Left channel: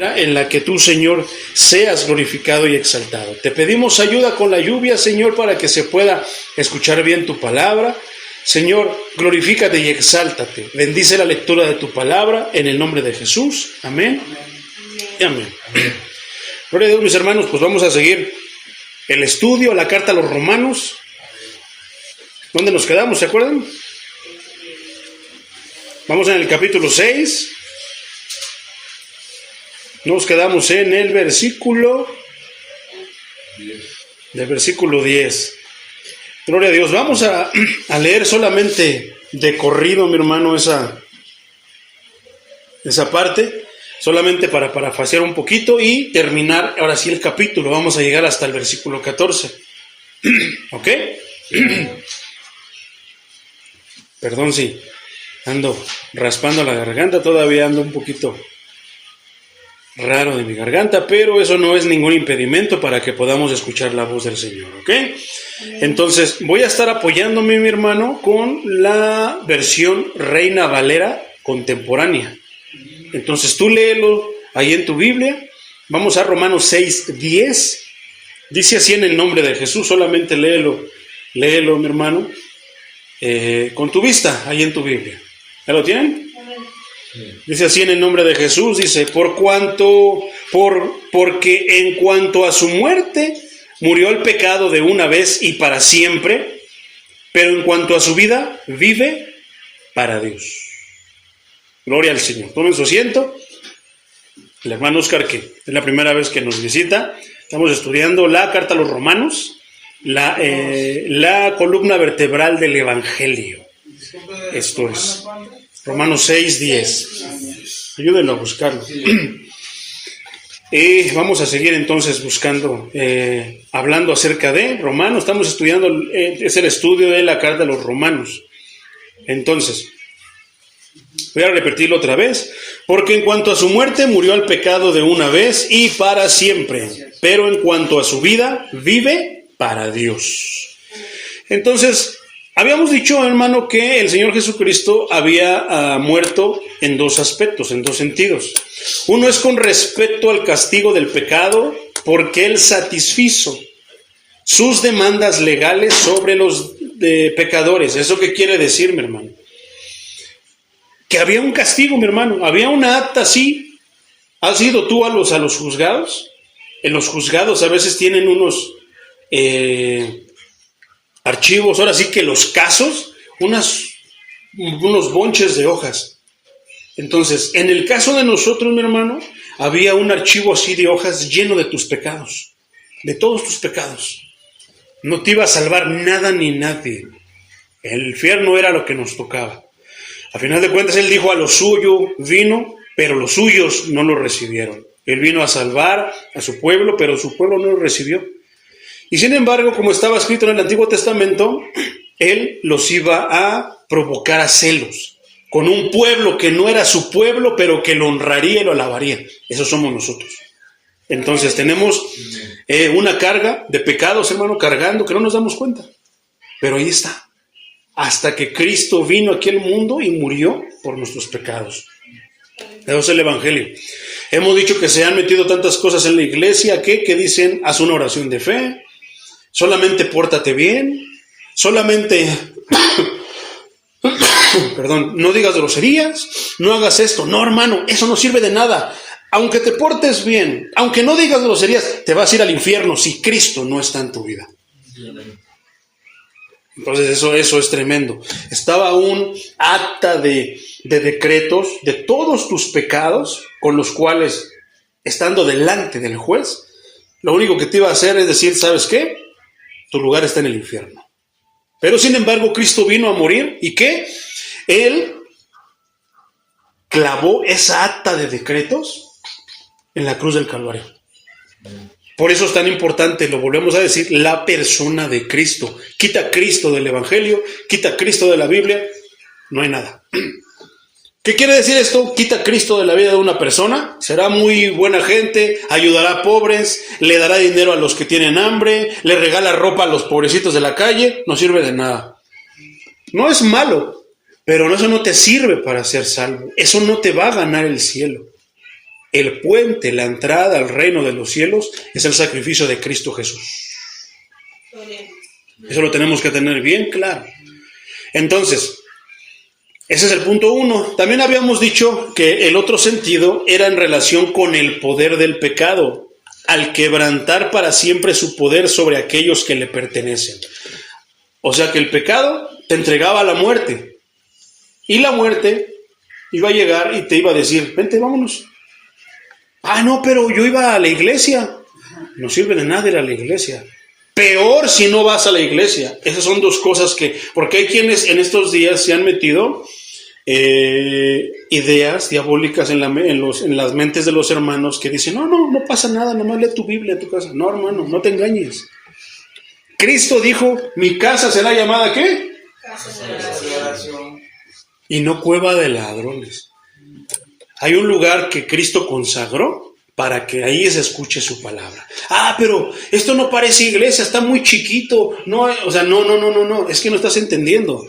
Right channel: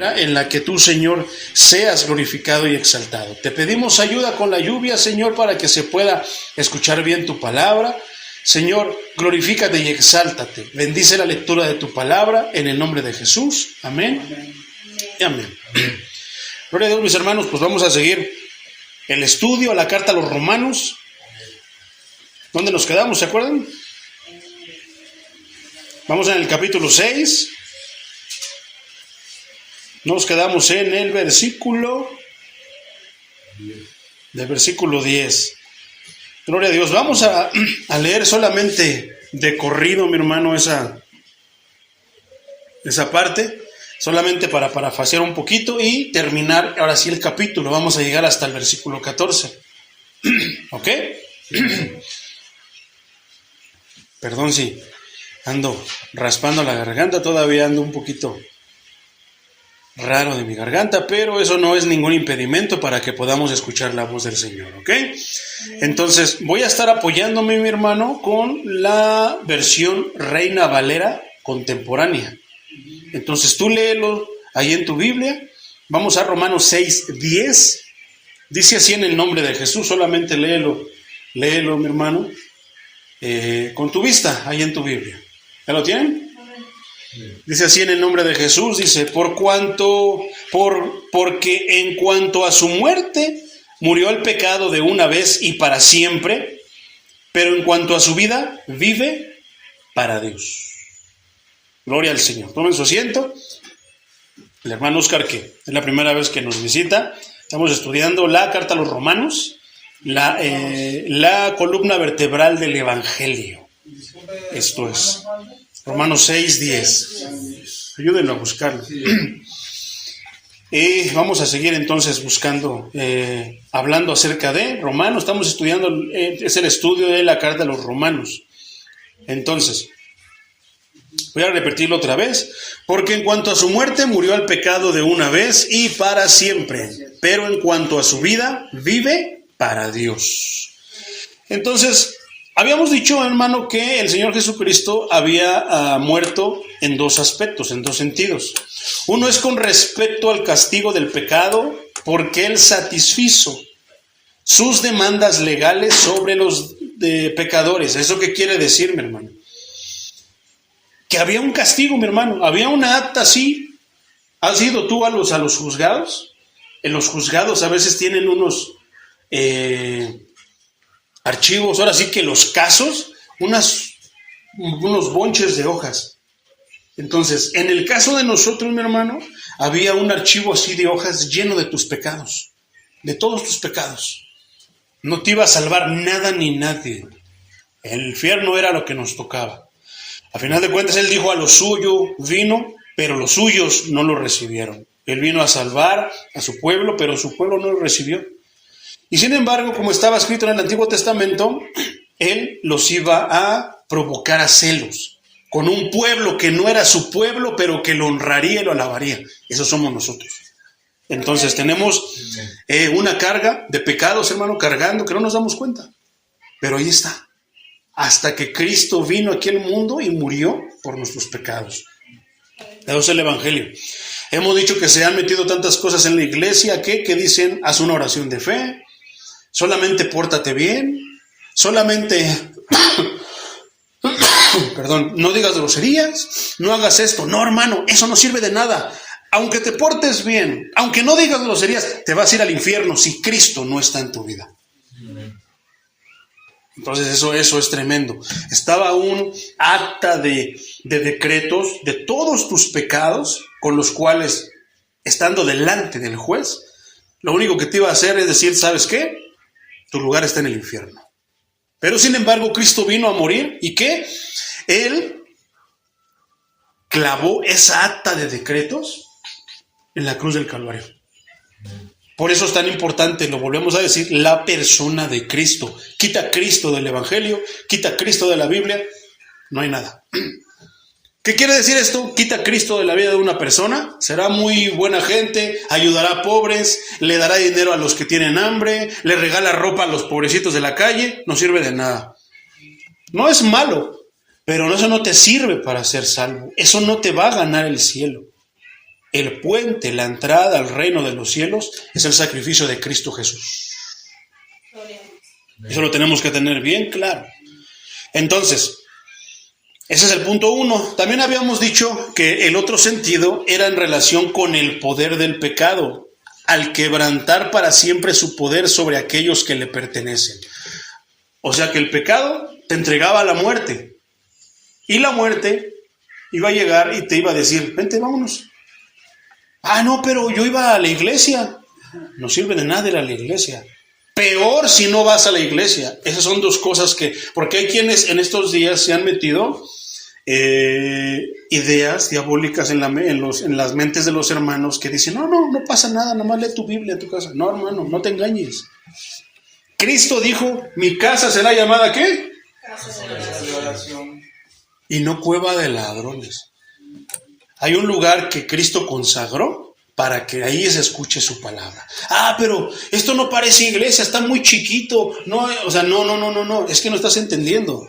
en la que tú, Señor, seas glorificado y exaltado. Te pedimos ayuda con la lluvia, Señor, para que se pueda escuchar bien tu palabra. Señor, glorifícate y exáltate. Bendice la lectura de tu palabra en el nombre de Jesús. Amén. Amén. Gloria a Dios, mis hermanos, pues vamos a seguir el estudio, la carta a los Romanos. ¿Dónde nos quedamos? ¿Se acuerdan? Vamos en el capítulo 6. Nos quedamos en el versículo 10. Gloria a Dios. Vamos a leer solamente de corrido, mi hermano, esa parte, solamente para parafasear un poquito y terminar ahora sí el capítulo. Vamos a llegar hasta el versículo 14. ¿Ok? Perdón si ando raspando la garganta, todavía ando un poquito raro de mi garganta, pero eso no es ningún impedimento para que podamos escuchar la voz del Señor, ¿ok? Entonces, voy a estar apoyándome, mi hermano, con la versión Reina Valera contemporánea. Entonces, tú léelo ahí en tu Biblia. Vamos a Romanos 6:10. Dice así en el nombre de Jesús, solamente léelo, mi hermano, con tu vista, ahí en tu Biblia. ¿Ya lo tienen? Dice así en el nombre de Jesús, dice, porque en cuanto a su muerte murió el pecado de una vez y para siempre, pero en cuanto a su vida vive para Dios. Gloria al Señor. Tomen su asiento. El hermano Oscar, que es la primera vez que nos visita, estamos estudiando la carta a los Romanos, la columna vertebral del Evangelio. Esto es Romanos 6:10. Ayúdenlo a buscarlo. Vamos a seguir entonces buscando, hablando acerca de Romanos. Estamos estudiando, es el estudio de la carta a los Romanos. Entonces, voy a repetirlo otra vez. Porque en cuanto a su muerte murió el pecado de una vez y para siempre, pero en cuanto a su vida vive para Dios. Entonces, habíamos dicho, hermano, que el Señor Jesucristo había muerto en dos aspectos, en dos sentidos. Uno es con respecto al castigo del pecado, porque Él satisfizo sus demandas legales sobre los pecadores. ¿Eso qué quiere decir, mi hermano? Que había un castigo, mi hermano, había una acta así. ¿Has ido tú a los juzgados? En los juzgados a veces tienen unos archivos, ahora sí que los casos, unos bonches de hojas. Entonces, en el caso de nosotros, mi hermano, había un archivo así de hojas lleno de tus pecados, de todos tus pecados. No te iba a salvar nada ni nadie. El infierno era lo que nos tocaba. A final de cuentas, Él dijo, a lo suyo vino, pero los suyos no lo recibieron. Él vino a salvar a su pueblo, pero su pueblo no lo recibió. Y sin embargo, como estaba escrito en el Antiguo Testamento, Él los iba a provocar a celos con un pueblo que no era su pueblo, pero que lo honraría y lo alabaría. Esos somos nosotros. Entonces tenemos una carga de pecados, hermano, cargando, que no nos damos cuenta. Pero ahí está. Hasta que Cristo vino aquí al mundo y murió por nuestros pecados. Eso es el Evangelio. Hemos dicho que se han metido tantas cosas en la iglesia que dicen, haz una oración de fe, solamente pórtate bien, solamente, perdón, no digas groserías, no hagas esto. No, hermano, eso no sirve de nada. Aunque te portes bien, aunque no digas groserías, te vas a ir al infierno si Cristo no está en tu vida. Entonces eso es tremendo. Estaba un acta de decretos de todos tus pecados, con los cuales, estando delante del juez, lo único que te iba a hacer es decir, ¿sabes qué? Tu lugar está en el infierno. Pero sin embargo, Cristo vino a morir, ¿y qué? Él clavó esa acta de decretos en la cruz del Calvario. Por eso es tan importante, lo volvemos a decir, la persona de Cristo. Quita a Cristo del Evangelio, quita a Cristo de la Biblia, no hay nada. ¿Qué quiere decir esto? Quita a Cristo de la vida de una persona, será muy buena gente, ayudará a pobres, le dará dinero a los que tienen hambre, le regala ropa a los pobrecitos de la calle, no sirve de nada. No es malo, pero eso no te sirve para ser salvo, eso no te va a ganar el cielo. El puente, la entrada al reino de los cielos es el sacrificio de Cristo Jesús. Eso lo tenemos que tener bien claro. Entonces, ese es el punto 1. También habíamos dicho que el otro sentido era en relación con el poder del pecado, al quebrantar para siempre su poder sobre aquellos que le pertenecen. O sea que el pecado te entregaba a la muerte. Y la muerte iba a llegar y te iba a decir, vente, vámonos. Ah, no, pero yo iba a la iglesia. No sirve de nada ir a la iglesia. Peor si no vas a la iglesia. Esas son dos cosas porque hay quienes en estos días se han metido ideas diabólicas en las mentes de los hermanos que dicen, no pasa nada, nada más lee tu Biblia en tu casa. No, hermano, no te engañes. Cristo dijo, mi casa será llamada ¿qué? Casa de oración. Y no cueva de ladrones. Hay un lugar que Cristo consagró para que ahí se escuche su palabra. Ah, pero esto no parece iglesia, está muy chiquito. No, o sea, no, es que no estás entendiendo.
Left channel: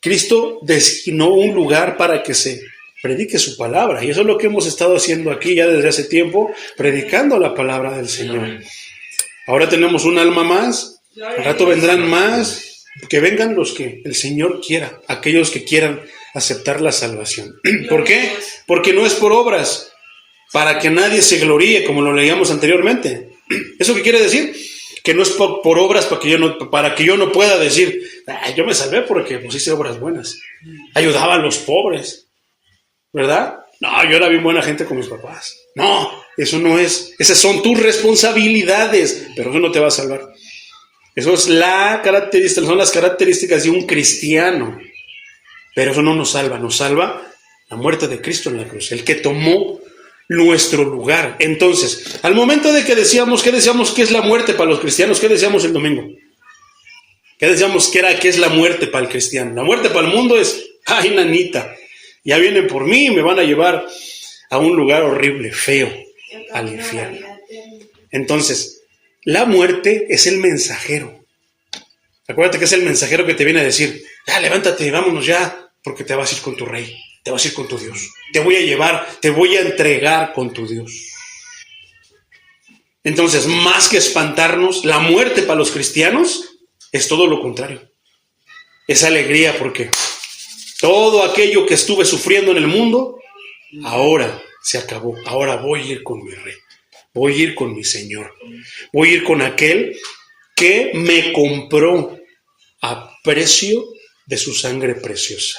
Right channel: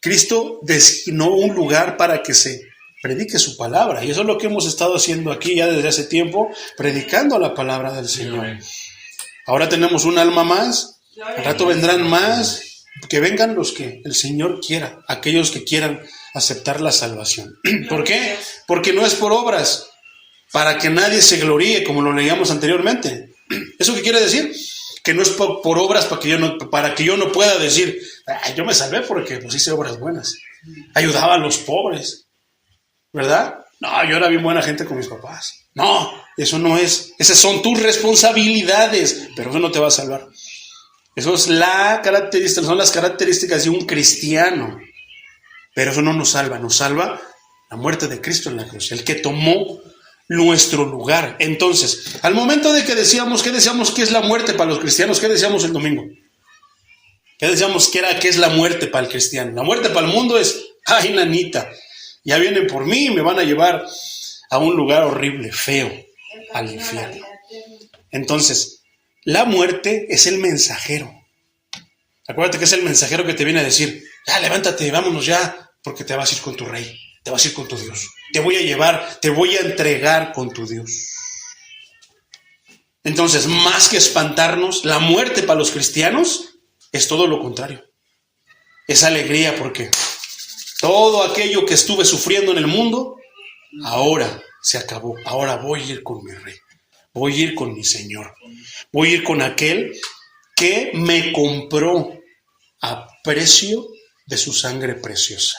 Cristo designó un lugar para que se predique su palabra. Y eso es lo que hemos estado haciendo aquí ya desde hace tiempo, predicando la palabra del Señor. Ahora tenemos un alma más, al rato vendrán más, que vengan los que el Señor quiera, aquellos que quieran aceptar la salvación. ¿Por qué? Porque no es por obras, para que nadie se gloríe, como lo leíamos anteriormente. ¿Eso qué quiere decir? Que no es por obras para que yo no pueda decir, yo me salvé porque pues hice obras buenas, ayudaba a los pobres, ¿verdad? No, yo era bien buena gente con mis papás. No, eso no es, esas son tus responsabilidades, pero eso no te va a salvar. Eso es son las características de un cristiano, pero eso no nos salva la muerte de Cristo en la cruz, el que tomó nuestro lugar. Entonces, al momento de que decíamos, ¿qué decíamos que es la muerte para los cristianos? ¿Qué decíamos el domingo? ¿Qué decíamos que es la muerte para el cristiano? La muerte para el mundo es, ay, nanita, ya vienen por mí y me van a llevar a un lugar horrible, feo, al infierno. Entonces, la muerte es el mensajero. Acuérdate que es el mensajero que te viene a decir, ya, levántate, vámonos ya, porque te vas a ir con tu rey, te vas a ir con tu Dios. Te voy a llevar, te voy a entregar con tu Dios. Entonces, más que espantarnos, la muerte para los cristianos es todo lo contrario. Es alegría porque todo aquello que estuve sufriendo en el mundo, ahora se acabó. Ahora voy a ir con mi rey. Voy a ir con mi Señor. Voy a ir con aquel que me compró a precio de su sangre preciosa.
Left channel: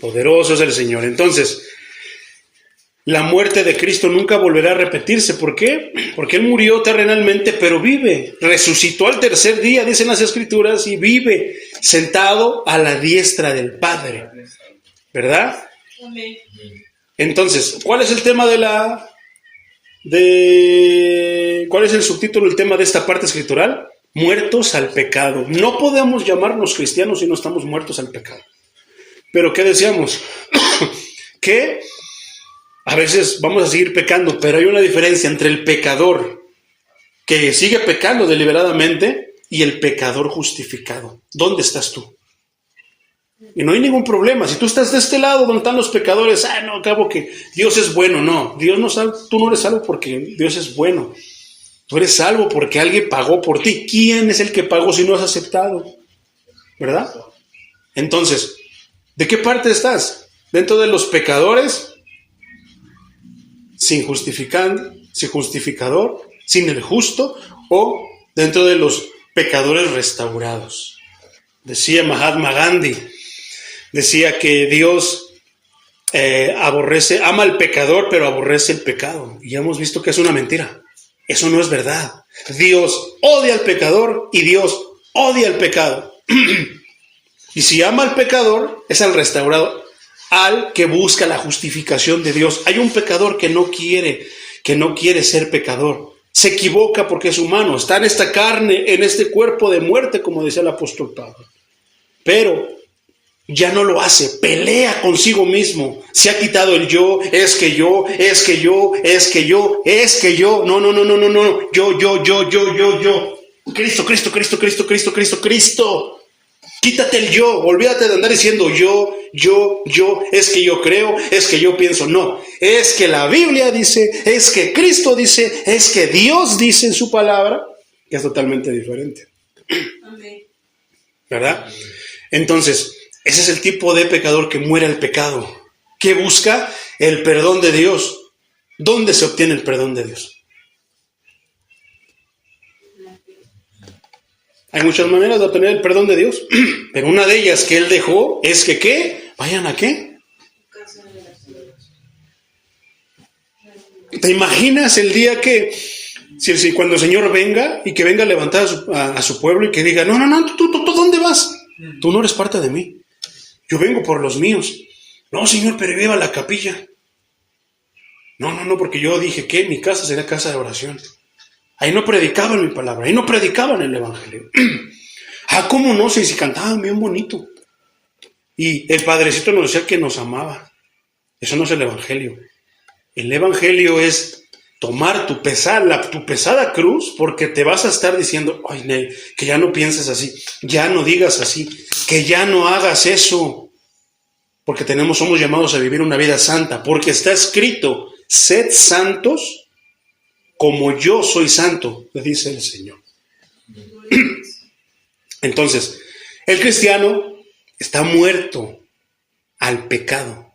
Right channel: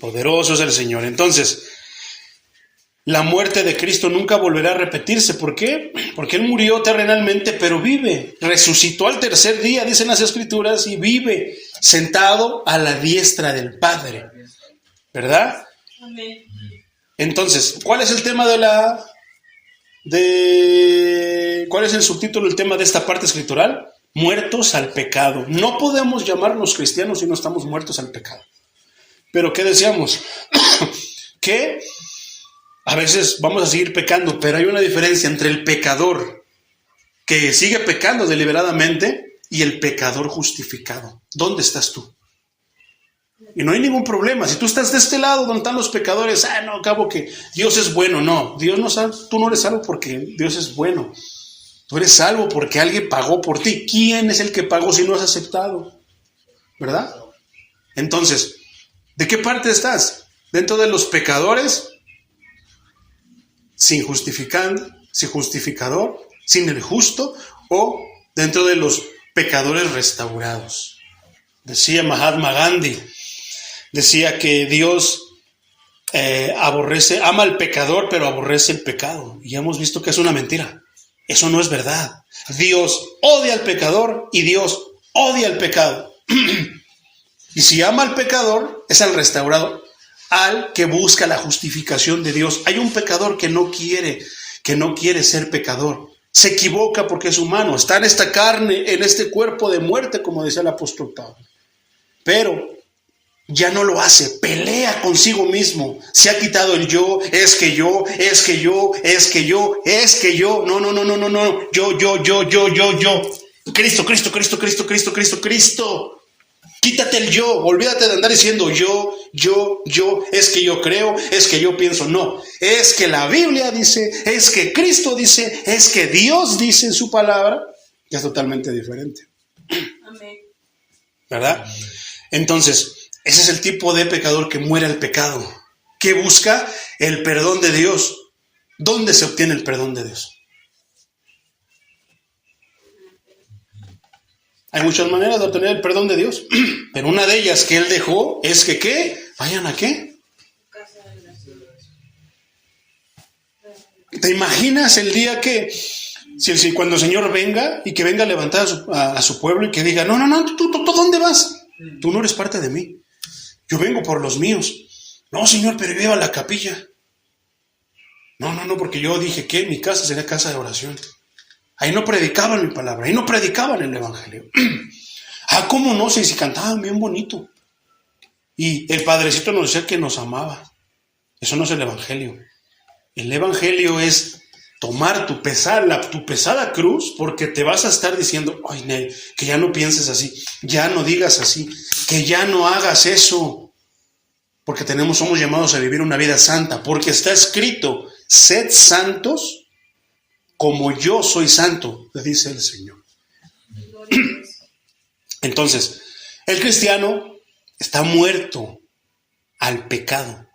Poderoso es el Señor. Entonces, la muerte de Cristo nunca volverá a repetirse. ¿Por qué? Porque Él murió terrenalmente, pero vive. Resucitó al tercer día, dicen las Escrituras, y vive sentado a la diestra del Padre. ¿Verdad? Amén. Entonces, ¿cuál es el tema ¿cuál es el subtítulo, el tema de esta parte escritural? Muertos al pecado. No podemos llamarnos cristianos si no estamos muertos al pecado. Pero ¿qué decíamos? Que a veces vamos a seguir pecando, pero hay una diferencia entre el pecador que sigue pecando deliberadamente y el pecador justificado. ¿Dónde estás tú? Y no hay ningún problema. Si tú estás de este lado donde están los pecadores, no, acabo que Dios es bueno. No, tú no eres salvo porque Dios es bueno. Tú eres salvo porque alguien pagó por ti. ¿Quién es el que pagó si no has aceptado? ¿Verdad? Entonces, ¿de qué parte estás? ¿Dentro de los pecadores? ¿Sin justificador? ¿Sin el justo? ¿O dentro de los pecadores restaurados? Decía Mahatma Gandhi, decía que Dios ama al pecador, pero aborrece el pecado. Y ya hemos visto que es una mentira. Eso no es verdad. Dios odia al pecador y Dios odia el pecado. Y si ama al pecador, es al restaurado, al que busca la justificación de Dios. Hay un pecador que no quiere ser pecador. Se equivoca porque es humano. Está en esta carne, en este cuerpo de muerte, como decía el apóstol Pablo. Pero ya no lo hace. Pelea consigo mismo. Se ha quitado el yo. Es que yo. No. Yo. Cristo. Quítate el yo, olvídate de andar diciendo yo, es que yo creo, es que yo pienso. No, es que la Biblia dice, es que Cristo dice, es que Dios dice en su palabra, que es totalmente diferente. Amén. ¿Verdad? Entonces, ese es el tipo de pecador que muere al pecado, que busca el perdón de Dios. ¿Dónde se obtiene el perdón de Dios? Hay muchas maneras de obtener el perdón de Dios, pero una de ellas que Él dejó es que ¿qué? ¿Vayan a qué? ¿Te imaginas el día que, si cuando el Señor venga y que venga a levantar a su pueblo y que diga, no, ¿tú dónde vas? Tú no eres parte de mí. Yo vengo por los míos. No, Señor, pero yo iba a la capilla. No, porque yo dije que mi casa sería casa de oración. Ahí no predicaban mi palabra, ahí no predicaban el evangelio. ¿Cómo no? Si cantaban bien bonito. Y el Padrecito nos decía que nos amaba. Eso no es el evangelio. El evangelio es tomar tu pesada cruz, porque te vas a estar diciendo, ay, Nel, que ya no pienses así, ya no digas así, que ya no hagas eso. Porque somos llamados a vivir una vida santa, porque está escrito, sed santos como yo soy santo, dice el Señor. Entonces, el cristiano está muerto al pecado.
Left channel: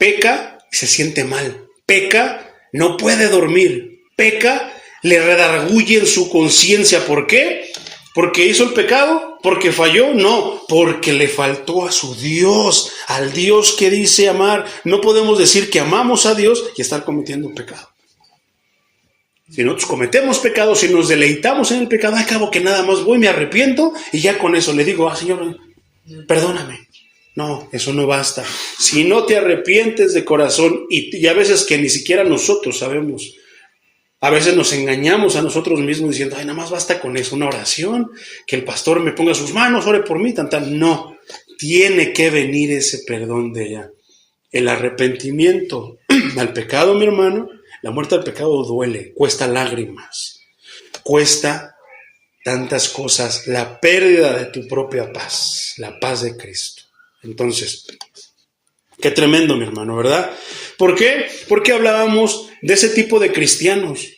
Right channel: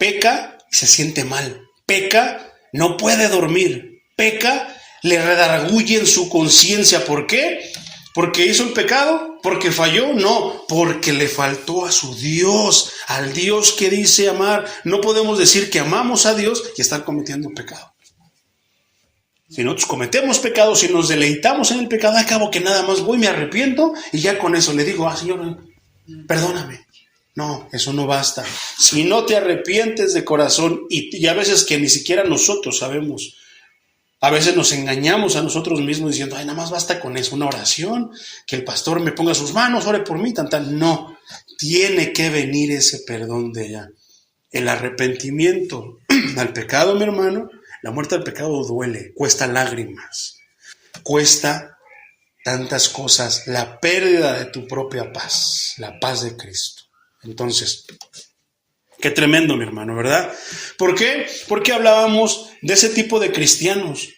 Peca y se siente mal. Peca, no puede dormir. Peca, le redarguye en su conciencia. ¿Por qué? ¿Porque hizo el pecado? ¿Porque falló? No, porque le faltó a su Dios, al Dios que dice amar. No podemos decir que amamos a Dios y estar cometiendo pecado. Si nosotros cometemos pecados, si nos deleitamos en el pecado, acabo que nada más voy, me arrepiento y ya con eso le digo, Señor, perdóname. No, eso no basta. Si no te arrepientes de corazón, y a veces que ni siquiera nosotros sabemos, a veces nos engañamos a nosotros mismos diciendo, nada más basta con eso, una oración, que el pastor me ponga sus manos, ore por mí, tal. No, tiene que venir ese perdón de allá. El arrepentimiento al pecado, mi hermano, la muerte al pecado duele, cuesta lágrimas, cuesta tantas cosas, la pérdida de tu propia paz, la paz de Cristo. Entonces, qué tremendo, mi hermano, ¿verdad? ¿Por qué? Porque hablábamos de ese tipo de cristianos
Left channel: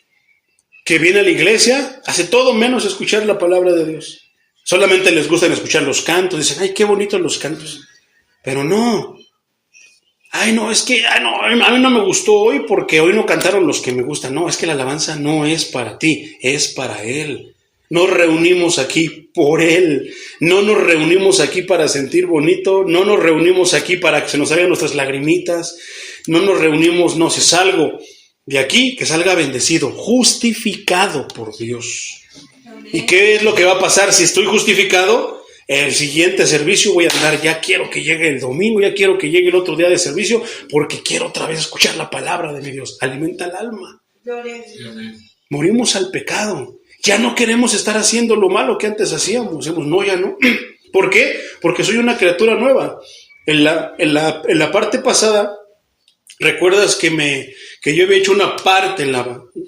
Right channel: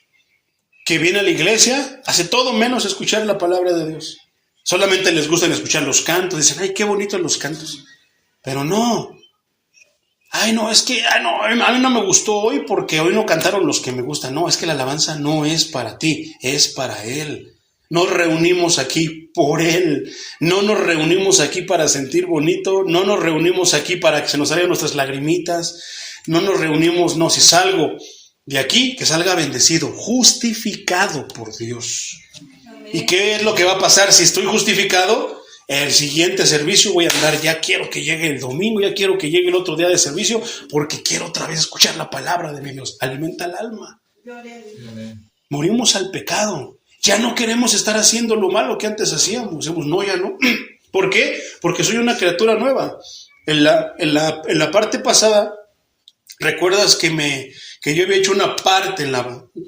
que viene a la iglesia, hace todo menos escuchar la palabra de Dios. Solamente les gustan escuchar los cantos, dicen, ay, qué bonitos los cantos. Pero no. Ay, no, es que a mí no me gustó hoy porque hoy no cantaron los que me gustan. No, es que la alabanza no es para ti, es para Él. Nos reunimos aquí por Él. No nos reunimos aquí para sentir bonito. No nos reunimos aquí para que se nos salgan nuestras lagrimitas. No nos reunimos, no, si salgo de aquí, que salga bendecido, justificado por Dios. Amén. ¿Y qué es lo que va a pasar si estoy justificado? El siguiente servicio voy a andar, ya quiero que llegue el domingo, ya quiero que llegue el otro día de servicio, porque quiero otra vez escuchar la palabra de mi Dios. Alimenta el alma. Morimos al pecado. Ya no queremos estar haciendo lo malo que antes hacíamos. Decimos, no, ya no. ¿Por qué? Porque soy una criatura nueva. En la parte pasada, ¿recuerdas que yo había hecho una parte,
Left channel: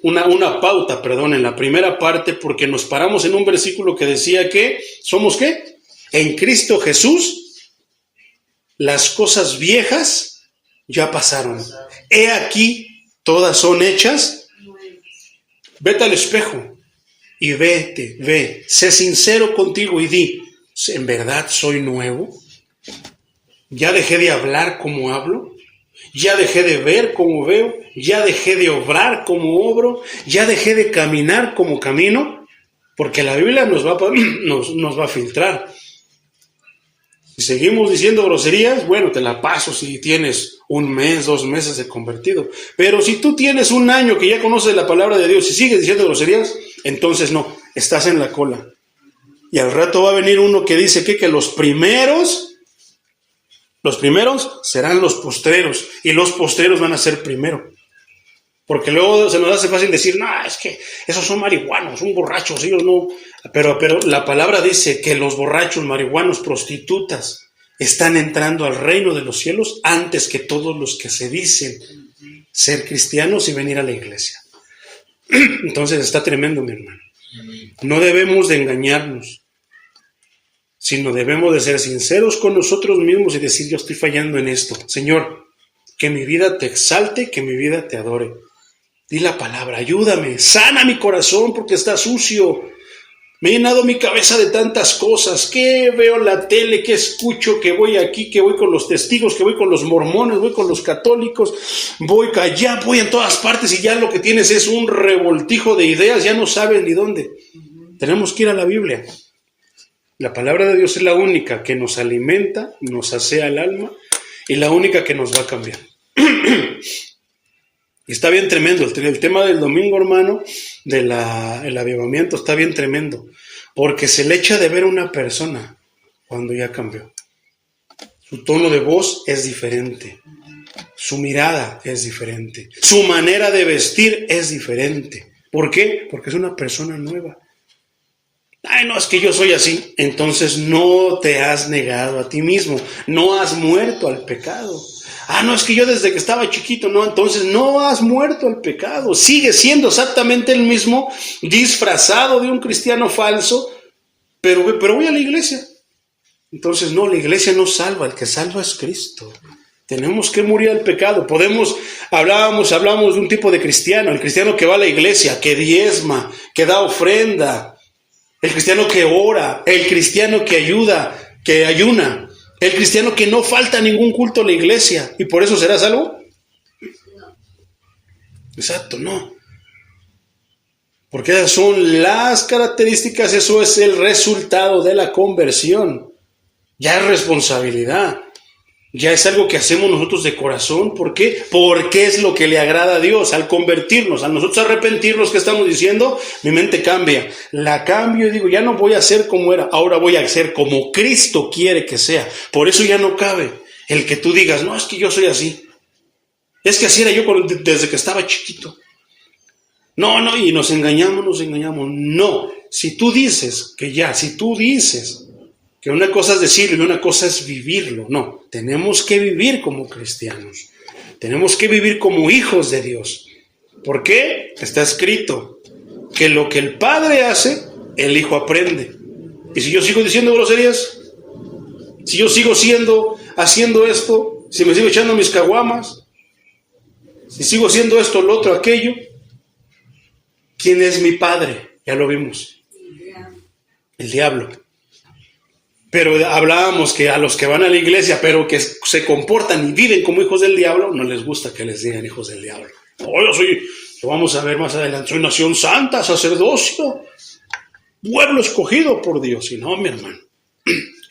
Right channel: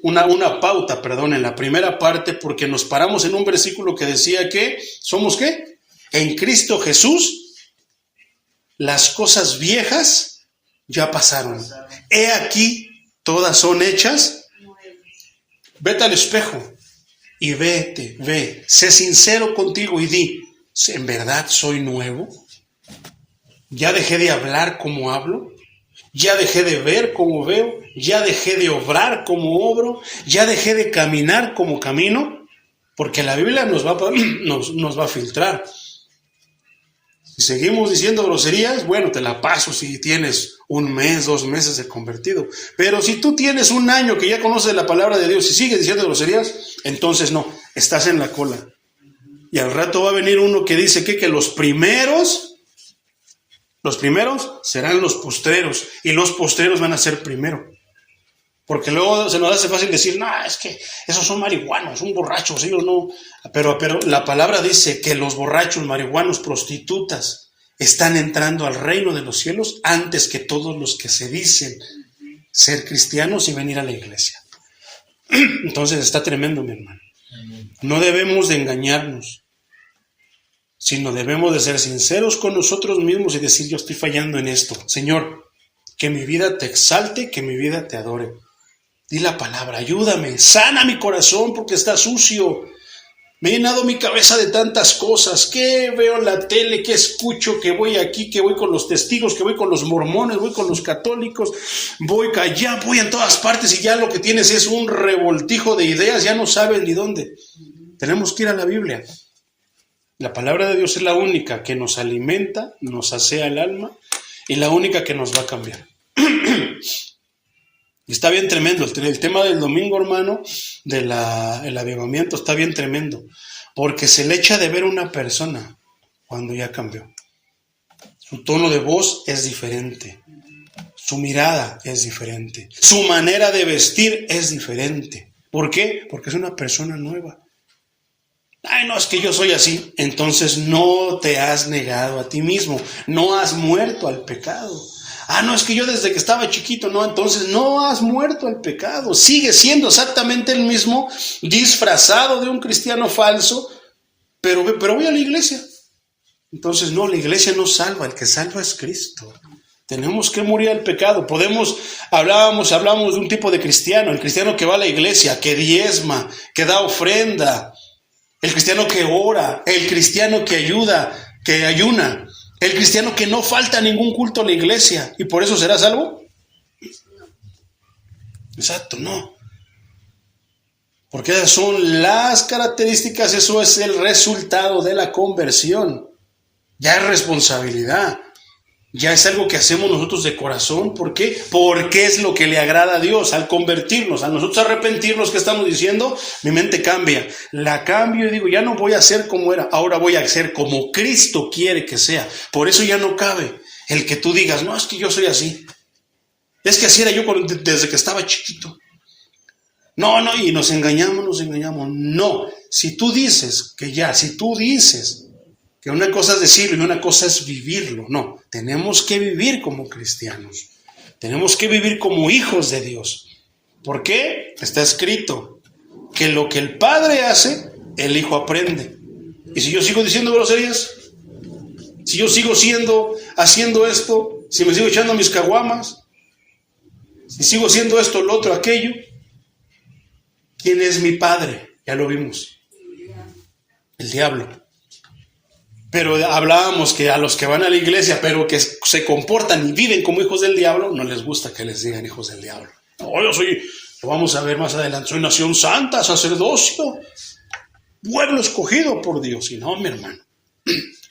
una pauta, en la primera parte, porque nos paramos en un versículo que decía que, ¿somos qué? En Cristo Jesús, las cosas viejas ya pasaron. He aquí, todas son hechas. Vete al espejo y ve, sé sincero contigo y di, ¿en verdad soy nuevo? ¿Ya dejé de hablar como hablo? ¿Ya dejé de ver como veo? ¿Ya dejé de obrar como obro? ¿Ya dejé de caminar como camino? Porque la Biblia nos va a filtrar. Si seguimos diciendo groserías, bueno, te la paso si tienes 1 mes, 2 meses de convertido. Pero si tú tienes 1 año que ya conoces la palabra de Dios y sigues diciendo groserías, entonces no, estás en la cola. Y al rato va a venir uno que dice que los primeros serán los postreros y los postreros van a ser primero. Porque luego se nos hace fácil decir, no, es que esos son marihuanos, son borrachos, ellos no. Pero la palabra dice que los borrachos, marihuanos, prostitutas están entrando al reino de los cielos antes que todos los que se dicen ser cristianos y venir a la iglesia. Entonces está tremendo, mi hermano. No debemos de engañarnos. sino debemos de ser sinceros con nosotros mismos y decir, yo estoy fallando en esto. Señor, que mi vida te exalte, que mi vida te adore. Di la palabra, ayúdame, sana mi corazón porque está sucio. Me he llenado mi cabeza de tantas cosas, que veo en la tele, que escucho, que voy aquí, que voy con los testigos, que voy con los mormones, voy con los católicos, voy allá, voy en todas partes y ya lo que tienes es un revoltijo de ideas, ya no sabes ni dónde. Tenemos que ir a la Biblia. La palabra de Dios es la única que nos alimenta, nos asea el alma y la única que nos va a cambiar. Está bien tremendo, el tema del domingo, hermano, el avivamiento está bien tremendo, porque se le echa de ver una persona cuando ya cambió. Su tono de voz es diferente, su mirada es diferente, su manera de vestir es diferente. ¿Por qué? Porque es una persona nueva. Ay, no, es que yo soy así. Entonces no te has negado a ti mismo, no has muerto al pecado. Ah, no, es que yo desde que estaba chiquito, no, entonces no has muerto al pecado. Sigue siendo exactamente el mismo, disfrazado de un cristiano falso, pero voy a la iglesia. Entonces no, la iglesia no salva, el que salva es Cristo. Tenemos que morir al pecado. Hablamos de un tipo de cristiano, el cristiano que va a la iglesia, que diezma, que da ofrenda, el cristiano que ora, el cristiano que ayuda, que ayuna. El cristiano que no falta ningún culto a la iglesia. ¿Y por eso será salvo? No. Exacto, no. Porque esas son las características, eso es el resultado de la conversión. Ya es responsabilidad. Ya es algo que hacemos nosotros de corazón. ¿Por qué? Porque es lo que le agrada a Dios. Al convertirnos, al nosotros arrepentirnos, ¿qué estamos diciendo? Mi mente cambia. La cambio y digo, ya no voy a ser como era. Ahora voy a ser como Cristo quiere que sea. Por eso ya no cabe el que tú digas, no, es que yo soy así. Es que así era yo desde que estaba chiquito. No, y nos engañamos. No, si tú dices que una cosa es decirlo y una cosa es vivirlo. No, tenemos que vivir como cristianos. Tenemos que vivir como hijos de Dios. ¿Por qué? Está escrito que lo que el Padre hace, el Hijo aprende. Y si yo sigo diciendo groserías, si yo sigo haciendo esto, si me sigo echando mis caguamas, si sigo haciendo esto, lo otro, aquello, ¿quién es mi Padre? Ya lo vimos. El diablo. Pero hablábamos que a los que van a la iglesia, pero que se comportan y viven como hijos del diablo, no les gusta que les digan hijos del diablo. No, lo vamos a ver más adelante, soy nación santa, sacerdocio, pueblo escogido por Dios. Y no, mi hermano.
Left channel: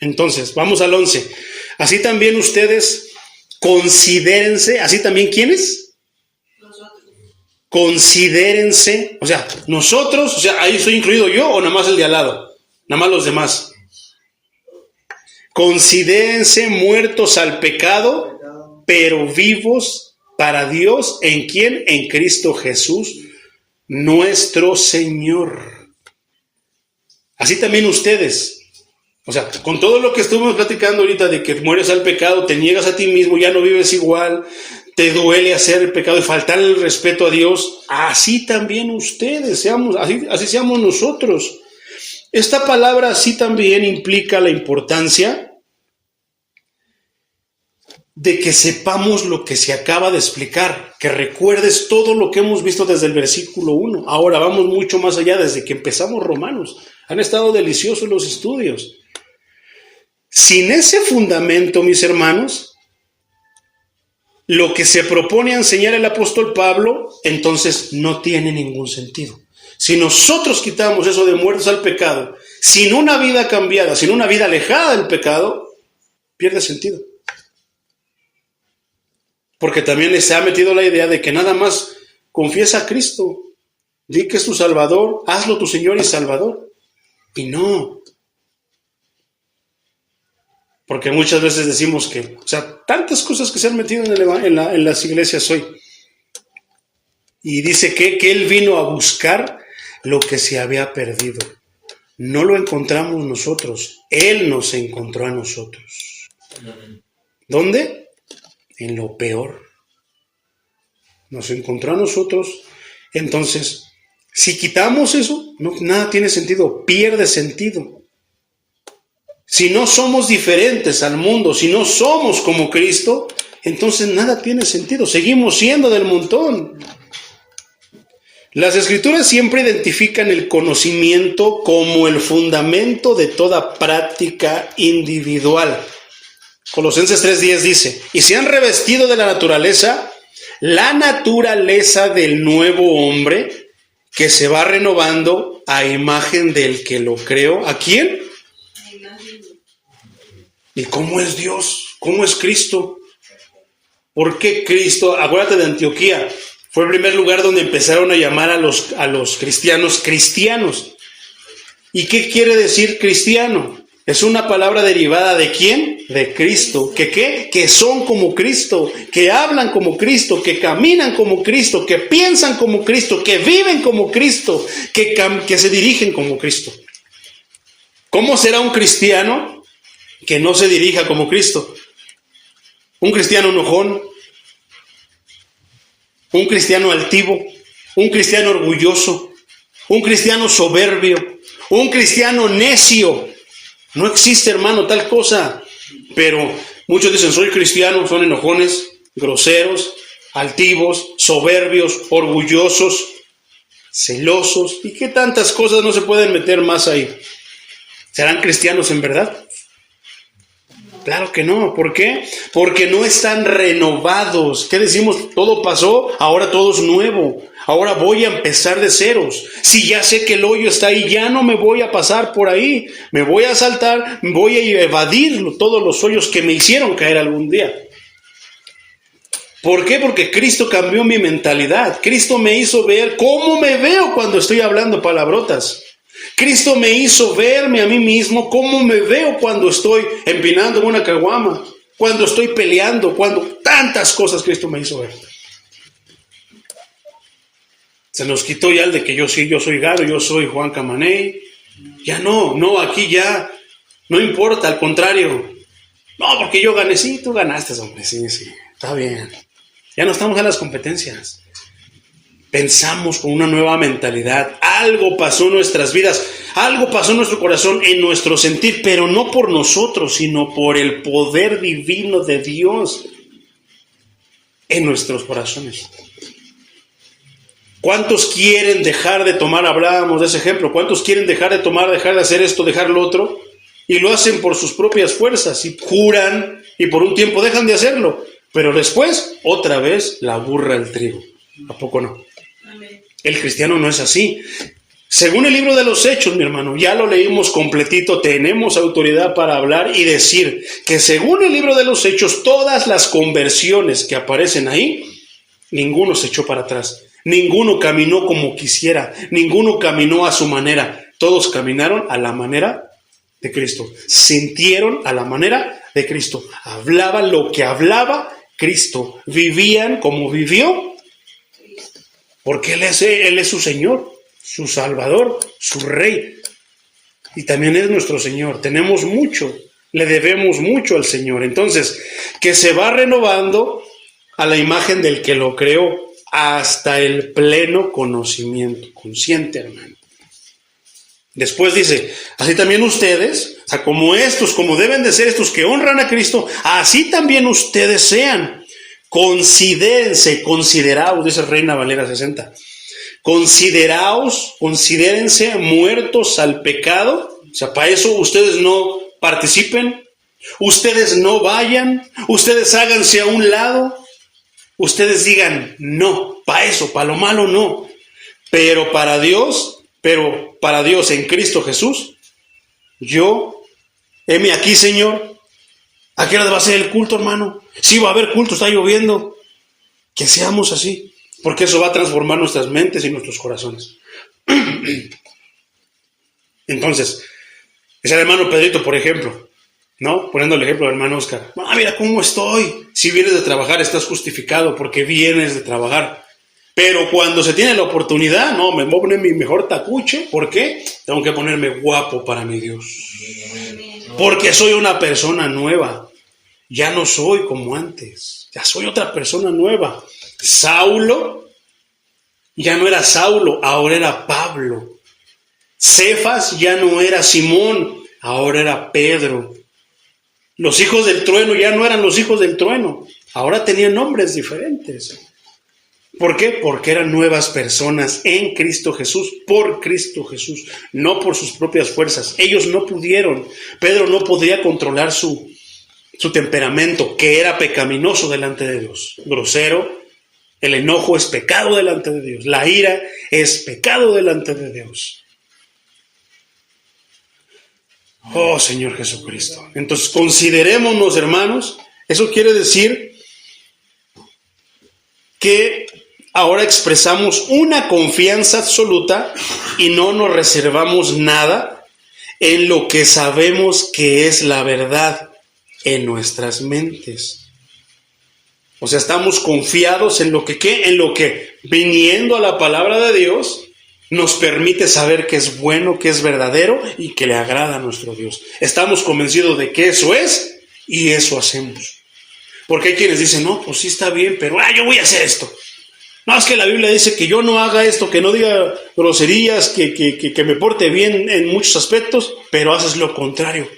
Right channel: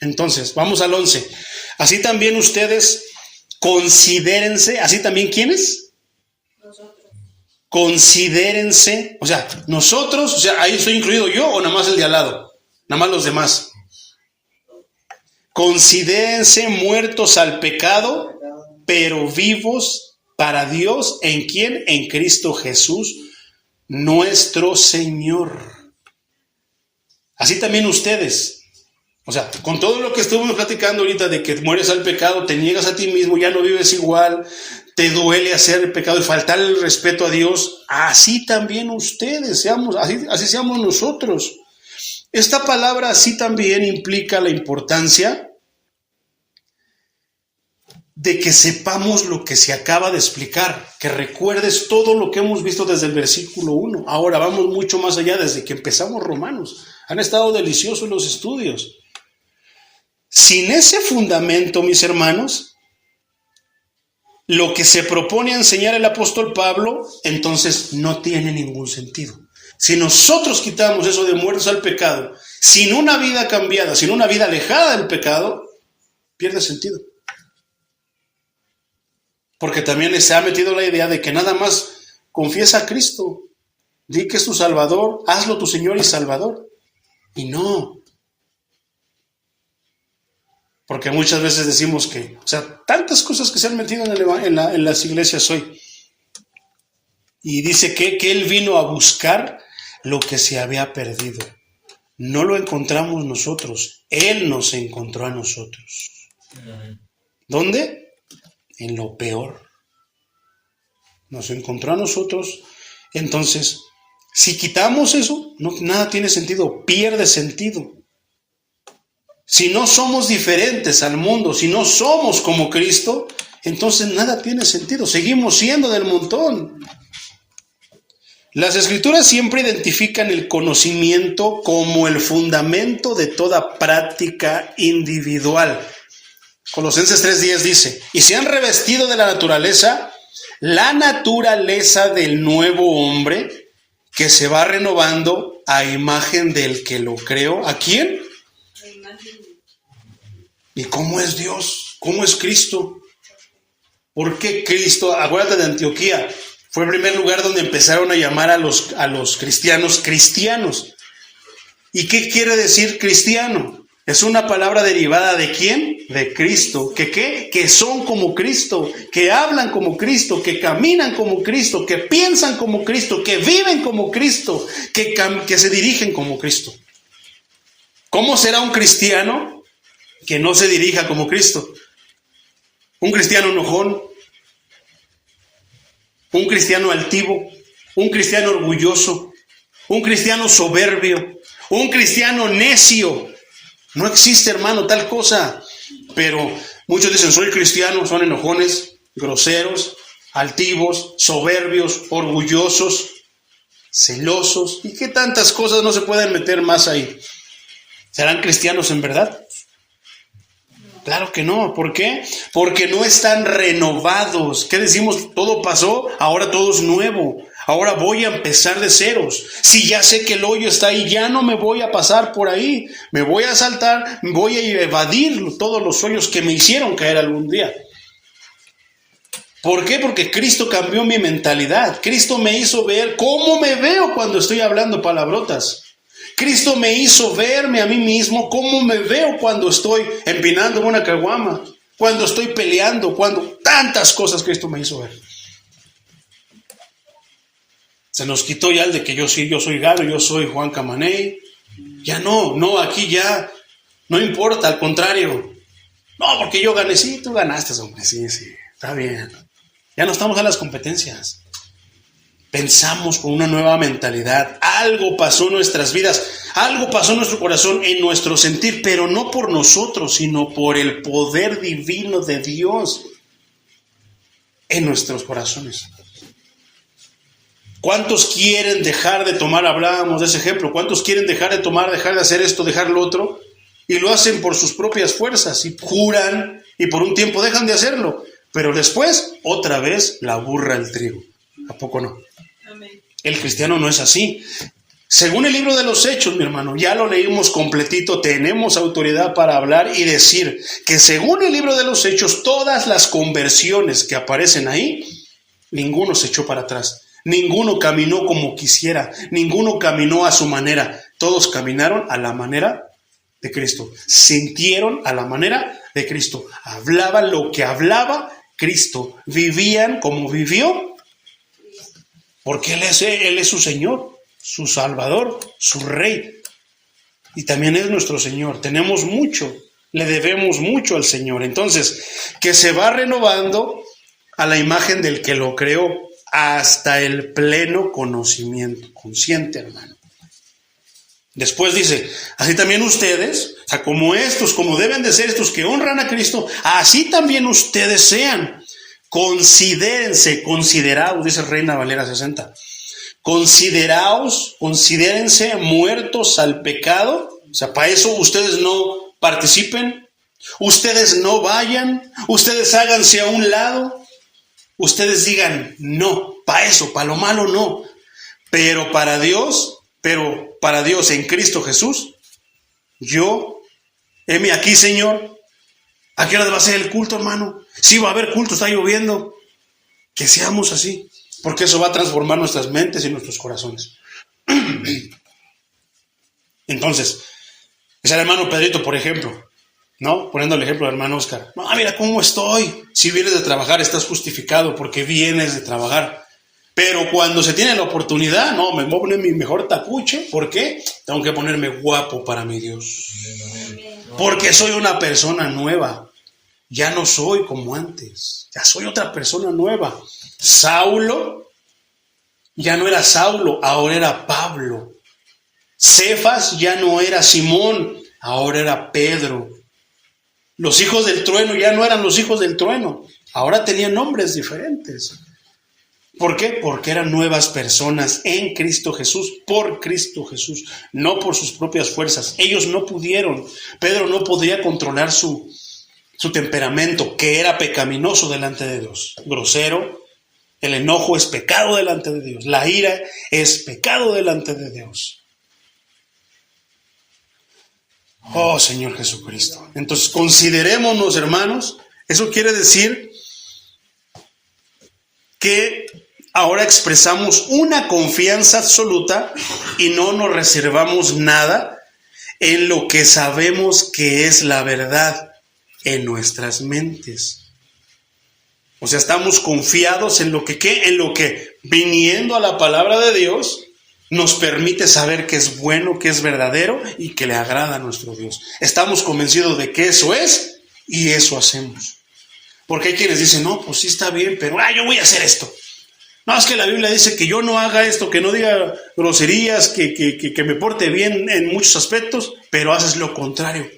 Entonces, vamos al 11. Así también ustedes considérense, así también ¿quiénes? Nosotros. Considérense, o sea, nosotros, o sea, ahí estoy incluido yo o nada más el de al lado, nada más los demás. Considérense muertos al pecado, pero vivos para Dios. ¿En quién? En Cristo Jesús, nuestro Señor. Así también ustedes. O sea, con todo lo que estuvimos platicando ahorita de que mueres al pecado, te niegas a ti mismo, ya no vives igual, te duele hacer el pecado y faltar el respeto a Dios, así también ustedes, así seamos nosotros. Esta palabra así también implica la importancia de que sepamos lo que se acaba de explicar, que recuerdes todo lo que hemos visto desde el versículo 1. Ahora vamos mucho más allá desde que empezamos Romanos. Han estado deliciosos los estudios. Sin ese fundamento, mis hermanos, lo que se propone enseñar el apóstol Pablo, entonces no tiene ningún sentido. Si nosotros quitamos eso de muertos al pecado, sin una vida cambiada, sin una vida alejada del pecado, pierde sentido. Porque también se ha metido la idea de que nada más confiesa a Cristo, di que es tu Salvador, hazlo tu Señor y Salvador. Y no. Porque muchas veces decimos que, o sea, tantas cosas que se han metido en las iglesias hoy. Y dice que Él vino a buscar lo que se había perdido. No lo encontramos nosotros, Él nos encontró a nosotros. ¿Dónde? En lo peor. Nos encontró a nosotros. Entonces, si quitamos eso, no, nada tiene sentido, pierde sentido. Si no somos diferentes al mundo, si no somos como Cristo, entonces nada tiene sentido. Seguimos siendo del montón. Las Escrituras siempre identifican el conocimiento como el fundamento de toda práctica individual. Colosenses 3:10 dice, y se han revestido de la naturaleza del nuevo hombre, que se va renovando a imagen del que lo creó. ¿A quién? ¿Y cómo es Dios? ¿Cómo es Cristo? ¿Por qué Cristo? Acuérdate de Antioquía. Fue el primer lugar donde empezaron a llamar a los cristianos cristianos. ¿Y qué quiere decir cristiano? Es una palabra derivada ¿de quién? De Cristo. ¿Que qué? Que son como Cristo, que hablan como Cristo, que caminan como Cristo, que piensan como Cristo, que viven como Cristo, que se dirigen como Cristo. ¿Cómo será un cristiano que no se dirija como Cristo? Un cristiano enojón, un cristiano altivo, un cristiano orgulloso, un cristiano soberbio, un cristiano necio. No existe, hermano, tal cosa. Pero muchos dicen, soy cristiano, son enojones, groseros, altivos, soberbios, orgullosos, celosos. ¿Y qué tantas cosas no se pueden meter más ahí? ¿Serán cristianos en verdad? Claro que no. ¿Por qué? Porque no están renovados. ¿Qué decimos? Todo pasó, ahora todo es nuevo. Ahora voy a empezar de ceros. Si ya sé que el hoyo está ahí, ya no me voy a pasar por ahí. Me voy a saltar, voy a evadir todos los hoyos que me hicieron caer algún día. ¿Por qué? Porque Cristo cambió mi mentalidad. Cristo me hizo ver cómo me veo cuando estoy hablando palabrotas. Cristo me hizo verme a mí mismo cómo me veo cuando estoy empinando una caguama, cuando estoy peleando, cuando tantas cosas Cristo me hizo ver. Se nos quitó ya el de que yo soy Garo, yo soy Juan Camaney. Ya no, aquí ya no importa, al contrario. No, porque yo gané, sí, tú ganaste, hombre, sí, está bien. Ya no estamos en las competencias. Pensamos con una nueva mentalidad. Algo pasó en nuestras vidas, algo pasó en nuestro corazón, en nuestro sentir, pero no por nosotros, sino por el poder divino de Dios en nuestros corazones. ¿Cuántos quieren dejar de tomar? Hablábamos de ese ejemplo. ¿Cuántos quieren dejar de tomar, dejar de hacer esto, dejar lo otro? Y lo hacen por sus propias fuerzas y juran y por un tiempo dejan de hacerlo. Pero después, otra vez, la burra el trigo. ¿A poco no? Amén. El cristiano no es así. Según el libro de los Hechos, mi hermano, ya lo leímos completito, tenemos autoridad para hablar y decir que según el libro de los Hechos, todas las conversiones que aparecen ahí, ninguno se echó para atrás, ninguno caminó como quisiera, ninguno caminó a su manera, todos caminaron a la manera de Cristo, sintieron a la manera de Cristo, hablaban lo que hablaba Cristo, vivían como vivió, porque Él es su Señor, su Salvador, su Rey, y también es nuestro Señor. Tenemos mucho, le debemos mucho al Señor. Entonces, que se va renovando a la imagen del que lo creó hasta el pleno conocimiento, consciente, hermano. Después dice, así también ustedes, o sea, como deben de ser estos que honran a Cristo, así también ustedes sean. Consideraos, dice Reina Valera 60. Considérense muertos al pecado. O sea, para eso ustedes no participen, ustedes no vayan, ustedes háganse a un lado, ustedes digan no, para eso, para lo malo no. Pero para Dios en Cristo Jesús, heme aquí, Señor. ¿A qué hora va a ser el culto, hermano? Sí, va a haber culto, está lloviendo. Que seamos así, porque eso va a transformar nuestras mentes y nuestros corazones. Entonces, es el hermano Pedrito, por ejemplo, ¿no? Poniendo el ejemplo del hermano Oscar. Mira cómo estoy. Si vienes de trabajar, estás justificado porque vienes de trabajar. Pero cuando se tiene la oportunidad, no, me voy a poner mi mejor tacucho. ¿Por qué? Tengo que ponerme guapo para mi Dios. Porque soy una persona nueva. Ya no soy como antes. Ya soy otra persona nueva. Saulo ya no era Saulo, ahora era Pablo. Cefas ya no era Simón, ahora era Pedro. Los hijos del trueno ya no eran los hijos del trueno, ahora tenían nombres diferentes. ¿Por qué? Porque eran nuevas personas en Cristo Jesús, por Cristo Jesús, no por sus propias fuerzas. Ellos no pudieron, Pedro no podía controlar su temperamento, que era pecaminoso delante de Dios, grosero. El enojo es pecado delante de Dios, la ira es pecado delante de Dios. Oh, Señor Jesucristo. Entonces, considerémonos, hermanos, eso quiere decir que ahora expresamos una confianza absoluta y no nos reservamos nada en lo que sabemos que es la verdad en nuestras mentes. O sea, estamos confiados en lo que, ¿qué? En lo que, viniendo a la palabra de Dios, nos permite saber que es bueno, que es verdadero y que le agrada a nuestro Dios. Estamos convencidos de que eso es y eso hacemos. Porque hay quienes dicen, no, pues sí está bien, pero yo voy a hacer esto. No, es que la Biblia dice que yo no haga esto, que no diga groserías, que me porte bien en muchos aspectos, pero haces lo contrario.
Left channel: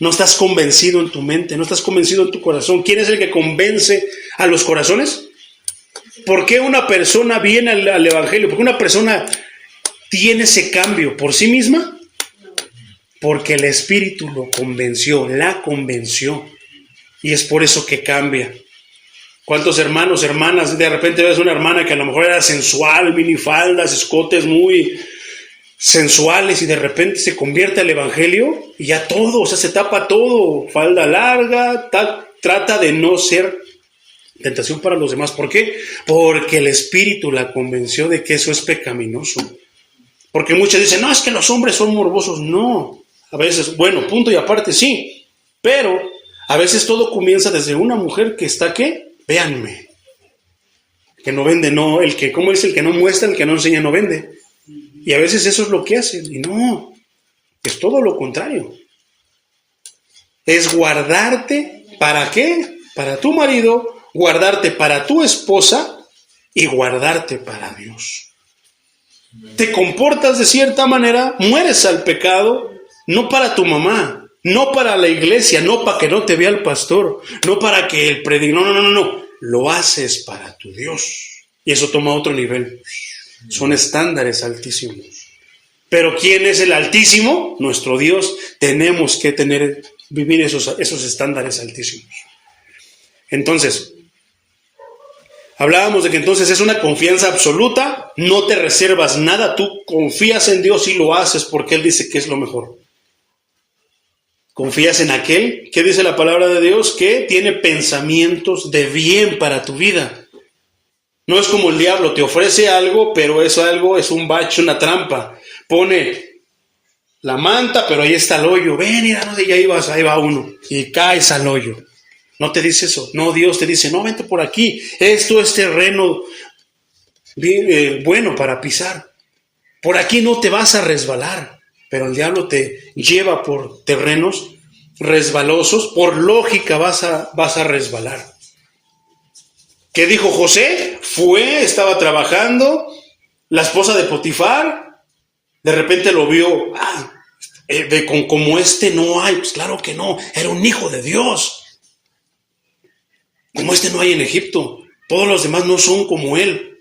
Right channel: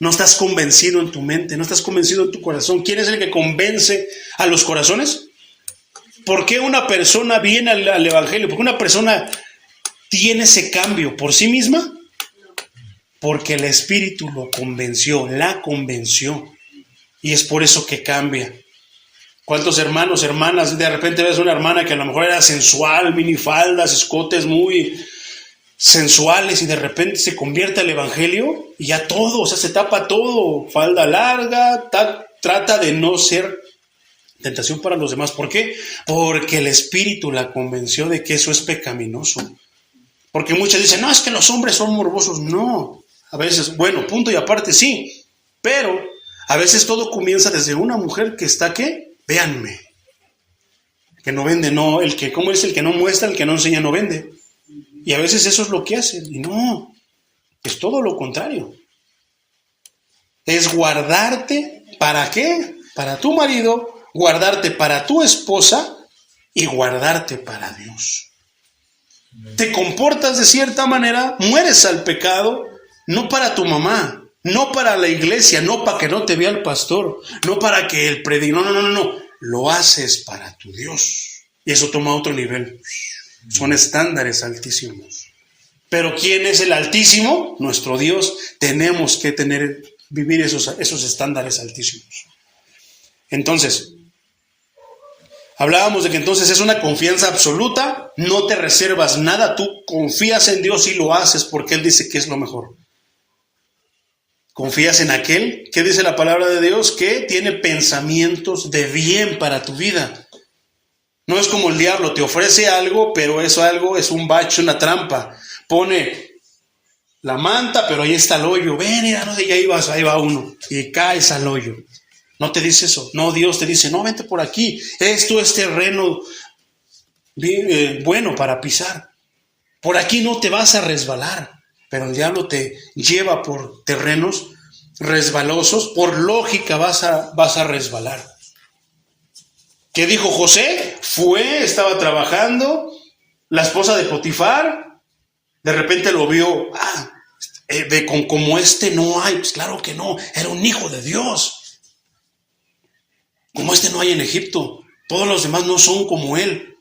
No estás convencido en tu mente, no estás convencido en tu corazón. ¿Quién es el que convence a los corazones? ¿Por qué una persona viene al Evangelio? ¿Por qué una persona tiene ese cambio por sí misma? Porque el Espíritu lo convenció, la convenció. Y es por eso que cambia. ¿Cuántos hermanos, hermanas? De repente ves una hermana que a lo mejor era sensual, minifaldas, escotes muy sensuales, y de repente se convierte al Evangelio y ya todo, o sea, se tapa todo, falda larga, trata de no ser tentación para los demás. ¿Por qué? Porque el Espíritu la convenció de que eso es pecaminoso. Porque muchos dicen, no, es que los hombres son morbosos. No, a veces, bueno, punto y aparte sí, pero a veces todo comienza desde una mujer que está, ¿qué? Véanme. Que no vende, no, ¿cómo dice? El que no muestra, el que no enseña, no vende. Y a veces eso es lo que hacen. Y no, es todo lo contrario. Es guardarte, ¿para qué? Para tu marido, guardarte para tu esposa y guardarte para Dios. Te comportas de cierta manera, mueres al pecado, no para tu mamá, no para la iglesia, no para que no te vea el pastor, no para que el predicador, no. Lo haces para tu Dios. Y eso toma otro nivel. Son estándares altísimos. Pero ¿quién es el Altísimo? Nuestro Dios. Tenemos que vivir esos estándares altísimos. Entonces, hablábamos de que entonces es una confianza absoluta, no te reservas nada, tú confías en Dios y lo haces porque Él dice que es lo mejor. Confías en aquel, ¿qué dice la palabra de Dios? Que tiene pensamientos de bien para tu vida. No es como el diablo, te ofrece algo, pero eso algo es un bache, una trampa. Pone la manta, pero ahí está el hoyo. Ven, mira, no, ahí va uno. Y caes al hoyo. No te dice eso. No, Dios te dice, no, vente por aquí. Esto es terreno bueno para pisar. Por aquí no te vas a resbalar. Pero el diablo te lleva por terrenos resbalosos. Por lógica vas a resbalar. ¿Qué dijo José? Estaba trabajando, la esposa de Potifar, de repente lo vio, como este no hay, pues claro que no, era un hijo de Dios. Como este no hay en Egipto, todos los demás no son como él.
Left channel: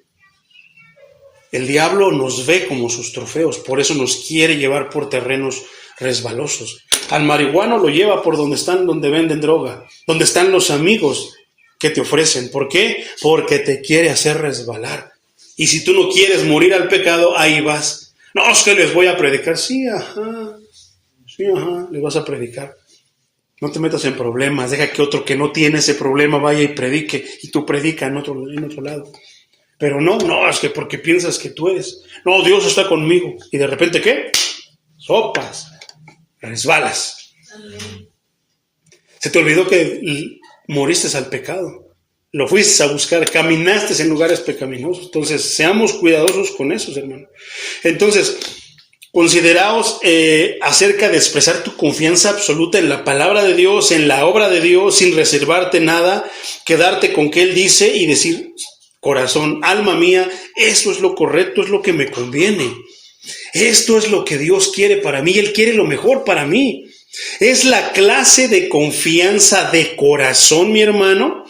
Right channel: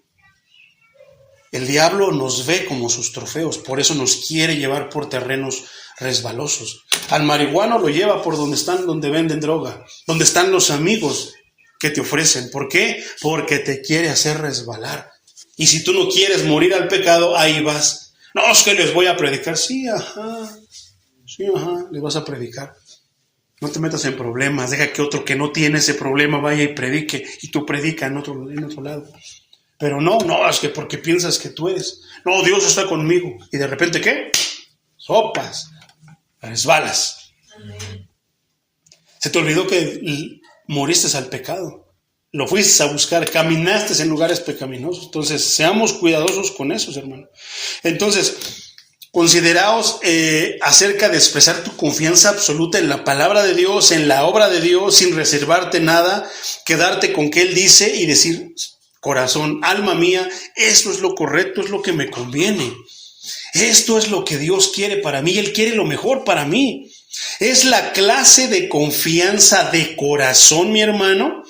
El diablo nos ve como sus trofeos, por eso nos quiere llevar por terrenos resbalosos. Al marihuano lo lleva por donde venden droga, donde están los amigos que te ofrecen. ¿Por qué? Porque te quiere hacer resbalar. Y si tú no quieres morir al pecado, ahí vas. No, es que les voy a predicar. Sí, les vas a predicar. No te metas en problemas, deja que otro que no tiene ese problema vaya y predique, y tú predica en otro lado. Pero no, es que porque piensas que tú eres. No, Dios está conmigo. Y de repente, ¿qué? Sopas, resbalas. Amén. Se te olvidó que moriste al pecado. Lo fuiste a buscar, caminaste en lugares pecaminosos. Entonces, seamos cuidadosos con eso, hermano. Entonces, consideraos acerca de expresar tu confianza absoluta en la palabra de Dios, en la obra de Dios, sin reservarte nada, quedarte con que Él dice y decir, corazón, alma mía, esto es lo correcto, es lo que me conviene. Esto es lo que Dios quiere para mí, Él quiere lo mejor para mí. Es la clase de confianza de corazón, mi hermano,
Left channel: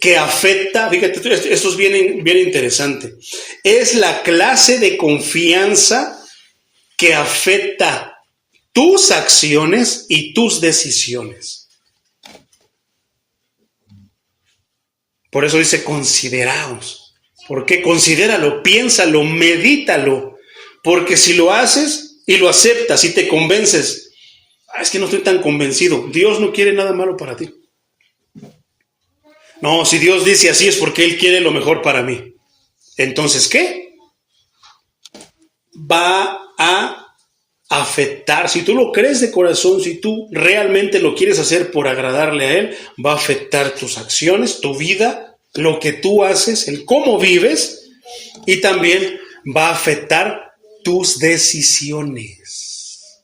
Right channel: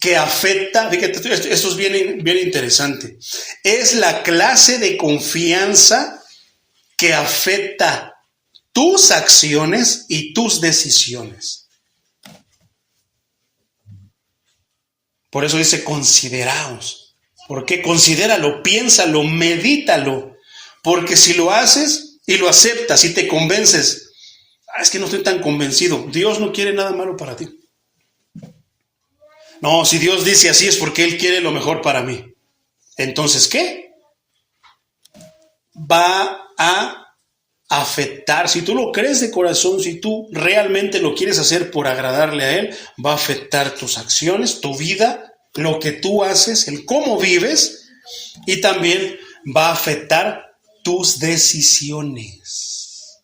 que afecta, fíjate, esto es bien interesante. Es la clase de confianza que afecta tus acciones y tus decisiones. Por eso dice consideraos. ¿Por qué? Considéralo, piénsalo, medítalo. Porque si lo haces y lo aceptas y te convences, es que no estoy tan convencido. Dios no quiere nada malo para ti. No, si Dios dice así es porque Él quiere lo mejor para mí. Entonces, ¿qué? Va a afectar, si tú lo crees de corazón, si tú realmente lo quieres hacer por agradarle a Él, va a afectar tus acciones, tu vida, lo que tú haces, el cómo vives, y también va a afectar tus decisiones.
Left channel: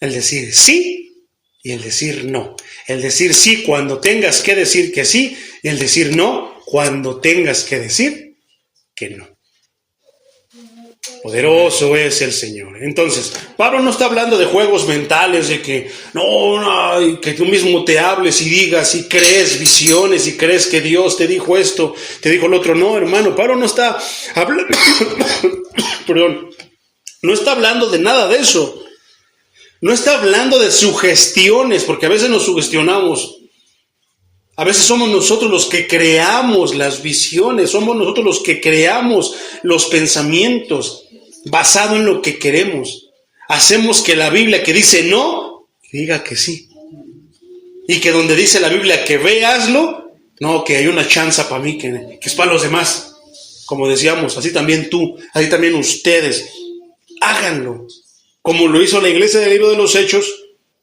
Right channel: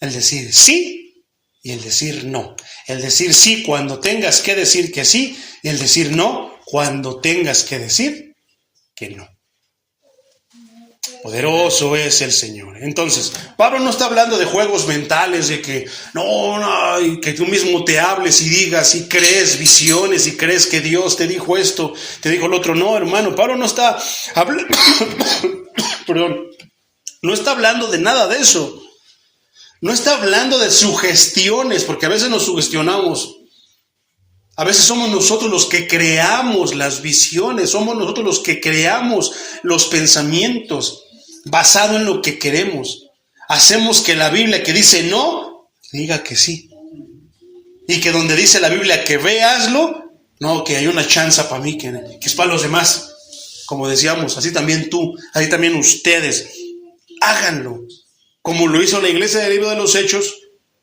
El decir sí y el decir no. El decir sí cuando tengas que decir que sí y el decir no cuando tengas que decir que no. Poderoso es el Señor. Entonces, Pablo no está hablando de juegos mentales, de que que tú mismo te hables y digas y crees visiones y crees que Dios te dijo esto, te dijo lo otro. No, hermano, Pablo no está hablando, perdón, no está hablando de nada de eso. No está hablando de sugestiones, porque a veces nos sugestionamos. A veces somos nosotros los que creamos las visiones, somos nosotros los que creamos los pensamientos basado en lo que queremos. Hacemos que la Biblia que dice no, diga que sí. Y que donde dice la Biblia que ve, hazlo, no, que hay una chance para mí, que es para los demás. Como decíamos, así también tú, así también ustedes, háganlo. Como lo hizo la iglesia del libro de los Hechos,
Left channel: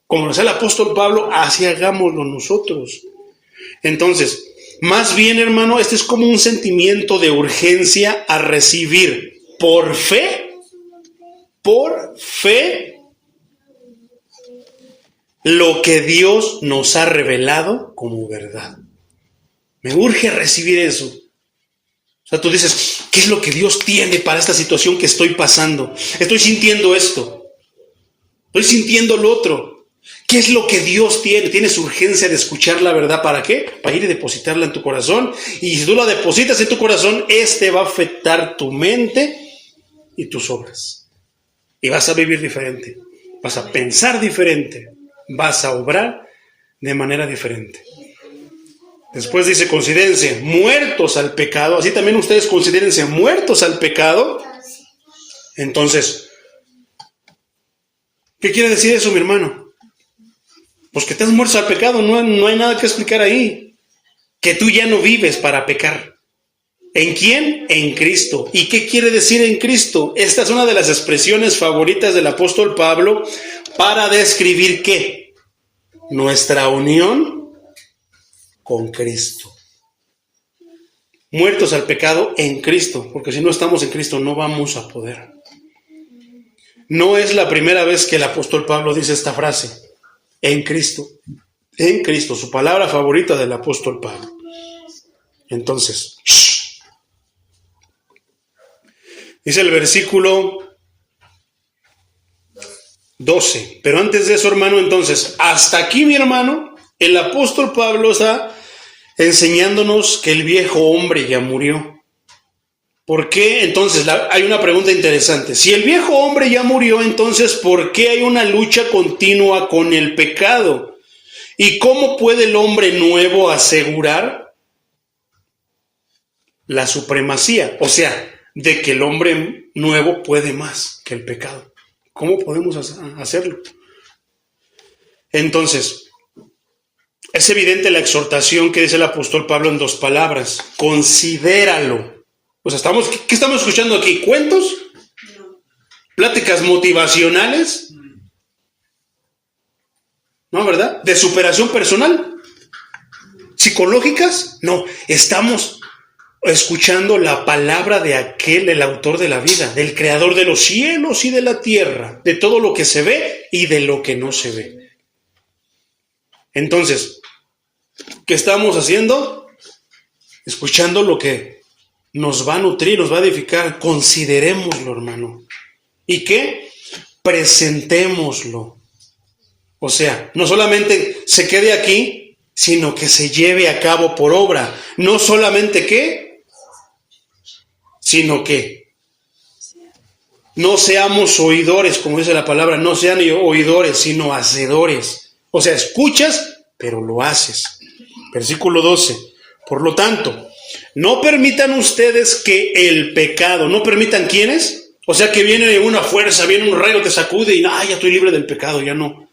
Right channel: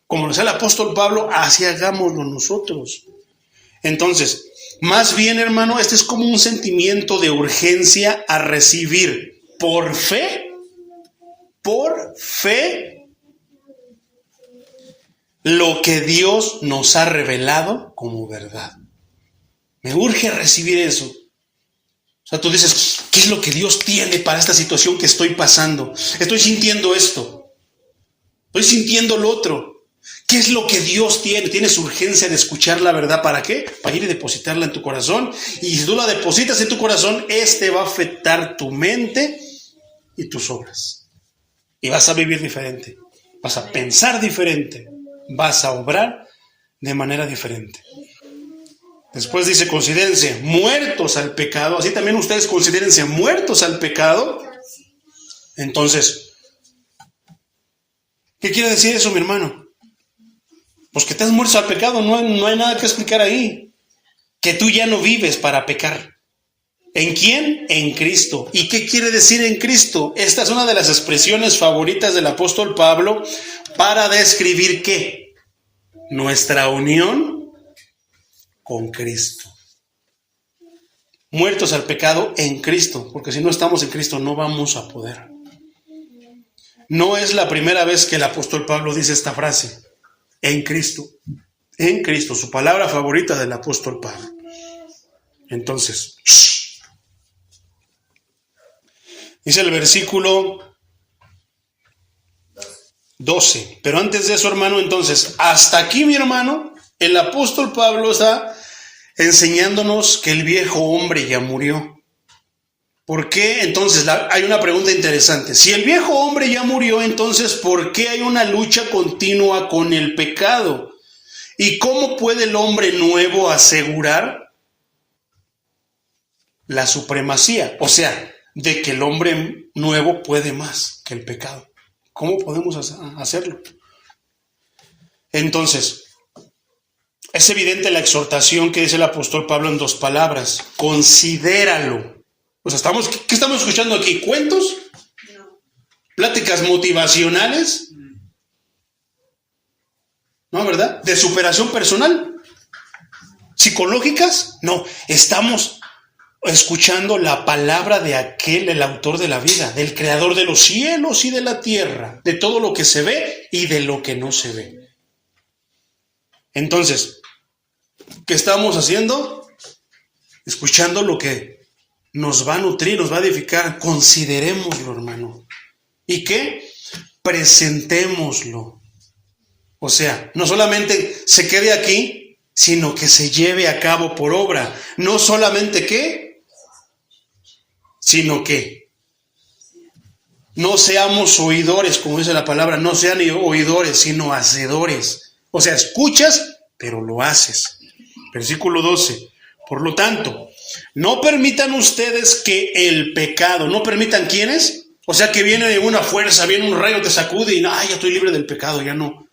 como lo hace el apóstol Pablo, así hagámoslo nosotros. Entonces, más bien, hermano, este es como un sentimiento de urgencia a recibir por fe, lo que Dios nos ha revelado como verdad. Me urge recibir eso. O sea, tú dices, ¿qué es lo que Dios tiene para esta situación que estoy pasando? Estoy sintiendo esto. Estoy sintiendo lo otro. ¿Qué es lo que Dios tiene? Tienes urgencia de escuchar la verdad. ¿Para qué? Para ir y depositarla en tu corazón. Y si tú la depositas en tu corazón, va a afectar tu mente y tus obras. Y vas a vivir diferente. Vas a pensar diferente. Vas a obrar de manera diferente. Después dice, considérense muertos al pecado. Así también ustedes considérense muertos al pecado. Entonces, ¿qué quiere decir eso, mi hermano? Pues que estás muerto al pecado, no hay nada que explicar ahí. Que tú ya no vives para pecar. ¿En quién? En Cristo. ¿Y qué quiere decir en Cristo? Esta es una de las expresiones favoritas del apóstol Pablo para describir ¿qué? Nuestra unión con Cristo. Muertos al pecado en Cristo, porque si no estamos en Cristo no vamos a poder. No es la primera vez que el apóstol Pablo dice esta frase. En Cristo, su palabra favorita del apóstol Pablo. Entonces, dice el versículo 12. Pero antes de eso, hermano, entonces, hasta aquí, mi hermano, el apóstol Pablo está enseñándonos que el viejo hombre ya murió. ¿Por qué? Entonces, hay una pregunta interesante. Si el viejo hombre ya murió, entonces, ¿por qué hay una lucha continua con el pecado? ¿Y cómo puede el hombre nuevo asegurar la supremacía? O sea, de que el hombre nuevo puede más que el pecado. ¿Cómo podemos hacerlo? Entonces, es evidente la exhortación que dice el apóstol Pablo en 2 palabras. Considéralo. O sea, ¿qué estamos escuchando aquí? ¿Cuentos? No. ¿Pláticas motivacionales? ¿No, verdad? ¿De superación personal? ¿Psicológicas? No, estamos escuchando la palabra de aquel, el autor de la vida, del creador de los cielos y de la tierra, de todo lo que se ve y de lo que no se ve. Entonces, ¿qué estamos haciendo? Escuchando lo que nos va a nutrir, nos va a edificar. Considerémoslo, hermano. ¿Y qué? Presentémoslo. O sea, no solamente se quede aquí, sino que se lleve a cabo por obra. No solamente qué, sino que no seamos oidores, como dice la palabra, no sean oidores, sino hacedores. O sea, escuchas, pero lo haces. Versículo 12. Por lo tanto, no permitan ustedes que el pecado, ¿no permitan quiénes? O sea, que viene una fuerza, viene un rayo, te sacude y ya estoy libre del pecado, ya no.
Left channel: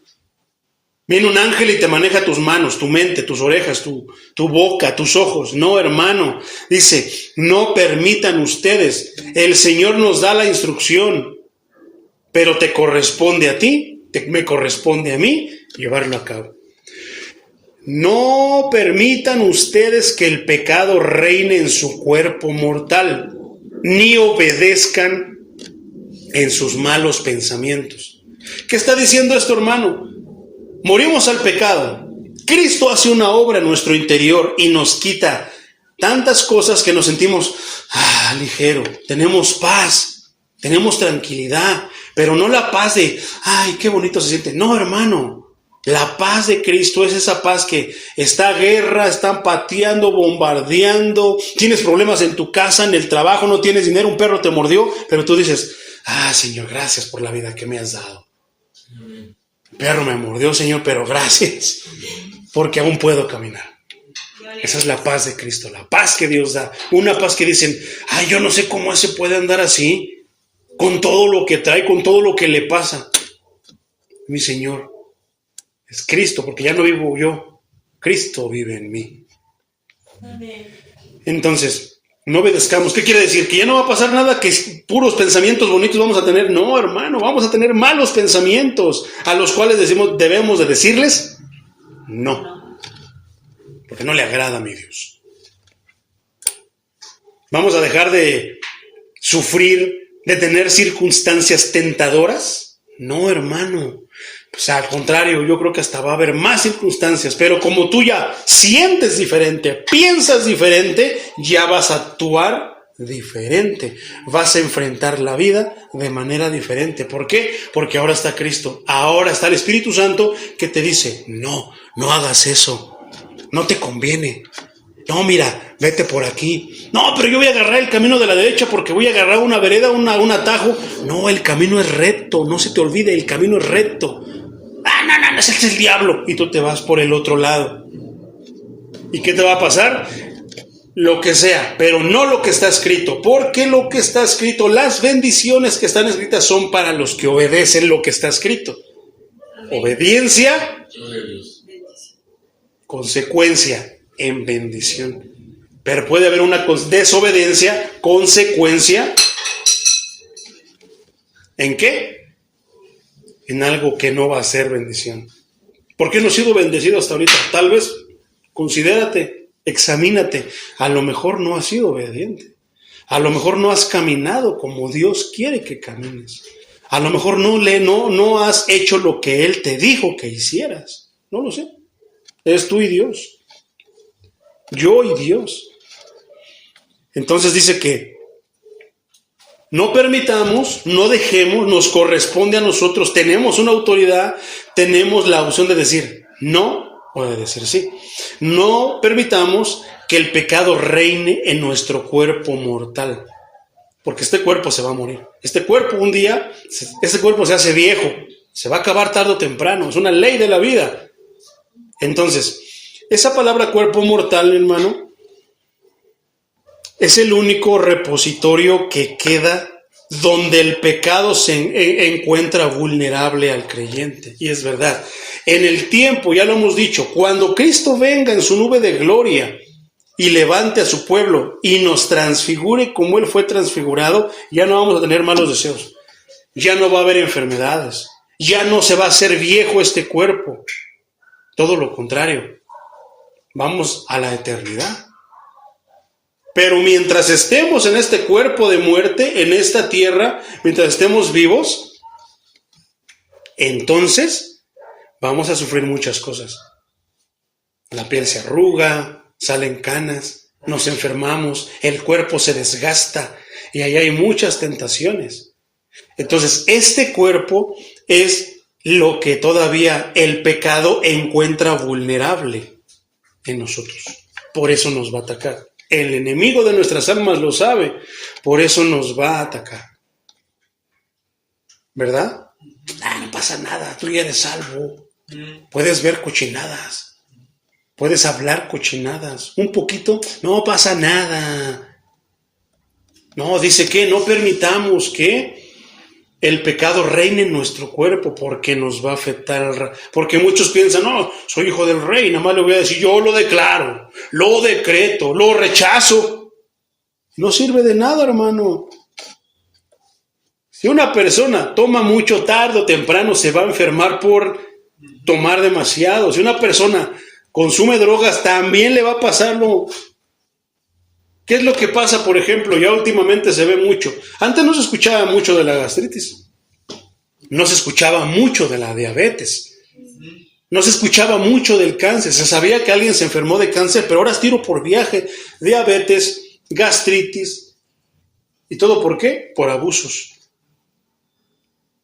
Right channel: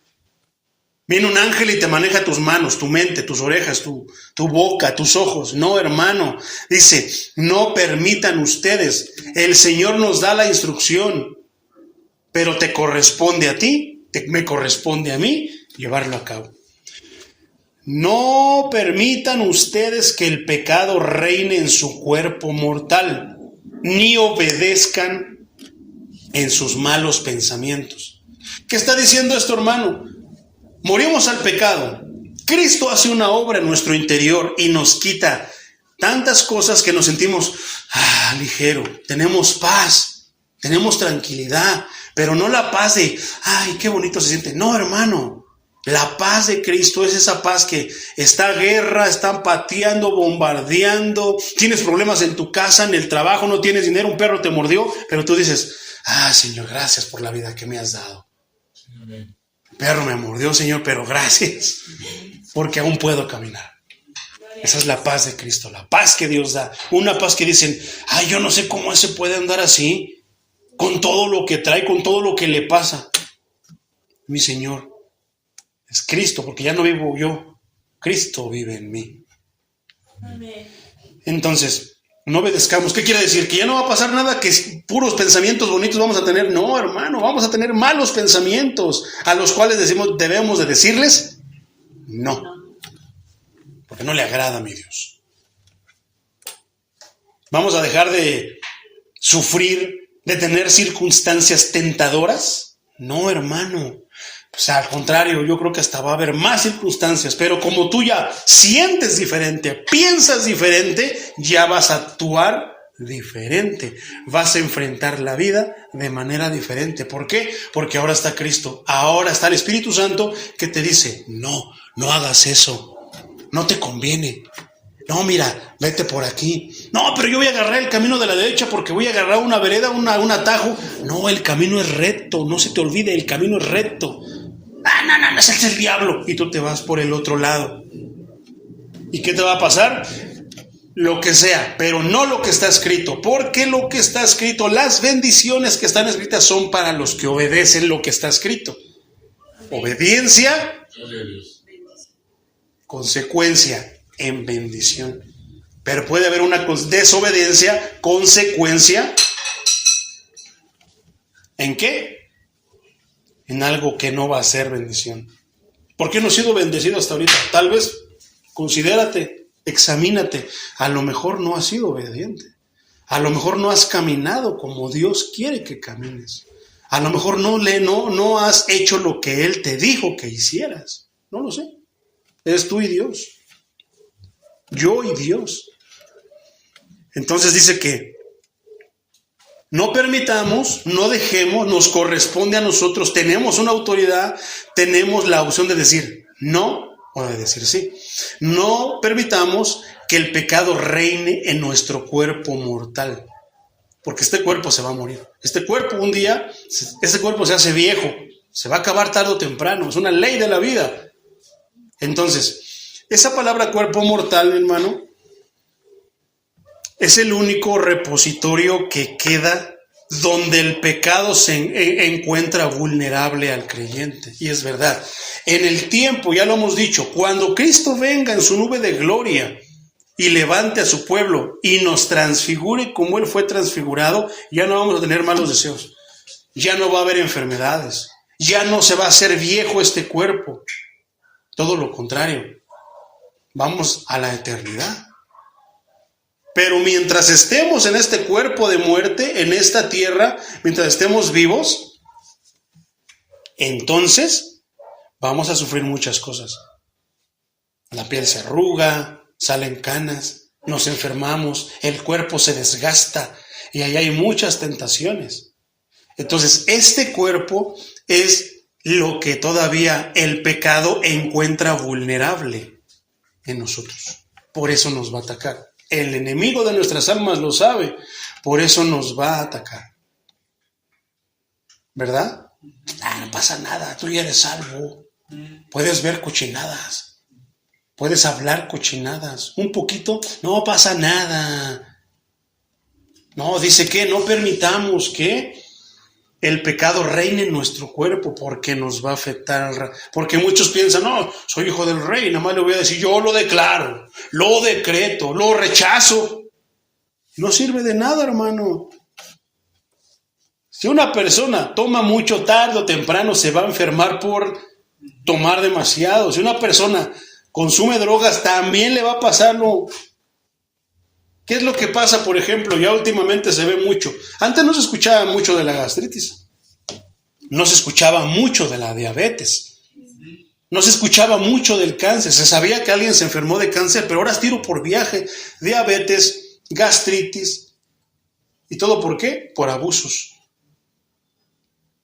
Viene un ángel y te maneja tus manos, tu mente, tus orejas, tu boca, tus ojos. No, hermano. Dice, no permitan ustedes. El Señor nos da la instrucción, pero te corresponde a ti, me corresponde a mí llevarlo a cabo. No permitan ustedes que el pecado reine en su cuerpo mortal, ni obedezcan en sus malos pensamientos. ¿Qué está diciendo esto, hermano? Morimos al pecado. Cristo hace una obra en nuestro interior y nos quita tantas cosas que nos sentimos ligero. Tenemos paz, tenemos tranquilidad, pero no la paz de, qué bonito se siente. No, hermano. La paz de Cristo es esa paz que está guerra, están pateando, bombardeando, tienes problemas en tu casa, en el trabajo, no tienes dinero, un perro te mordió, pero tú dices, Señor, gracias por la vida que me has dado. Amén. Perro me mordió, Señor, pero gracias, porque aún puedo caminar. Esa es la paz de Cristo, la paz que Dios da. Una paz que dicen, yo no sé cómo ese puede andar así, con todo lo que trae, con todo lo que le pasa. Mi Señor es Cristo, porque ya no vivo yo, Cristo vive en mí. Amén. Entonces, no obedezcamos. ¿Qué quiere decir? ¿Que ya no va a pasar nada? ¿Que puros pensamientos bonitos vamos a tener? No, hermano, vamos a tener malos pensamientos a los cuales debemos de decirles no, porque no le agrada a mi Dios. Vamos a dejar de sufrir, de tener circunstancias tentadoras. No, hermano. O sea, al contrario, yo creo que hasta va a haber más circunstancias, pero como tú ya sientes diferente, piensas diferente, ya vas a actuar diferente, vas a enfrentar la vida de manera diferente. ¿Por qué? Porque ahora está Cristo, ahora está el Espíritu Santo que te dice, no hagas eso, no te conviene. No, mira, vete por aquí. No, pero yo voy a agarrar el camino de la derecha porque voy a agarrar una vereda, un atajo. No, el camino es recto, no se te olvide, el camino es recto. No, ese es el diablo. Y tú te vas por el otro lado. ¿Y qué te va a pasar? Lo que sea, pero no lo que está escrito. Porque lo que está escrito, las bendiciones que están escritas son para los que obedecen lo que está escrito. Obediencia, consecuencia en bendición. Pero puede haber una desobediencia, consecuencia. ¿En qué? En algo que no va a ser bendición. ¿Por qué no he sido bendecido hasta ahorita? Tal vez, considérate, examínate. A lo mejor no has sido obediente. A lo mejor no has caminado como Dios quiere que camines. A lo mejor no has hecho lo que Él te dijo que hicieras. No lo sé. Es tú y Dios. Yo y Dios. Entonces dice que no permitamos, no dejemos, nos corresponde a nosotros, tenemos una autoridad, tenemos la opción de decir no o de decir sí. No permitamos que el pecado reine en nuestro cuerpo mortal, porque este cuerpo se va a morir. Este cuerpo un día, este cuerpo se hace viejo, se va a acabar tarde o temprano, es una ley de la vida. Entonces, esa palabra cuerpo mortal, mi hermano, es el único repositorio que queda donde el pecado se encuentra vulnerable al creyente. Y es verdad. En el tiempo, ya lo hemos dicho, cuando Cristo venga en su nube de gloria y levante a su pueblo y nos transfigure como Él fue transfigurado, ya no vamos a tener malos deseos. Ya no va a haber enfermedades. Ya no se va a hacer viejo este cuerpo. Todo lo contrario. Vamos a la eternidad. Pero mientras estemos en este cuerpo de muerte, en esta tierra, mientras estemos vivos, entonces vamos a sufrir muchas cosas. La piel se arruga, salen canas, nos enfermamos, el cuerpo se desgasta y ahí hay muchas tentaciones. Entonces, este cuerpo es lo que todavía el pecado encuentra vulnerable en nosotros. Por eso nos va a atacar. El enemigo de nuestras almas lo sabe, por eso nos va a atacar. ¿Verdad? No pasa nada, tú ya eres salvo. Puedes ver cochinadas, puedes hablar cochinadas. Un poquito, no pasa nada. No, dice que no permitamos que el pecado reine en nuestro cuerpo porque nos va a afectar. Porque muchos piensan, no, soy hijo del rey, nada más le voy a decir, yo lo declaro, lo decreto, lo rechazo. No sirve de nada, hermano. Si una persona toma mucho, tarde o temprano se va a enfermar por tomar demasiado. Si una persona consume drogas, también le va a pasarlo. ¿Qué es lo que pasa, por ejemplo? Ya últimamente se ve mucho. Antes no se escuchaba mucho de la gastritis. No se escuchaba mucho de la diabetes. No se escuchaba mucho del cáncer. Se sabía que alguien se enfermó de cáncer, pero ahora es tiro por viaje. Diabetes, gastritis. ¿Y todo por qué? Por abusos.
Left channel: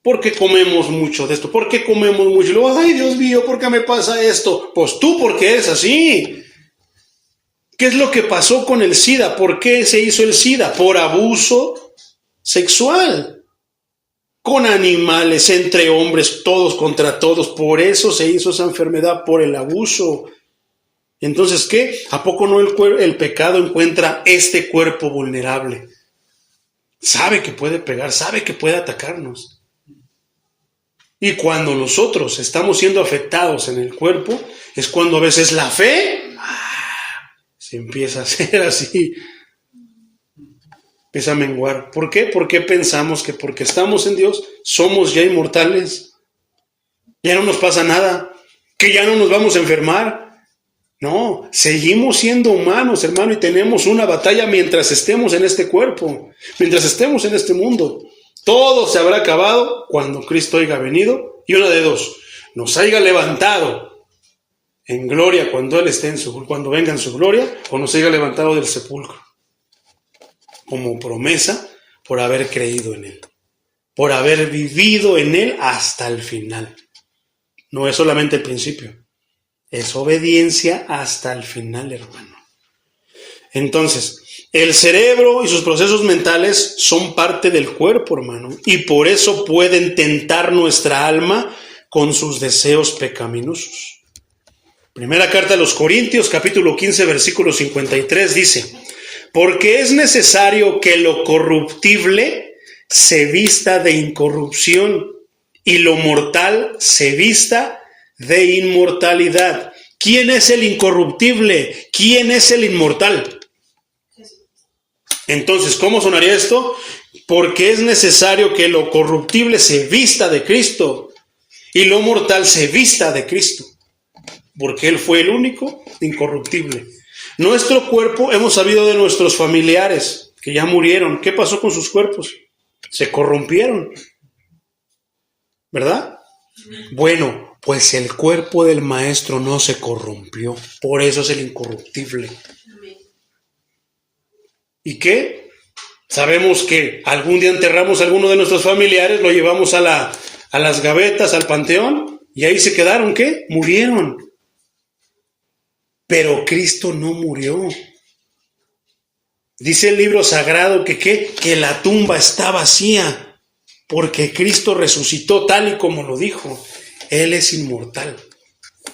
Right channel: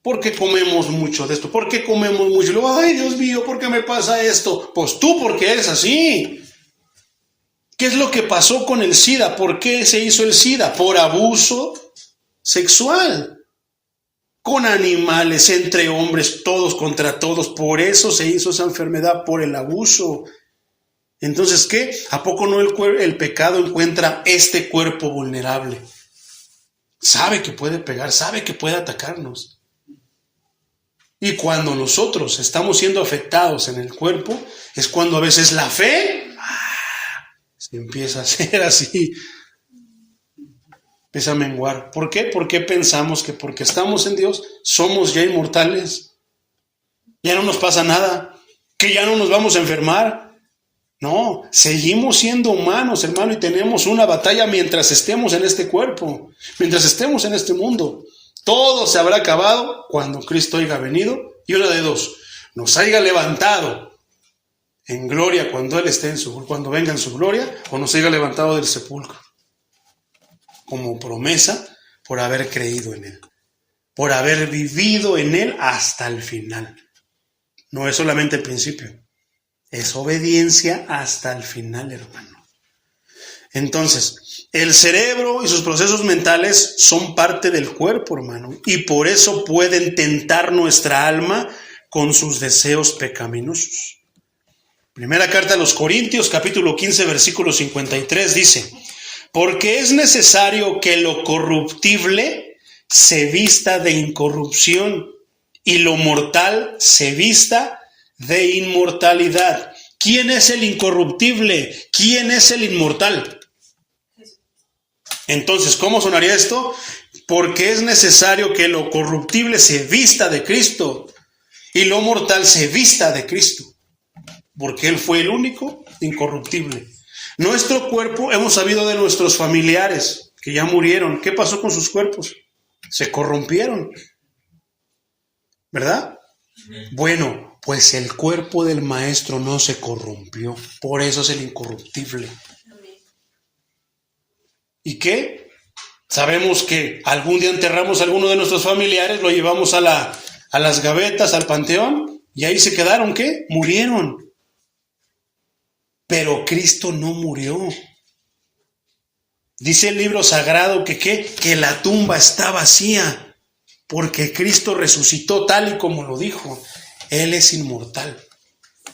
¿Por qué comemos mucho de esto? ¿Por qué comemos mucho? Y luego, ay, Dios mío, ¿por qué me pasa esto? Pues tú, porque eres así. ¿Qué es lo que pasó con el SIDA? ¿Por qué se hizo el SIDA? Por abuso sexual. Con animales, entre hombres, todos contra todos. Por eso se hizo esa enfermedad, por el abuso. Entonces, ¿qué? ¿A poco no el pecado encuentra este cuerpo vulnerable? Sabe que puede pegar, sabe que puede atacarnos. Y cuando nosotros estamos siendo afectados en el cuerpo, es cuando a veces la fe se empieza a hacer así, empieza a menguar. ¿Por qué? Porque pensamos que porque estamos en Dios somos ya inmortales, ya no nos pasa nada, que ya no nos vamos a enfermar. No, seguimos siendo humanos, hermano, y tenemos una batalla mientras estemos en este cuerpo, mientras estemos en este mundo. Todo se habrá acabado cuando Cristo haya venido, y una de dos, nos haya levantado en gloria cuando Él esté cuando venga en su gloria, o nos haya levantado del sepulcro, como promesa por haber creído en Él, por haber vivido en Él hasta el final. No es solamente el principio, es obediencia hasta el final, hermano. Entonces, el cerebro y sus procesos mentales son parte del cuerpo, hermano, y por eso pueden tentar nuestra alma con sus deseos pecaminosos. Primera carta a los Corintios, capítulo 15, versículo 53, dice, porque es necesario que lo corruptible se vista de incorrupción y lo mortal se vista de inmortalidad. ¿Quién es el incorruptible? ¿Quién es el inmortal? Entonces, ¿cómo sonaría esto? Porque es necesario que lo corruptible se vista de Cristo y lo mortal se vista de Cristo, porque Él fue el único incorruptible. Nuestro cuerpo, hemos sabido de nuestros familiares que ya murieron. ¿Qué pasó con sus cuerpos? Se corrompieron, ¿verdad? Bueno, pues el cuerpo del Maestro no se corrompió, por eso es el incorruptible. ¿Y qué? Sabemos que algún día enterramos a alguno de nuestros familiares, lo llevamos a las gavetas, al panteón, y ahí se quedaron, ¿qué? Murieron. Pero Cristo no murió. Dice el libro sagrado que la tumba está vacía, porque Cristo resucitó tal y como lo dijo. Él es inmortal.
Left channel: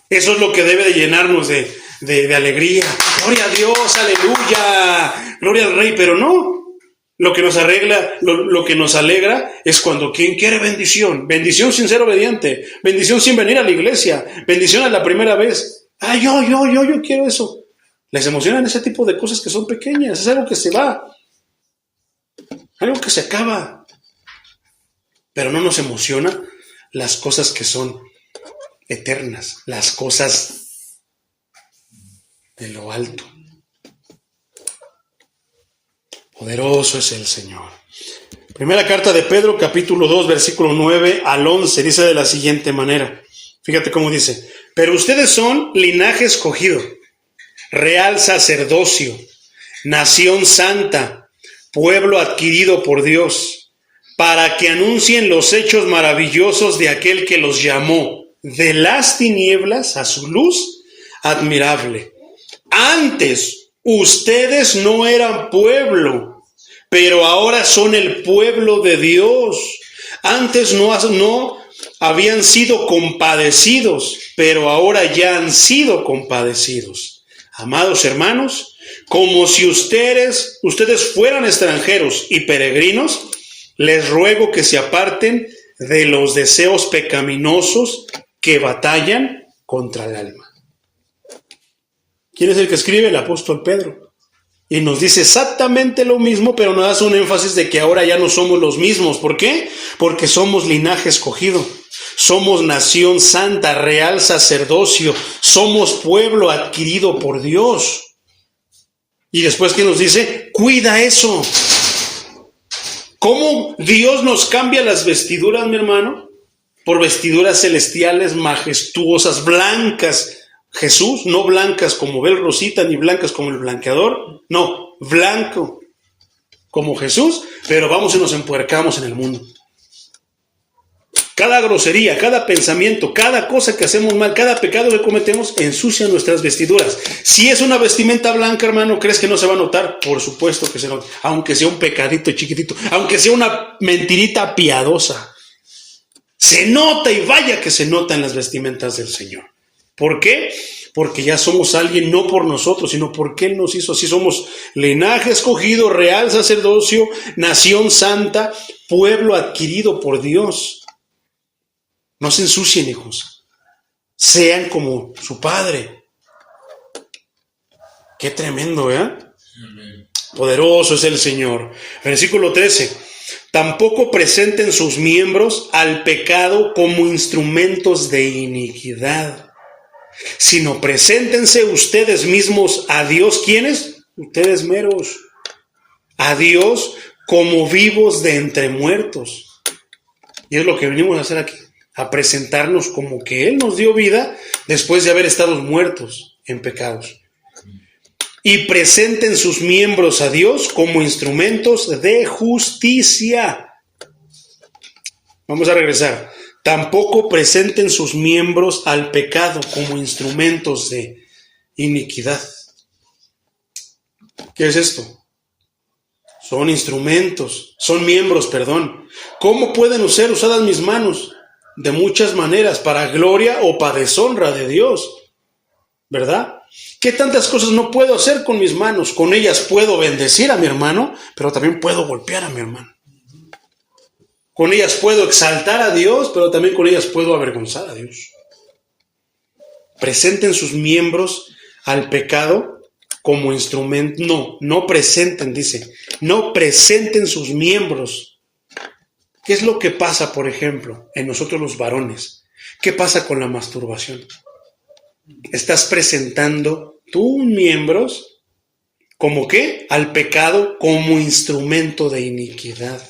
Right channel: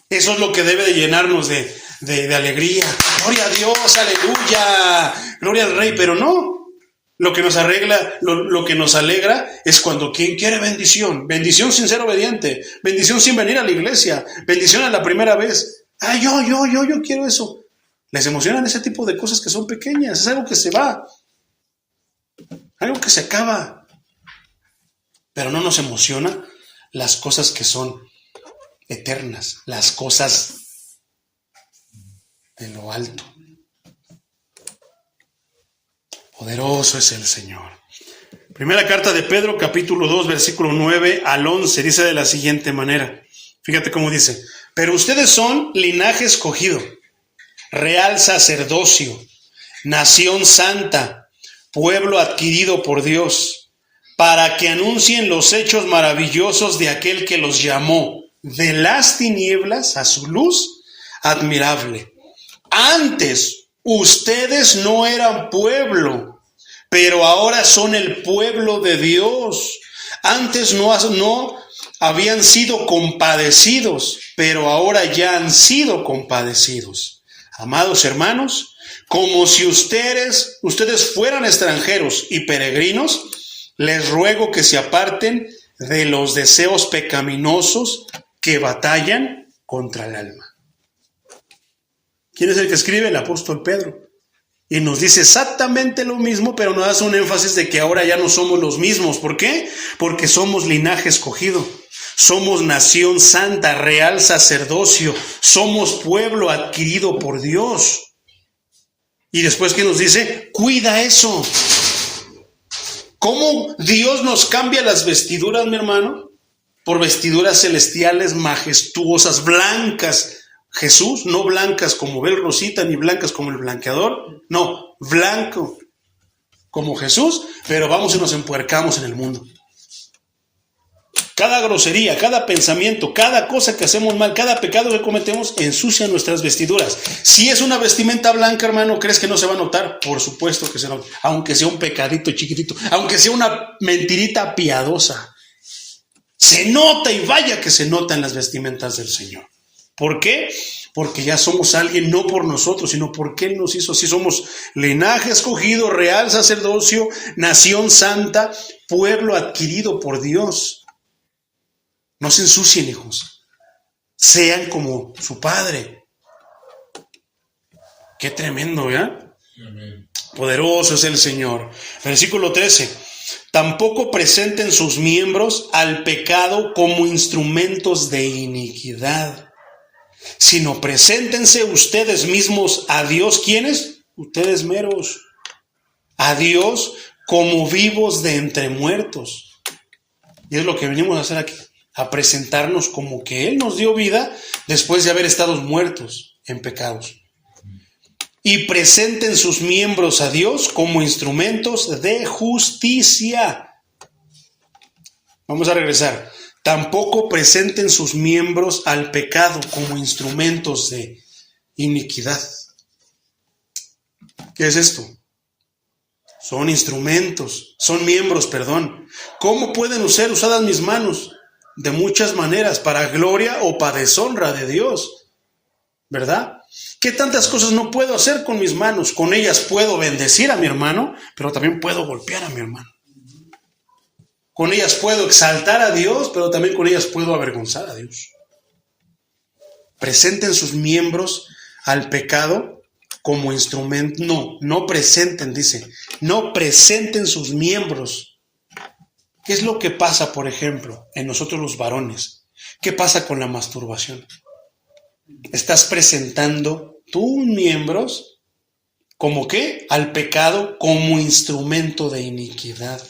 Eso es lo que debe de llenarnos de alegría. Gloria a Dios, aleluya, gloria al Rey, pero no. Lo que nos arregla, lo que nos alegra es cuando quien quiere bendición sin ser obediente, bendición sin venir a la iglesia, bendición a la primera vez. Yo quiero eso. Les emocionan ese tipo de cosas que son pequeñas, es algo que se va, algo que se acaba. Pero no nos emociona las cosas que son eternas, las cosas de lo alto. Poderoso es el Señor. Primera carta de Pedro, capítulo 2, versículo 9 al 11, dice de la siguiente manera. Fíjate cómo dice. Pero ustedes son linaje escogido, real sacerdocio, nación santa, pueblo adquirido por Dios, para que anuncien los hechos maravillosos de aquel que los llamó de las tinieblas a su luz admirable. Antes ustedes no eran pueblo, pero ahora son el pueblo de Dios. Antes no habían sido compadecidos, pero ahora ya han sido compadecidos. Amados hermanos, como si ustedes fueran extranjeros y peregrinos, les ruego que se aparten de los deseos pecaminosos que batallan contra el alma. ¿Quién es el que escribe? El apóstol Pedro. Y nos dice exactamente lo mismo, pero nos hace un énfasis de que ahora ya no somos los mismos. ¿Por qué? Porque somos linaje escogido. Somos nación santa, real sacerdocio. Somos pueblo adquirido por Dios. Y después, ¿qué nos dice? Cuida eso. ¿Cómo Dios nos cambia las vestiduras, mi hermano? Por vestiduras celestiales, majestuosas, blancas. Jesús, no blancas como Bel Rosita, ni blancas como el blanqueador. No, blanco como Jesús, pero vamos y nos empuercamos en el mundo. Cada grosería, cada pensamiento, cada cosa que hacemos mal, cada pecado que cometemos, ensucia nuestras vestiduras. Si es una vestimenta blanca, hermano, ¿crees que no se va a notar? Por supuesto que se nota, aunque sea un pecadito chiquitito, aunque sea una mentirita piadosa. Se nota, y vaya que se nota en las vestimentas del Señor. ¿Por qué? Porque ya somos alguien no por nosotros, sino porque Él nos hizo así. Somos linaje escogido, real sacerdocio, nación santa, pueblo adquirido por Dios. No se ensucien, hijos. Sean como su Padre. Qué tremendo, ¿verdad? Amén. Poderoso es el Señor. Versículo 13. Tampoco presenten sus miembros al pecado como instrumentos de iniquidad, sino preséntense ustedes mismos a Dios. ¿Quiénes? Ustedes meros. A Dios como vivos de entre muertos. Y es lo que venimos a hacer aquí. A presentarnos como que Él nos dio vida después de haber estado muertos en pecados. Y presenten sus miembros a Dios como instrumentos de justicia. Vamos a regresar. Tampoco presenten sus miembros al pecado como instrumentos de iniquidad. ¿Qué es esto? Son instrumentos, son miembros, perdón. ¿Cómo pueden ser usadas mis manos? De muchas maneras, para gloria o para deshonra de Dios, ¿verdad? ¿Qué tantas cosas no puedo hacer con mis manos? Con ellas puedo bendecir a mi hermano, pero también puedo golpear a mi hermano. Con ellas puedo exaltar a Dios, pero también con ellas puedo avergonzar a Dios. Presenten sus miembros al pecado como instrumento. No presenten, dice. No presenten sus miembros. ¿Qué es lo que pasa, por ejemplo, en nosotros los varones? ¿Qué pasa con la masturbación? Estás presentando tus miembros ¿como qué? Al pecado como instrumento de iniquidad.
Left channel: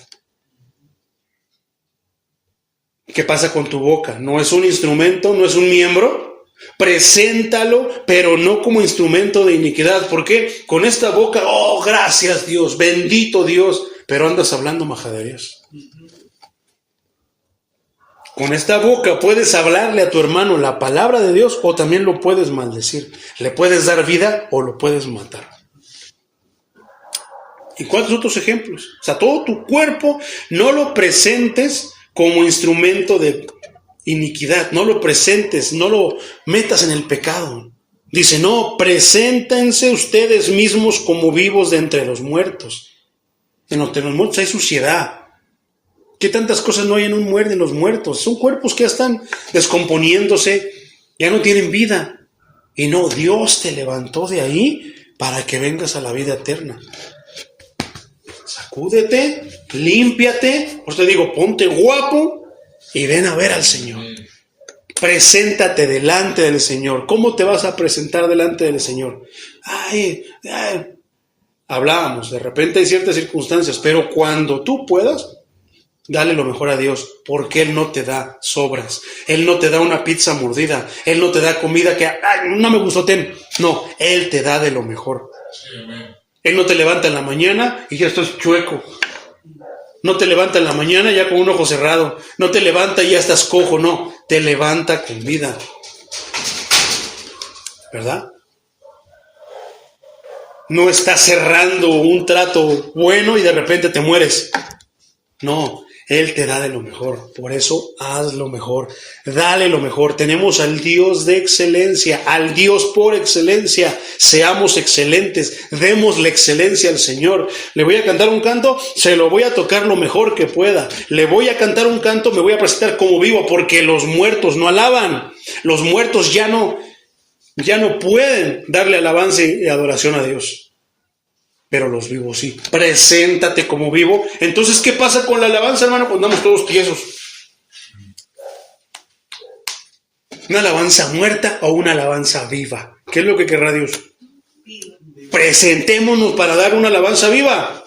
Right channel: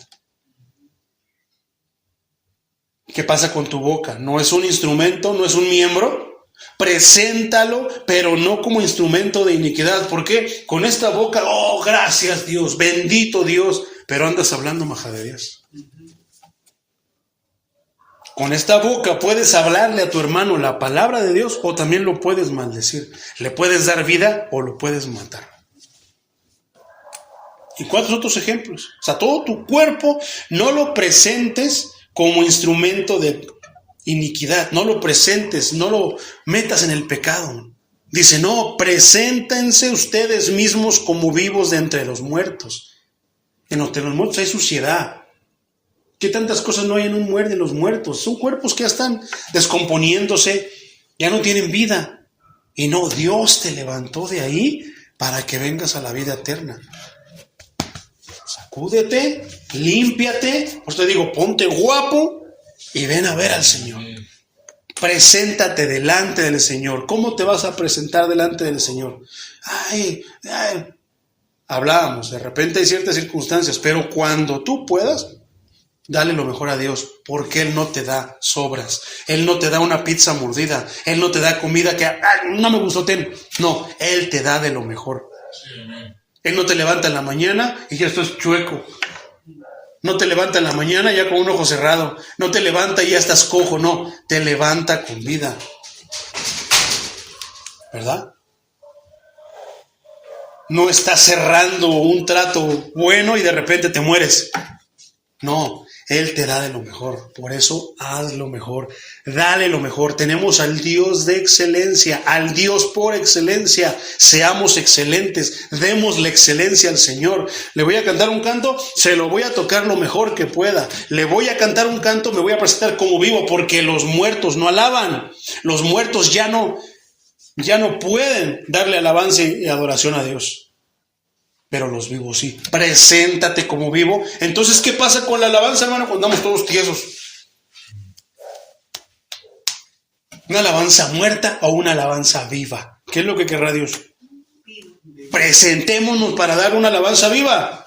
¿Qué pasa con tu boca? ¿No es un instrumento? ¿No es un miembro? Preséntalo, pero no como instrumento de iniquidad. ¿Por qué? Con esta boca, oh, gracias Dios, bendito Dios, pero andas hablando majaderías. Con esta boca puedes hablarle a tu hermano la palabra de Dios o también lo puedes maldecir. Le puedes dar vida o lo puedes matar. ¿Y cuántos otros ejemplos? O sea, todo tu cuerpo no lo presentes como instrumento de iniquidad. No lo presentes, no lo metas en el pecado. Dice, no, preséntense ustedes mismos como vivos de entre los muertos. Entre los muertos hay suciedad. ¿Qué tantas cosas no hay en los muertos? Son cuerpos que ya están descomponiéndose, ya no tienen vida. Y no, Dios te levantó de ahí para que vengas a la vida eterna. Sacúdete, límpiate, pues te digo, ponte guapo y ven a ver al Señor. Preséntate delante del Señor. ¿Cómo te vas a presentar delante del Señor? Hablábamos, de repente hay ciertas circunstancias, pero cuando tú puedas, dale lo mejor a Dios, porque Él no te da sobras. Él no te da una pizza mordida. Él no te da comida que no me gustó, ten. No, Él te da de lo mejor. Sí, Él no te levanta en la mañana y ya estás chueco. No te levanta en la mañana ya con un ojo cerrado. No te levanta y ya estás cojo, no. Te levanta con vida. ¿Verdad? No estás cerrando un trato bueno y de repente te mueres. No, Él te da de lo mejor. Por eso haz lo mejor. Dale lo mejor. Tenemos al Dios de excelencia, al Dios por excelencia. Seamos excelentes. Demos la excelencia al Señor. Le voy a cantar un canto, se lo voy a tocar lo mejor que pueda. Le voy a cantar un canto, me voy a presentar como vivo, porque los muertos no alaban. Los muertos ya no pueden darle alabanza y adoración a Dios. Pero los vivos sí. Preséntate como vivo. Entonces, ¿qué pasa con la alabanza, hermano? Pues andamos todos tiesos. ¿Una alabanza muerta o una alabanza viva? ¿Qué es lo que querrá Dios? Presentémonos para dar una alabanza viva.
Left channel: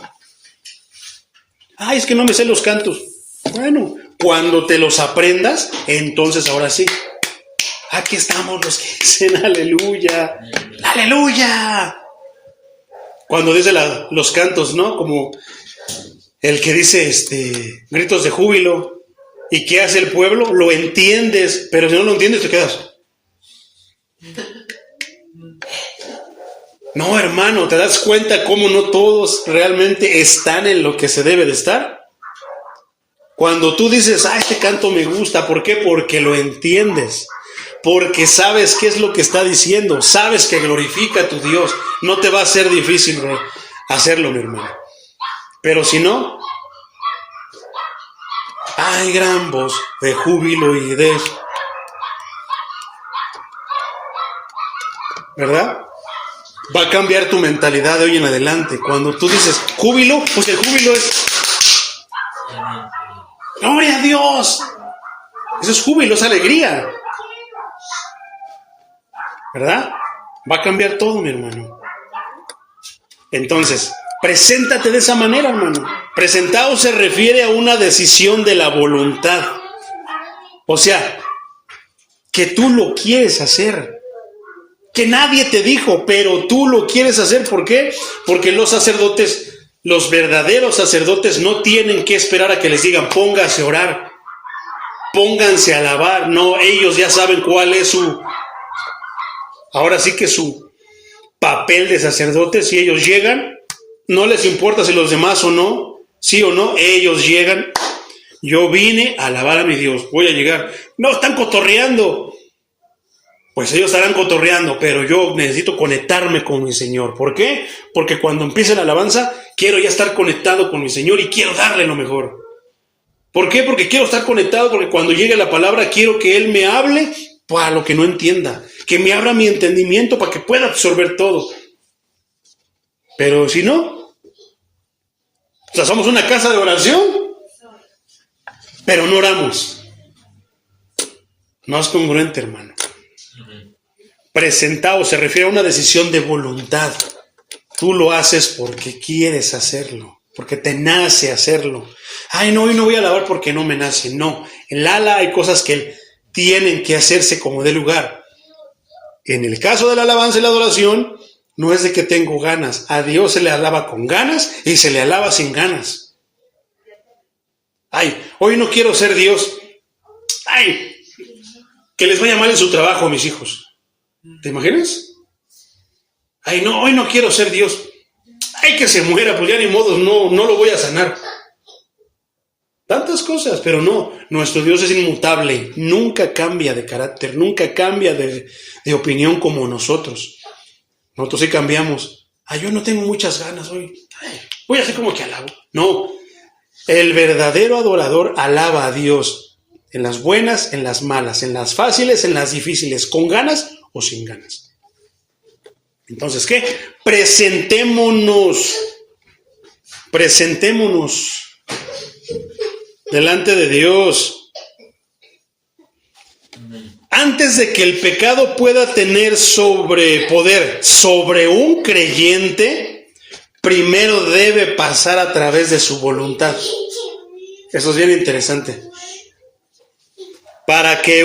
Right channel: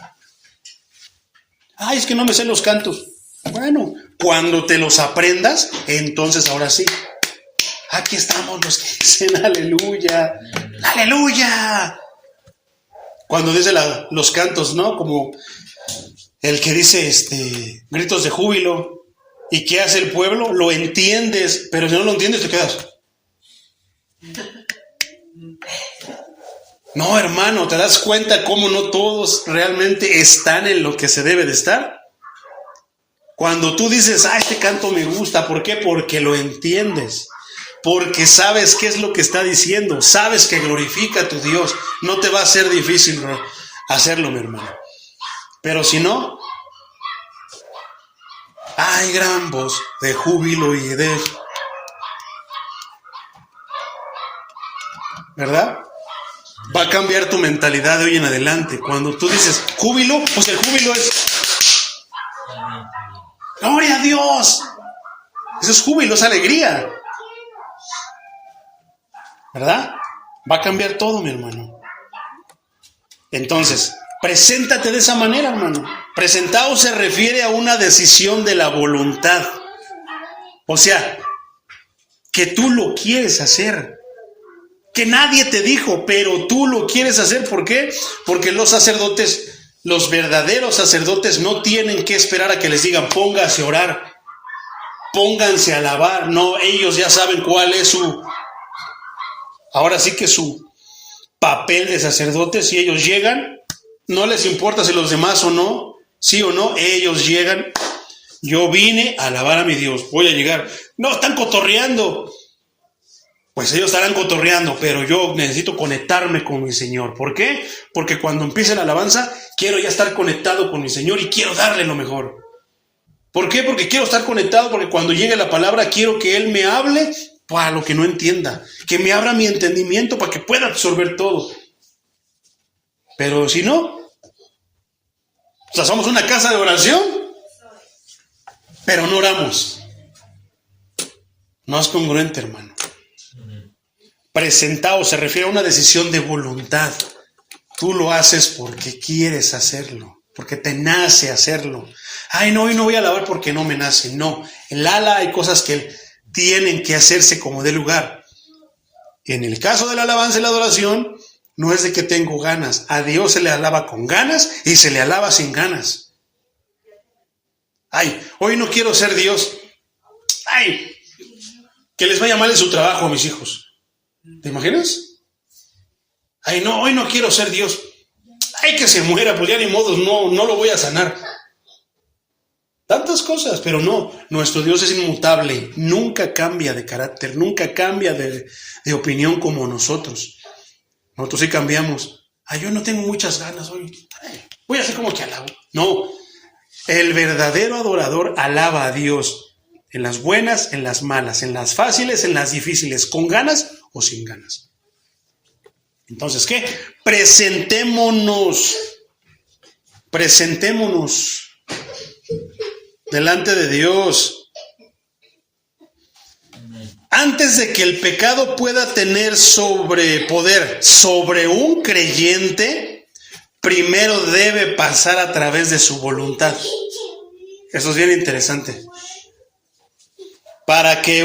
Ay, es que no me sé los cantos. Bueno, cuando te los aprendas, entonces ahora sí. Aquí estamos los que dicen aleluya. ¡Aleluya! Cuando dice los cantos, ¿no? Como el que dice gritos de júbilo. ¿Y qué hace el pueblo? Lo entiendes, pero si no lo entiendes te quedas. No, hermano, ¿te das cuenta cómo no todos realmente están en lo que se debe de estar? Cuando tú dices, este canto me gusta, ¿por qué? Porque lo entiendes. Porque sabes qué es lo que está diciendo, sabes que glorifica a tu Dios. No te va a ser difícil hacerlo, mi hermano. Pero si no, hay gran voz de júbilo y de... ¿Verdad? Va a cambiar tu mentalidad de hoy en adelante. Cuando tú dices júbilo, pues el júbilo es... ¡Gloria a Dios! Eso es júbilo, es alegría. ¿Verdad? Va a cambiar todo, mi hermano. Entonces, preséntate de esa manera, hermano. Presentado se refiere a una decisión de la voluntad. O sea, que tú lo quieres hacer. Que nadie te dijo, pero tú lo quieres hacer. ¿Por qué? Porque los sacerdotes, los verdaderos sacerdotes, no tienen que esperar a que les digan, póngase a orar, pónganse a alabar. No, ellos ya saben cuál es ahora sí que su papel de sacerdote. Si ellos llegan, no les importa si los demás o no, sí o no, ellos llegan. Yo vine a alabar a mi Dios, voy a llegar. No, están cotorreando. Pues ellos estarán cotorreando, pero yo necesito conectarme con mi Señor. ¿Por qué? Porque cuando empiece la alabanza, quiero ya estar conectado con mi Señor y quiero darle lo mejor. ¿Por qué? Porque quiero estar conectado, porque cuando llegue la palabra, quiero que Él me hable para lo que no entienda, que me abra mi entendimiento para que pueda absorber todo. Pero si no, o sea, somos una casa de oración, pero no oramos. No es congruente, hermano. Presentado se refiere a una decisión de voluntad. Tú lo haces porque quieres hacerlo, porque te nace hacerlo. Ay, no, hoy no voy a alabar porque no me nace. No, en ala hay cosas que tienen que hacerse como de lugar. En el caso de la alabanza y la adoración, no es de que tengo ganas. A Dios se le alaba con ganas y se le alaba sin ganas. Ay, hoy no quiero ser Dios. Ay, que les vaya mal en su trabajo a mis hijos. ¿Te imaginas? Ay, no, hoy no quiero ser Dios. Ay, que se muera, pues ya ni modo, no lo voy a sanar. Tantas cosas, pero no, nuestro Dios es inmutable, nunca cambia de carácter, nunca cambia de opinión como nosotros. Nosotros sí cambiamos. Ay, yo no tengo muchas ganas hoy. Ay, voy a hacer como que alabo. No, el verdadero adorador alaba a Dios en las buenas, en las malas, en las fáciles, en las difíciles, con ganas o sin ganas. Entonces, ¿qué? Presentémonos delante de Dios. Antes de que el pecado pueda tener poder sobre un creyente, primero debe pasar a través de su voluntad. Eso es bien interesante. Para que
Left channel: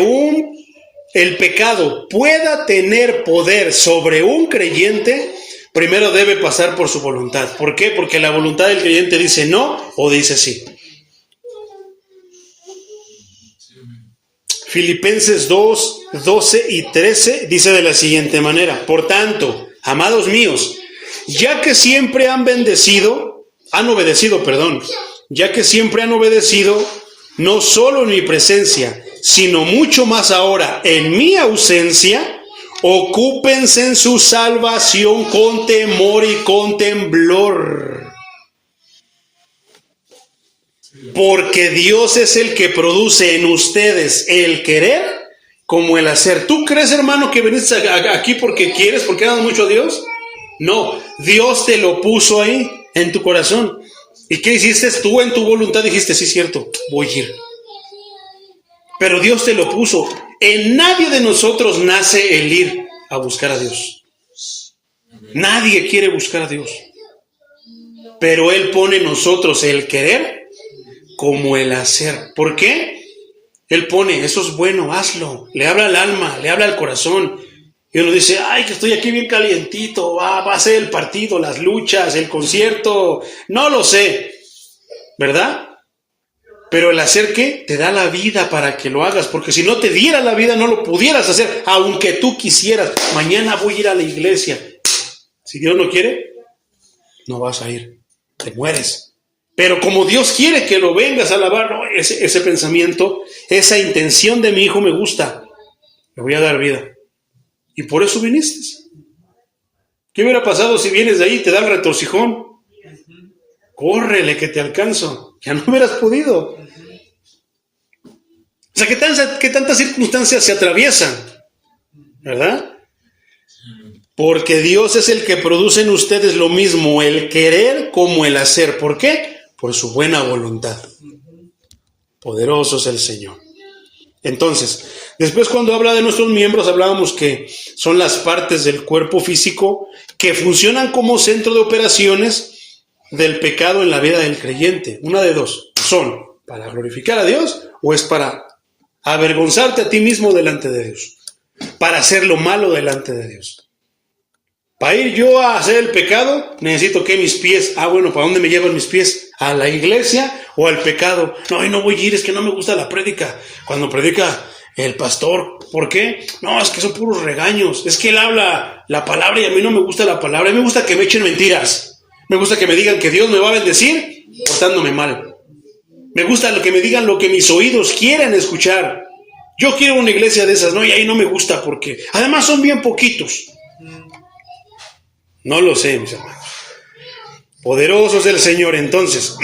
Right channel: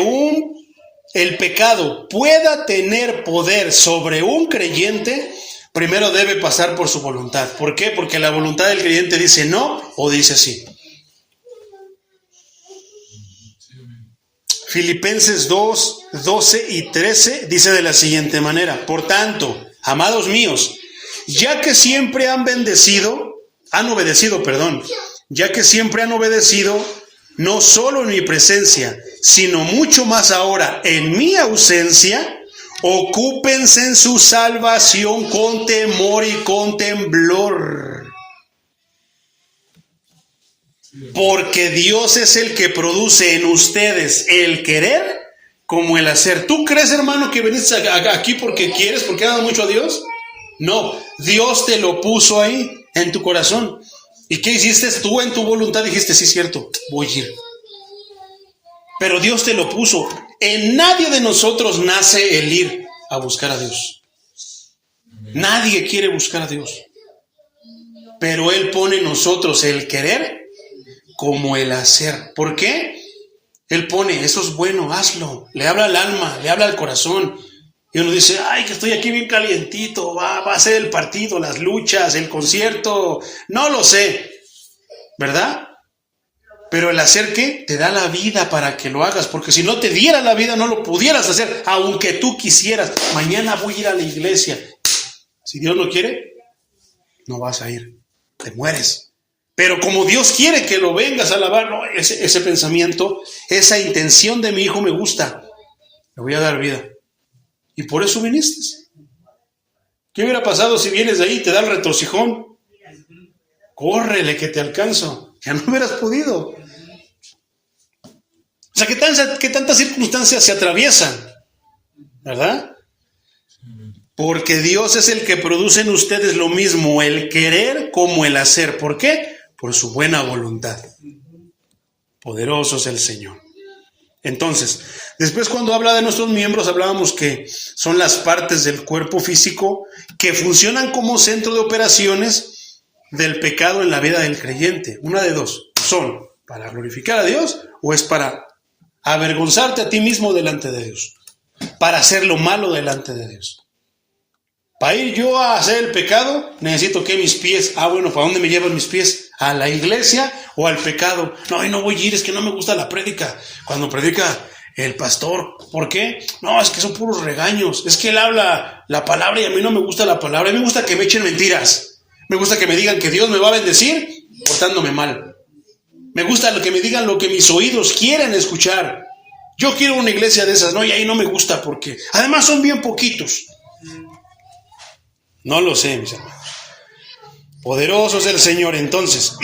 el pecado pueda tener poder sobre un creyente, primero debe pasar por su voluntad. ¿Por qué? Porque la voluntad del creyente dice no o dice sí. Filipenses 2, 12 y 13 dice de la siguiente manera: por tanto, amados míos, ya que siempre han obedecido, no solo en mi presencia, sino mucho más ahora en mi ausencia, ocúpense en su salvación con temor y con temblor. Porque Dios es el que produce en ustedes el querer como el hacer. ¿Tú crees, hermano, que viniste aquí porque quieres, porque amas mucho a Dios? No, Dios te lo puso ahí, en tu corazón. ¿Y qué hiciste? Tú en tu voluntad dijiste, sí, cierto, voy a ir. Pero Dios te lo puso. En nadie de nosotros nace el ir a buscar a Dios. Nadie quiere buscar a Dios. Pero Él pone en nosotros el querer como el hacer. ¿Por qué? Él pone, eso es bueno, hazlo. Le habla al alma, le habla al corazón. Y uno dice, ay, que estoy aquí bien calientito, va a ser el partido, las luchas, el concierto. No lo sé, ¿verdad? Pero el hacer, ¿qué? Te da la vida para que lo hagas, porque si no te diera la vida no lo pudieras hacer, aunque tú quisieras. Mañana voy a ir a la iglesia. Si Dios no quiere, no vas a ir, te mueres. Pero como Dios quiere que lo vengas a alabar, no, ese pensamiento, esa intención de mi hijo me gusta, le voy a dar vida. Y por eso viniste. ¿Qué hubiera pasado si vienes de ahí y te da el retorcijón? Córrele que te alcanzo. Ya no hubieras podido. O sea, ¿qué tantas circunstancias se atraviesan? ¿Verdad? Porque Dios es el que produce en ustedes lo mismo, el querer como el hacer. ¿Por qué? Por su buena voluntad. Poderoso es el Señor. Entonces, después cuando habla de nuestros miembros, hablábamos que son las partes del cuerpo físico que funcionan como centro de operaciones del pecado en la vida del creyente. Una de dos, ¿son para glorificar a Dios o es para avergonzarte a ti mismo delante de Dios? Para hacer lo malo delante de Dios. Para ir yo a hacer el pecado, necesito que mis pies, bueno, ¿para dónde me llevan mis pies? ¿A la iglesia o al pecado? No, no voy a ir, es que no me gusta la prédica. Cuando predica el pastor, ¿por qué? No, es que son puros regaños. Es que él habla la palabra y a mí no me gusta la palabra. A mí me gusta que me echen mentiras. Me gusta que me digan que Dios me va a bendecir portándome mal. Me gusta que me digan lo que mis oídos quieren escuchar. Yo quiero una iglesia de esas, ¿no? Y ahí no me gusta porque además son bien poquitos. No lo sé, mis hermanos. Poderoso es el Señor. Entonces,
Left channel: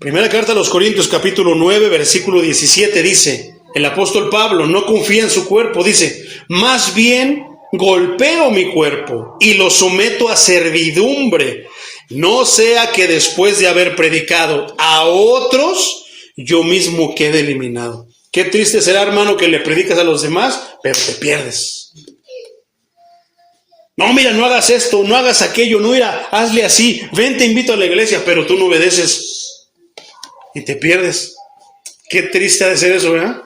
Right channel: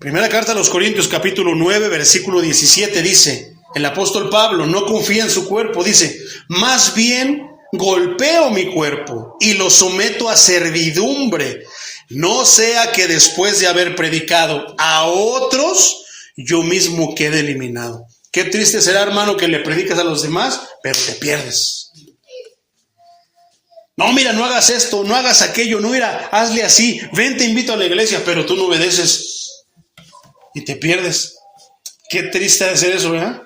primera carta a los Corintios, capítulo 9, versículo 17, dice, el apóstol Pablo no confía en su cuerpo, dice, más bien golpeo mi cuerpo y lo someto a servidumbre, no sea que después de haber predicado a otros, yo mismo quede eliminado. Qué triste será, hermano, que le predicas a los demás, pero te pierdes. No, mira, no hagas esto, no hagas aquello, no, mira, hazle así, ven, te invito a la iglesia, pero tú no obedeces y te pierdes. Qué triste ha de ser eso, ¿verdad?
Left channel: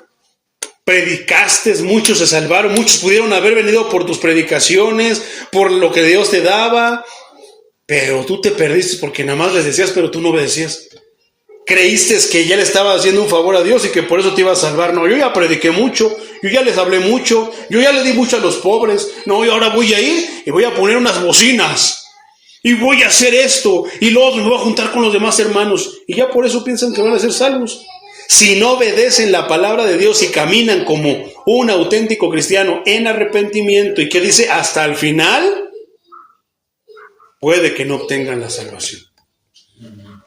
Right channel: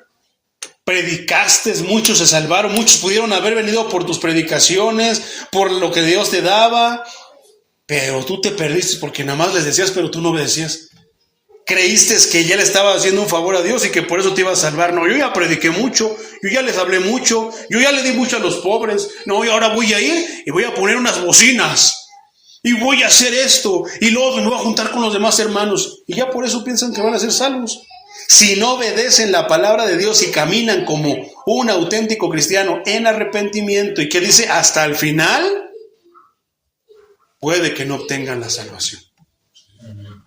Predicaste, muchos se salvaron, muchos pudieron haber venido por tus predicaciones, por lo que Dios te daba, pero tú te perdiste porque nada más les decías, pero tú no obedecías. Creíste que ya le estabas haciendo un favor a Dios y que por eso te iba a salvar. No, yo ya prediqué mucho, yo ya les hablé mucho, yo ya le di mucho a los pobres. No, y ahora voy a ir y voy a poner unas bocinas y voy a hacer esto y luego me voy a juntar con los demás hermanos y ya por eso piensan que van a ser salvos. Si no obedecen la palabra de Dios y caminan como un auténtico cristiano en arrepentimiento y que dice hasta el final, puede que no obtengan la salvación.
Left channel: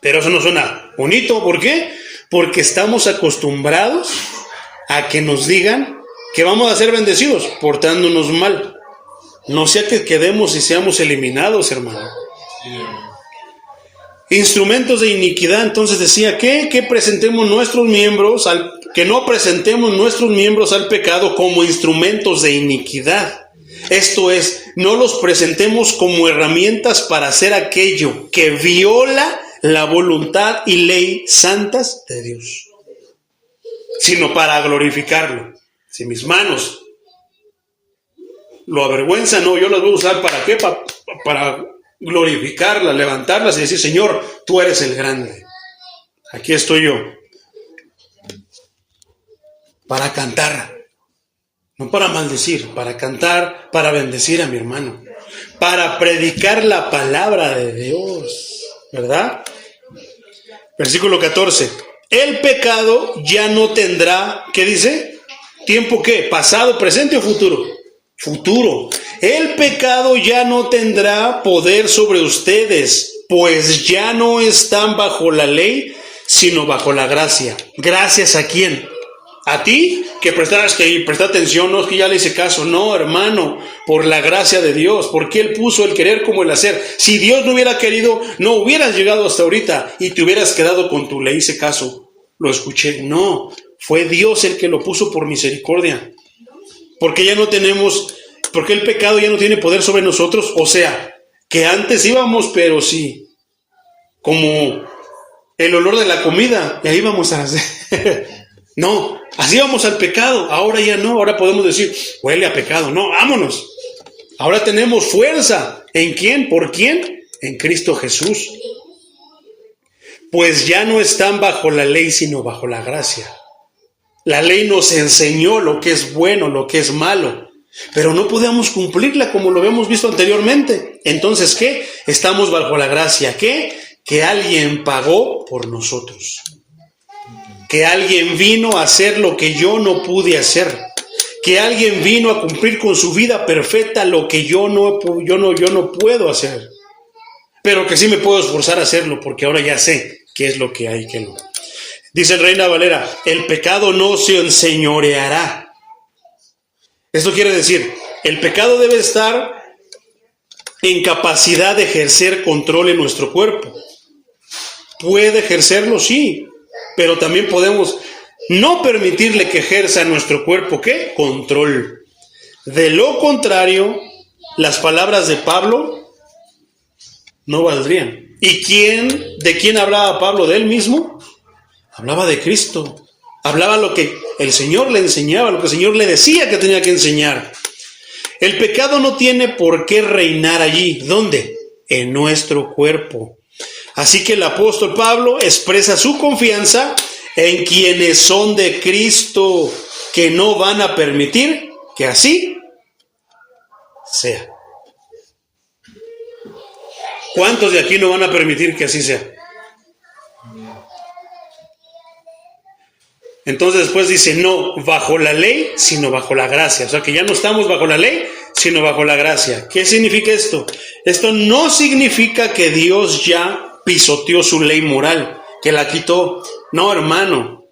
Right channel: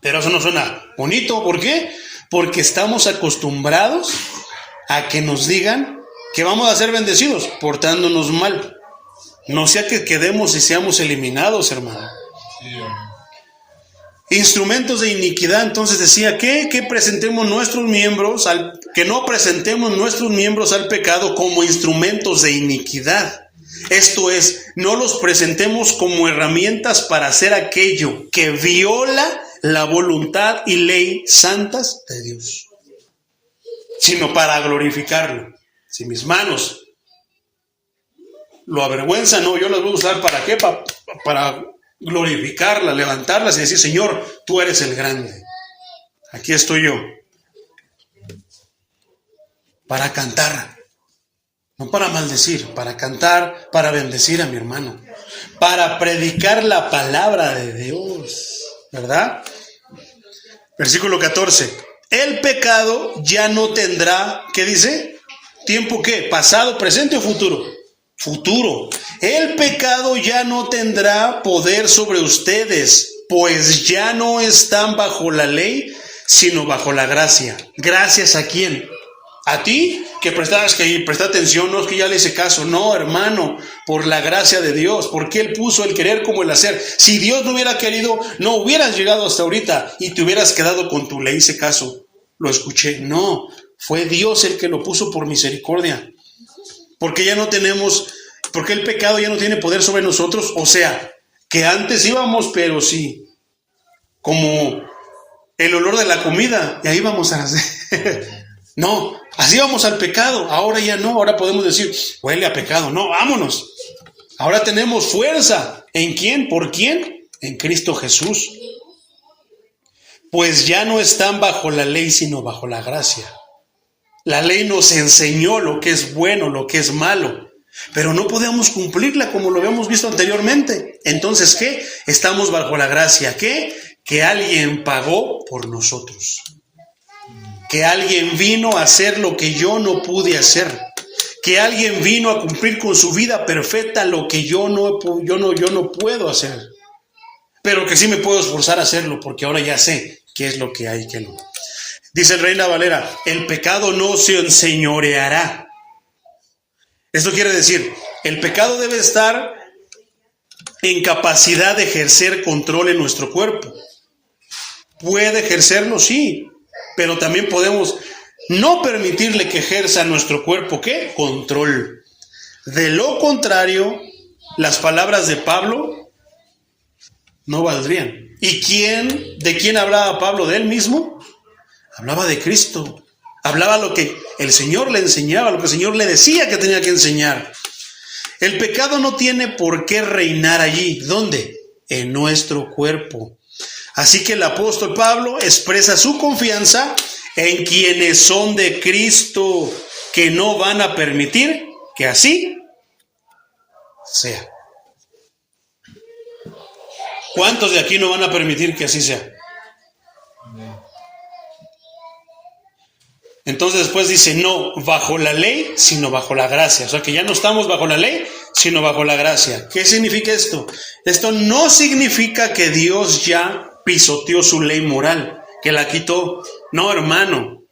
Pero eso no suena bonito. ¿Por qué? Porque estamos acostumbrados a que nos digan que vamos a ser bendecidos portándonos mal. No sea que quedemos y seamos eliminados, hermano. Instrumentos de iniquidad, entonces decía que presentemos nuestros miembros, que no presentemos nuestros miembros al pecado como instrumentos de iniquidad. Esto es, no los presentemos como herramientas para hacer aquello que viola la voluntad y ley santas de Dios, sino para glorificarlo. Si mis manos lo avergüenzan, no, yo las voy a usar ¿para qué? Para glorificarlas, levantarlas y decir, Señor, tú eres el grande. Aquí estoy yo. para cantar, no para maldecir, para cantar, para bendecir a mi hermano, para predicar la palabra de Dios, ¿verdad? Versículo 14. El pecado ya no tendrá, ¿qué dice? ¿Tiempo qué? ¿Pasado, presente o futuro? Futuro. El pecado ya no tendrá poder sobre ustedes, pues ya no están bajo la ley, sino bajo la gracia. ¿Gracias a quién? A ti, que presta atención, no es que ya le hice caso, no, hermano, por la gracia de Dios, porque Él puso el querer como el hacer. Si Dios no hubiera querido, no hubieras llegado hasta ahorita y te hubieras quedado con tu le hice caso, lo escuché. No, fue Dios el que lo puso por misericordia, porque ya no tenemos, porque el pecado ya no tiene poder sobre nosotros, o sea, que antes íbamos, pero sí, como el olor de la comida, y ahí vamos a hacer. No, así vamos al pecado, ahora ya no, ahora podemos decir, huele a pecado, no, vámonos. Ahora tenemos fuerza, ¿en quién? ¿Por quién? En Cristo Jesús. Pues ya no están bajo la ley, sino bajo la gracia. La ley nos enseñó lo que es bueno, lo que es malo, pero no podemos cumplirla como lo habíamos visto anteriormente. Entonces, ¿qué? Estamos bajo la gracia, ¿qué? Que alguien pagó por nosotros. Que alguien vino a hacer lo que yo no pude hacer, que alguien vino a cumplir con su vida perfecta lo que yo no puedo hacer, pero que sí me puedo esforzar a hacerlo, porque ahora ya sé qué es lo que hay que no. Dice el Reina Valera, el pecado no se enseñoreará. Esto quiere decir, el pecado debe estar en capacidad de ejercer control en nuestro cuerpo. ¿Puede ejercerlo? Sí. Pero también podemos no permitirle que ejerza en nuestro cuerpo, ¿qué? Control. De lo contrario, las palabras de Pablo no valdrían. ¿Y de quién hablaba Pablo? ¿De él mismo? Hablaba de Cristo. Hablaba lo que el Señor le enseñaba, lo que el Señor le decía que tenía que enseñar. El pecado no tiene por qué reinar allí. ¿Dónde? En nuestro cuerpo. Así que el apóstol Pablo expresa su confianza en quienes son de Cristo, que no van a permitir que así sea. ¿Cuántos de aquí no van a permitir que así sea? Entonces después dice, no bajo la ley, sino bajo la gracia. O sea que ya no estamos bajo la ley, sino bajo la gracia. ¿Qué significa esto? Esto no significa que Dios ya pisoteó su ley moral, que la quitó. No, hermano.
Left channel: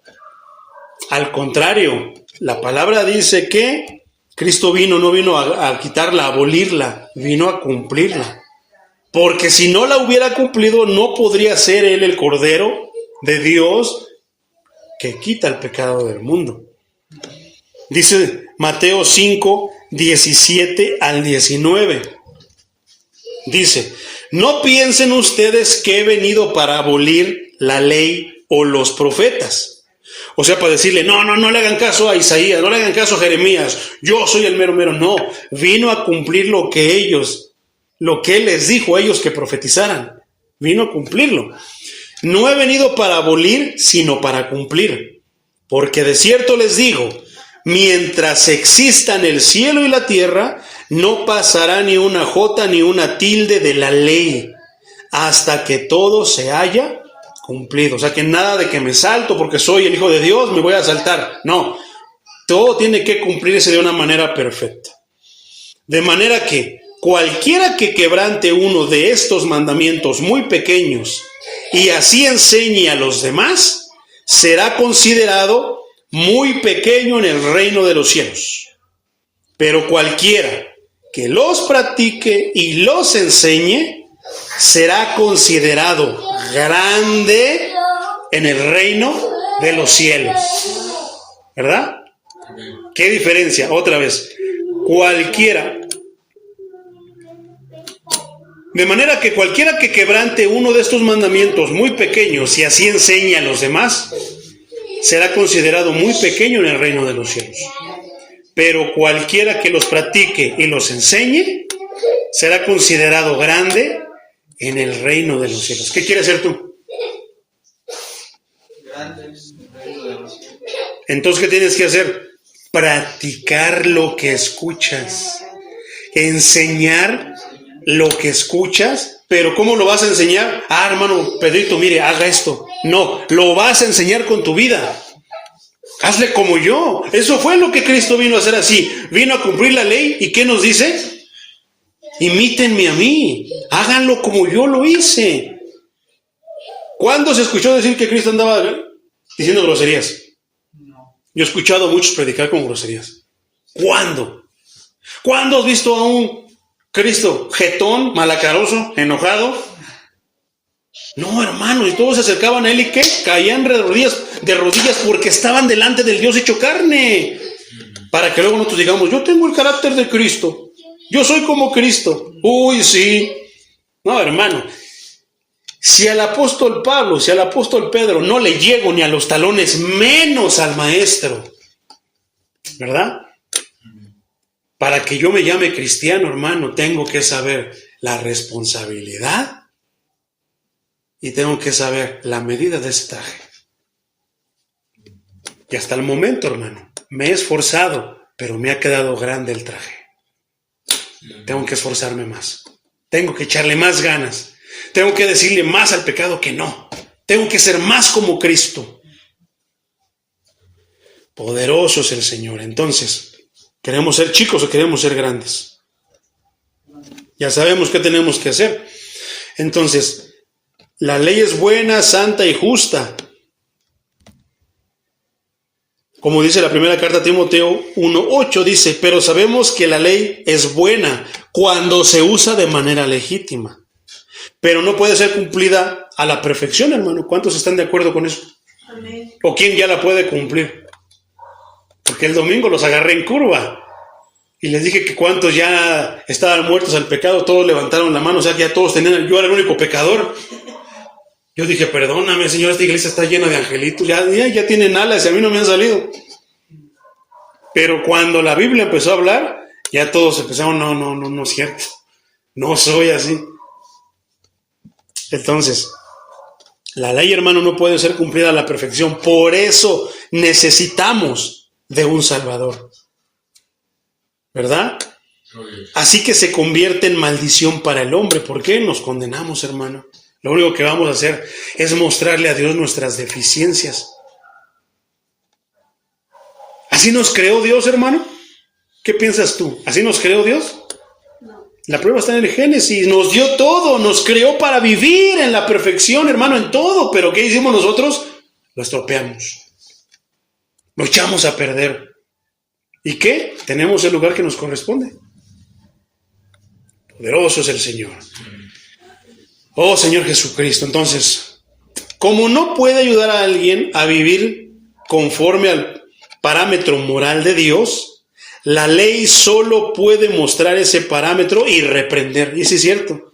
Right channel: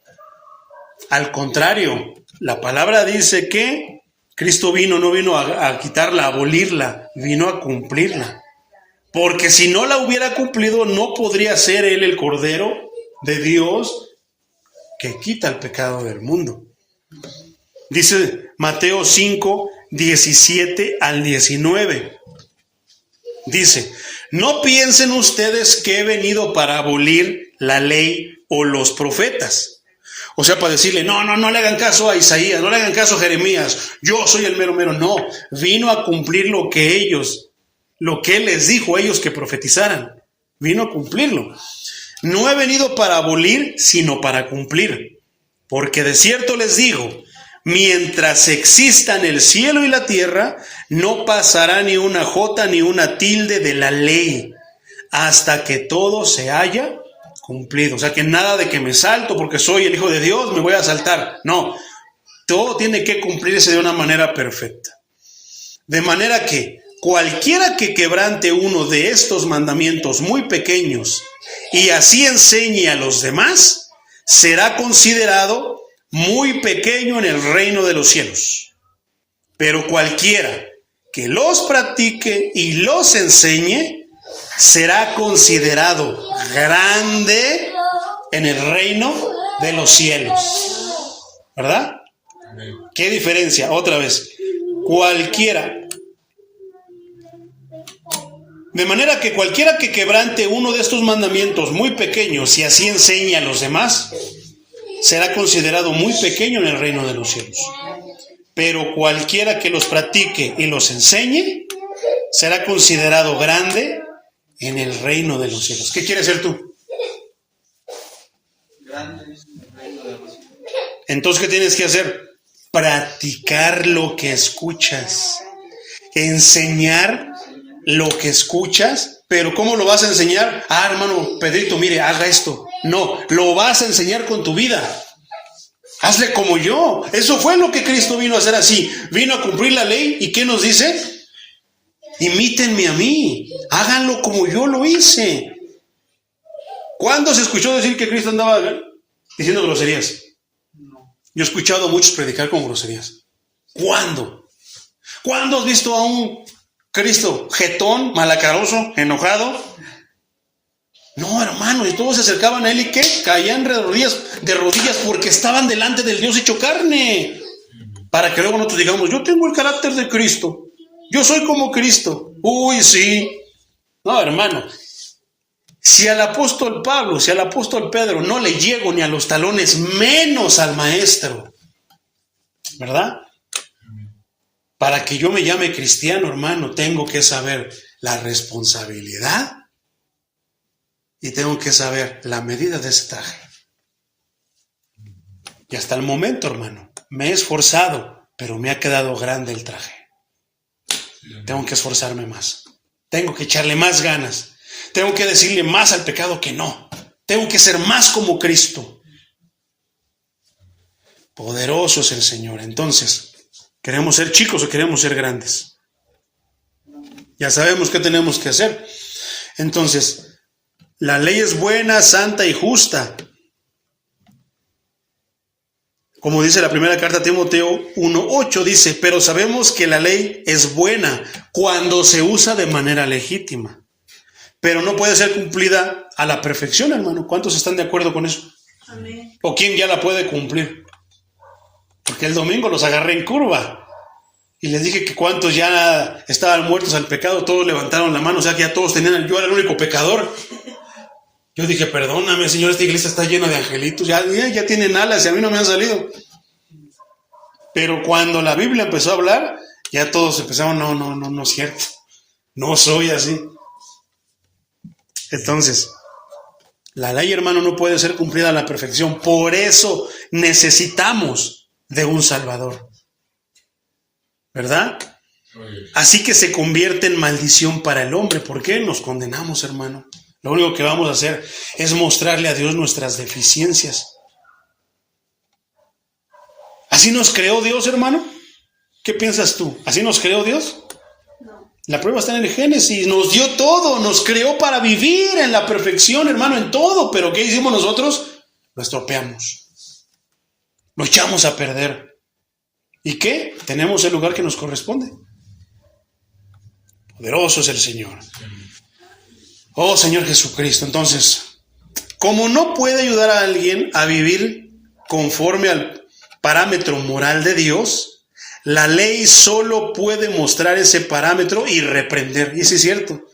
Al contrario, la palabra dice que Cristo no vino a quitarla, a abolirla, vino a cumplirla. Porque si no la hubiera cumplido, no podría ser Él el Cordero de Dios que quita el pecado del mundo. Dice Mateo 5, 17 al 19. Dice, no piensen ustedes que he venido para abolir la ley o los profetas. O sea, para decirle, no le hagan caso a Isaías, no le hagan caso a Jeremías, yo soy el mero mero. No, vino a cumplir lo que Él les dijo a ellos que profetizaran. Vino a cumplirlo. No he venido para abolir, sino para cumplir. Porque de cierto les digo, mientras existan el cielo y la tierra, no pasará ni una jota ni una tilde de la ley, hasta que todo se haya cumplido. O sea, que nada de que me salto porque soy el Hijo de Dios, me voy a saltar. No, todo tiene que cumplirse de una manera perfecta. De manera que cualquiera que quebrante uno de estos mandamientos muy pequeños y así enseñe a los demás, será considerado muy pequeño en el reino de los cielos. Pero cualquiera que los practique y los enseñe, será considerado grande en el reino de los cielos. ¿Verdad? ¿Qué diferencia? Otra vez, cualquiera. De manera que cualquiera que quebrante uno de estos mandamientos muy pequeños y así enseñe a los demás, será considerado muy pequeño en el reino de los cielos. Pero cualquiera que los practique y los enseñe, será considerado grande en el reino de los cielos. ¿Qué quieres ser tú? Grande en el reino de los cielos. Entonces, ¿qué tienes que hacer? Practicar lo que escuchas. Enseñar lo que escuchas. Pero ¿cómo lo vas a enseñar? Hermano Pedrito, mire, haga esto. No, lo vas a enseñar con tu vida. Hazle como yo. Eso fue lo que Cristo vino a hacer así. Vino a cumplir la ley. ¿Y qué nos dice? Imítenme a mí. Háganlo como yo lo hice. ¿Cuándo se escuchó decir que Cristo andaba diciendo groserías? Yo he escuchado a muchos predicar con groserías. ¿Cuándo? ¿Cuándo has visto a un Cristo jetón, malacaroso, enojado? No, hermano, y todos se acercaban a él y ¿qué? Caían de rodillas porque estaban delante del Dios hecho carne. Para que luego nosotros digamos, yo tengo el carácter de Cristo. Yo soy como Cristo. Uy, sí. No, hermano. Si al apóstol Pablo, si al apóstol Pedro no le llego ni a los talones, menos al maestro. ¿Verdad? Para que yo me llame cristiano, hermano, tengo que saber la responsabilidad y tengo que saber la medida de ese traje. Y hasta el momento, hermano, me he esforzado, pero me ha quedado grande el traje. Tengo que esforzarme más. Tengo que echarle más ganas. Tengo que decirle más al pecado que no. Tengo que ser más como Cristo. Poderoso es el Señor. Entonces, ¿queremos ser chicos o queremos ser grandes? Ya sabemos qué tenemos que hacer. Entonces, la ley es buena, santa y justa. Como dice la primera carta a Timoteo 1:8, dice, pero sabemos que la ley es buena cuando se usa de manera legítima. Pero no puede ser cumplida a la perfección, hermano. ¿Cuántos están de acuerdo con eso? Amén. ¿O quién ya la puede cumplir? Porque el domingo los agarré en curva. Y les dije que cuántos ya estaban muertos al pecado, todos levantaron la mano, o sea que ya todos tenían, yo era el único pecador. Yo dije, perdóname, Señor, esta iglesia está llena de angelitos, ya tienen alas y a mí no me han salido. Pero cuando la Biblia empezó a hablar, ya todos empezaron, no es cierto, no soy así. Entonces, la ley, hermano, no puede ser cumplida a la perfección. Por eso necesitamos de un Salvador. ¿Verdad? Así que se convierte en maldición para el hombre. ¿Por qué nos condenamos, hermano? Lo único que vamos a hacer es mostrarle a Dios nuestras deficiencias. ¿Así nos creó Dios, hermano? ¿Qué piensas tú? ¿Así nos creó Dios? La prueba está en el Génesis, nos dio todo, nos creó para vivir en la perfección, hermano, en todo. Pero ¿qué hicimos nosotros? Lo estropeamos, lo echamos a perder. ¿Y qué? Tenemos el lugar que nos corresponde. Poderoso es el Señor. Oh, Señor Jesucristo. Entonces, como no puede ayudar a alguien a vivir conforme al parámetro moral de Dios, la ley solo puede mostrar ese parámetro y reprender. Y sí es cierto.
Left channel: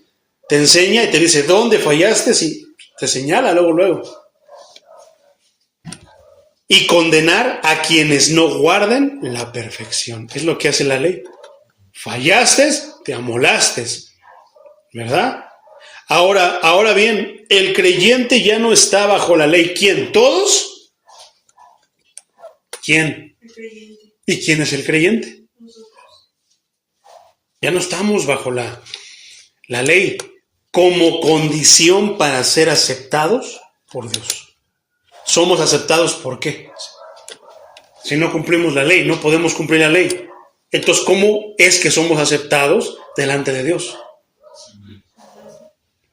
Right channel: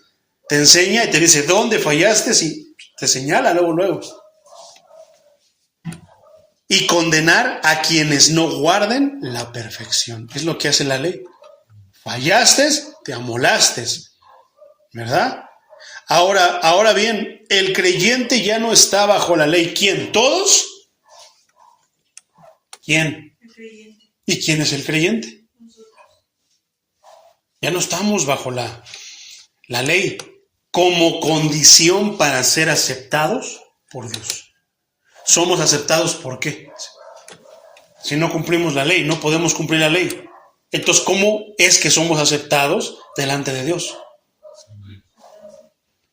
Te enseña y te dice dónde fallaste y te señala luego. Y condenar a quienes no guarden la perfección. Es lo que hace la ley. Fallaste, te amolaste. ¿Verdad? Ahora bien, el creyente ya no está bajo la ley. ¿Quién? ¿Todos? ¿Quién? El creyente. ¿Y quién es el creyente? Nosotros. Ya no estamos bajo la ley como condición para ser aceptados por Dios. Somos aceptados ¿por qué? Si no cumplimos la ley, no podemos cumplir la ley. Entonces, ¿cómo es que somos aceptados delante de Dios?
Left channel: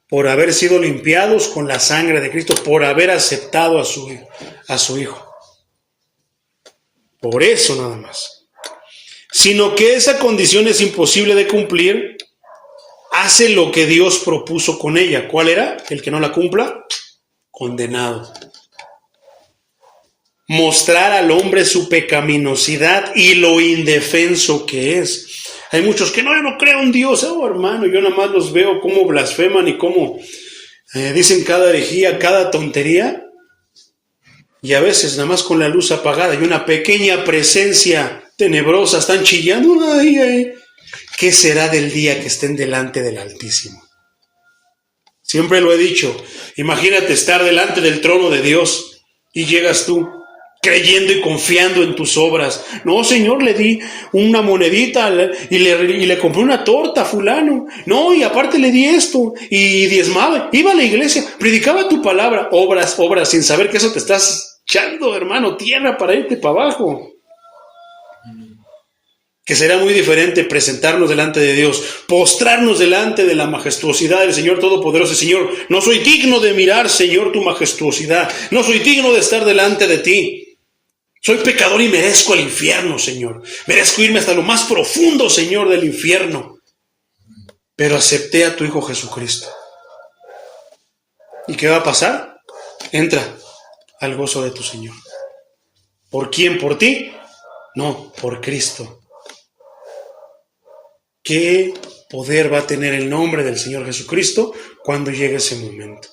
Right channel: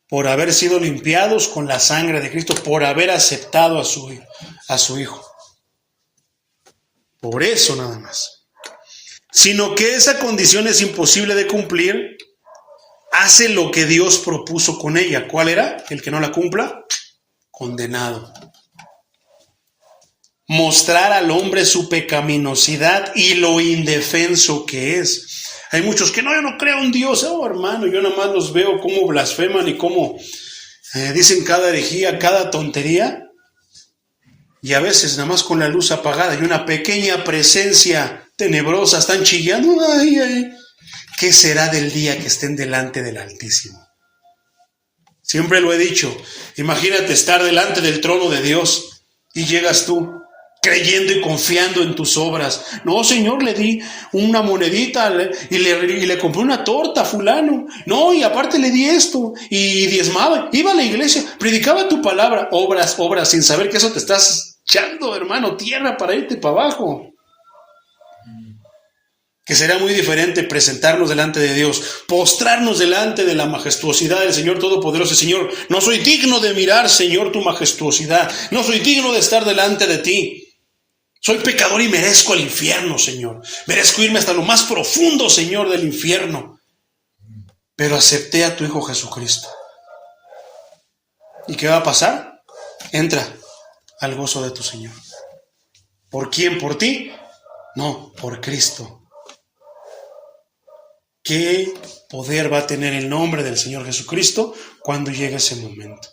Por haber sido limpiados con la sangre de Cristo, por haber aceptado a su Hijo. Por eso nada más. Sino que esa condición es imposible de cumplir, hace lo que Dios propuso con ella. ¿Cuál era? El que no la cumpla, condenado. Mostrar al hombre su pecaminosidad y lo indefenso que es. Hay muchos que no creo en Dios. Oh, hermano, yo nada más los veo cómo blasfeman y cómo dicen cada herejía, cada tontería. Y a veces nada más con la luz apagada y una pequeña presencia tenebrosa están chillando. Ay. ¿Qué será del día que estén delante del Altísimo? Siempre lo he dicho. Imagínate estar delante del trono de Dios y llegas tú creyendo y confiando en tus obras. No, Señor, le di una monedita y le compré una torta a fulano. No, y aparte le di esto y diezmaba. Iba a la iglesia, predicaba tu palabra. Obras, obras, sin saber que eso te estás echando, hermano, tierra para irte para abajo. Que será muy diferente presentarnos delante de Dios, postrarnos delante de la majestuosidad del Señor Todopoderoso. Señor, no soy digno de mirar, Señor, tu majestuosidad. No soy digno de estar delante de ti. Soy pecador y merezco el infierno, Señor. Merezco irme hasta lo más profundo, Señor, del infierno. Pero acepté a tu Hijo Jesucristo. ¿Y qué va a pasar? Entra al gozo de tu Señor. ¿Por quién? ¿Por ti? No, por Cristo. ¿Qué poder va a tener el nombre del Señor Jesucristo cuando llegue ese momento?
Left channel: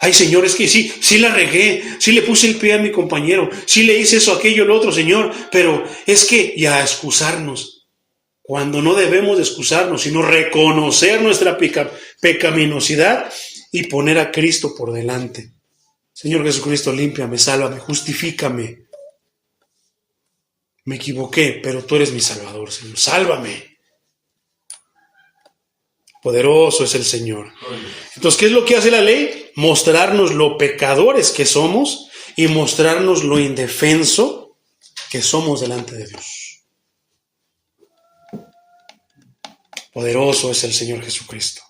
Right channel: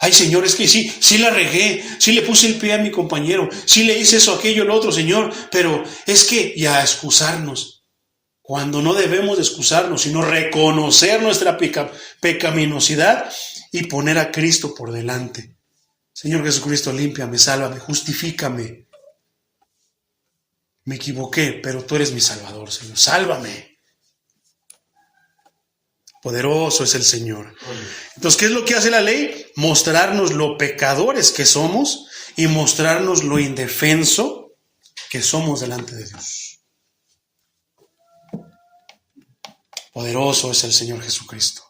Ay, Señor, es que sí la regué, sí le puse el pie a mi compañero, sí le hice eso, aquello, lo otro, Señor, pero es que, y a excusarnos, cuando no debemos de excusarnos, sino reconocer nuestra pecaminosidad y poner a Cristo por delante. Señor Jesucristo, límpiame, sálvame, justifícame. Me equivoqué, pero tú eres mi Salvador, Señor, sálvame. Poderoso es el Señor. Entonces, ¿qué es lo que hace la ley? Mostrarnos lo pecadores que somos y mostrarnos lo indefenso que somos delante de Dios. Poderoso es el Señor Jesucristo.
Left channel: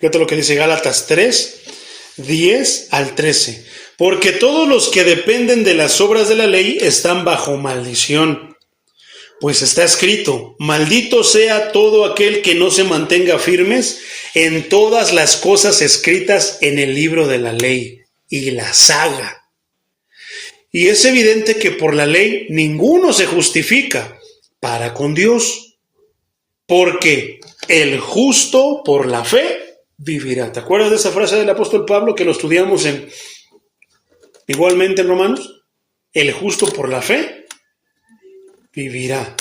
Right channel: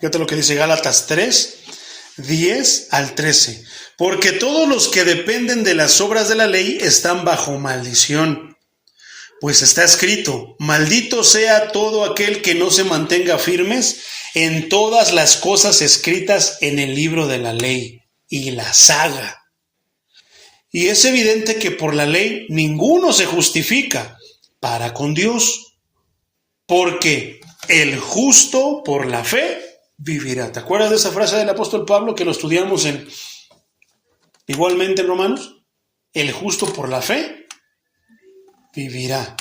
Fíjate lo que dice Gálatas 3, 10 al 13. Porque todos los que dependen de las obras de la ley están bajo maldición. Pues está escrito, maldito sea todo aquel que no se mantenga firmes en todas las cosas escritas en el libro de la ley y las haga. Y es evidente que por la ley ninguno se justifica para con Dios, porque el justo por la fe vivirá. ¿Te acuerdas de esa frase del apóstol Pablo que lo estudiamos igualmente en Romanos? El justo por la fe vivirá.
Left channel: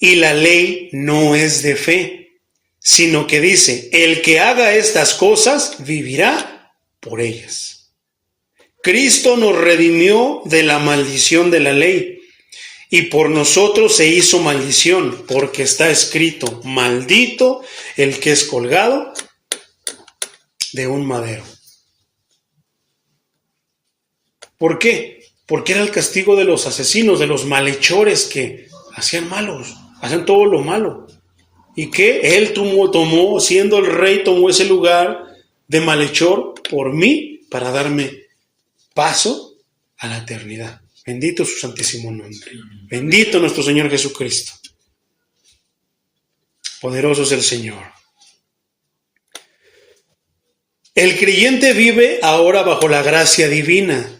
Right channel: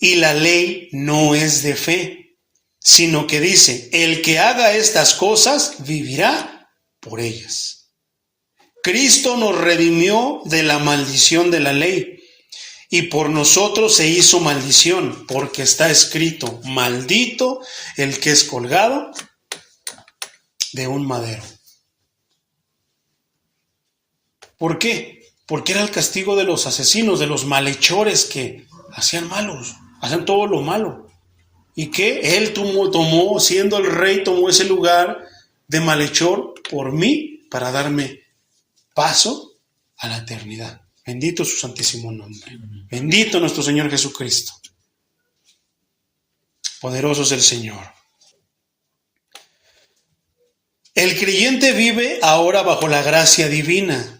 Y la ley no es de fe, sino que dice, el que haga estas cosas vivirá por ellas. Cristo nos redimió de la maldición de la ley y por nosotros se hizo maldición, porque está escrito, maldito el que es colgado de un madero. ¿Por qué? Porque era el castigo de los asesinos, de los malhechores que hacían todo lo malo. Y que Él tomó, siendo el rey, tomó ese lugar de malhechor por mí para darme paso a la eternidad. Bendito su santísimo nombre. Bendito nuestro Señor Jesucristo. Poderoso es el Señor. El creyente vive ahora bajo la gracia divina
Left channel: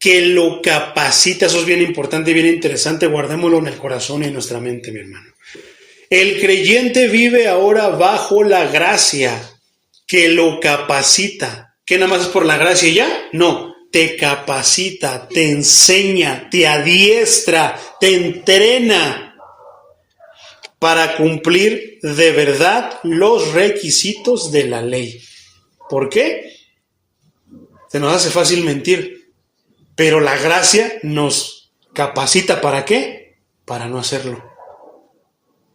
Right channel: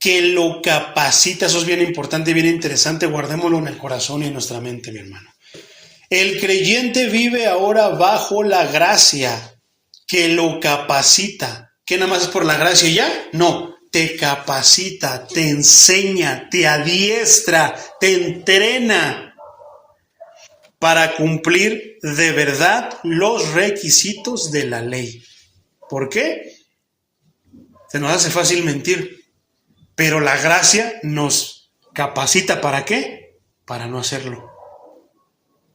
que lo capacita. Eso es bien importante y bien interesante. Guardémoslo en el corazón y en nuestra mente, mi hermano. El creyente vive ahora bajo la gracia que lo capacita. ¿Que nada más es por la gracia y ya? No, te capacita, te enseña, te adiestra, te entrena para cumplir de verdad los requisitos de la ley. ¿Por qué? Se nos hace fácil mentir. Pero la gracia nos capacita, ¿para qué? Para no hacerlo.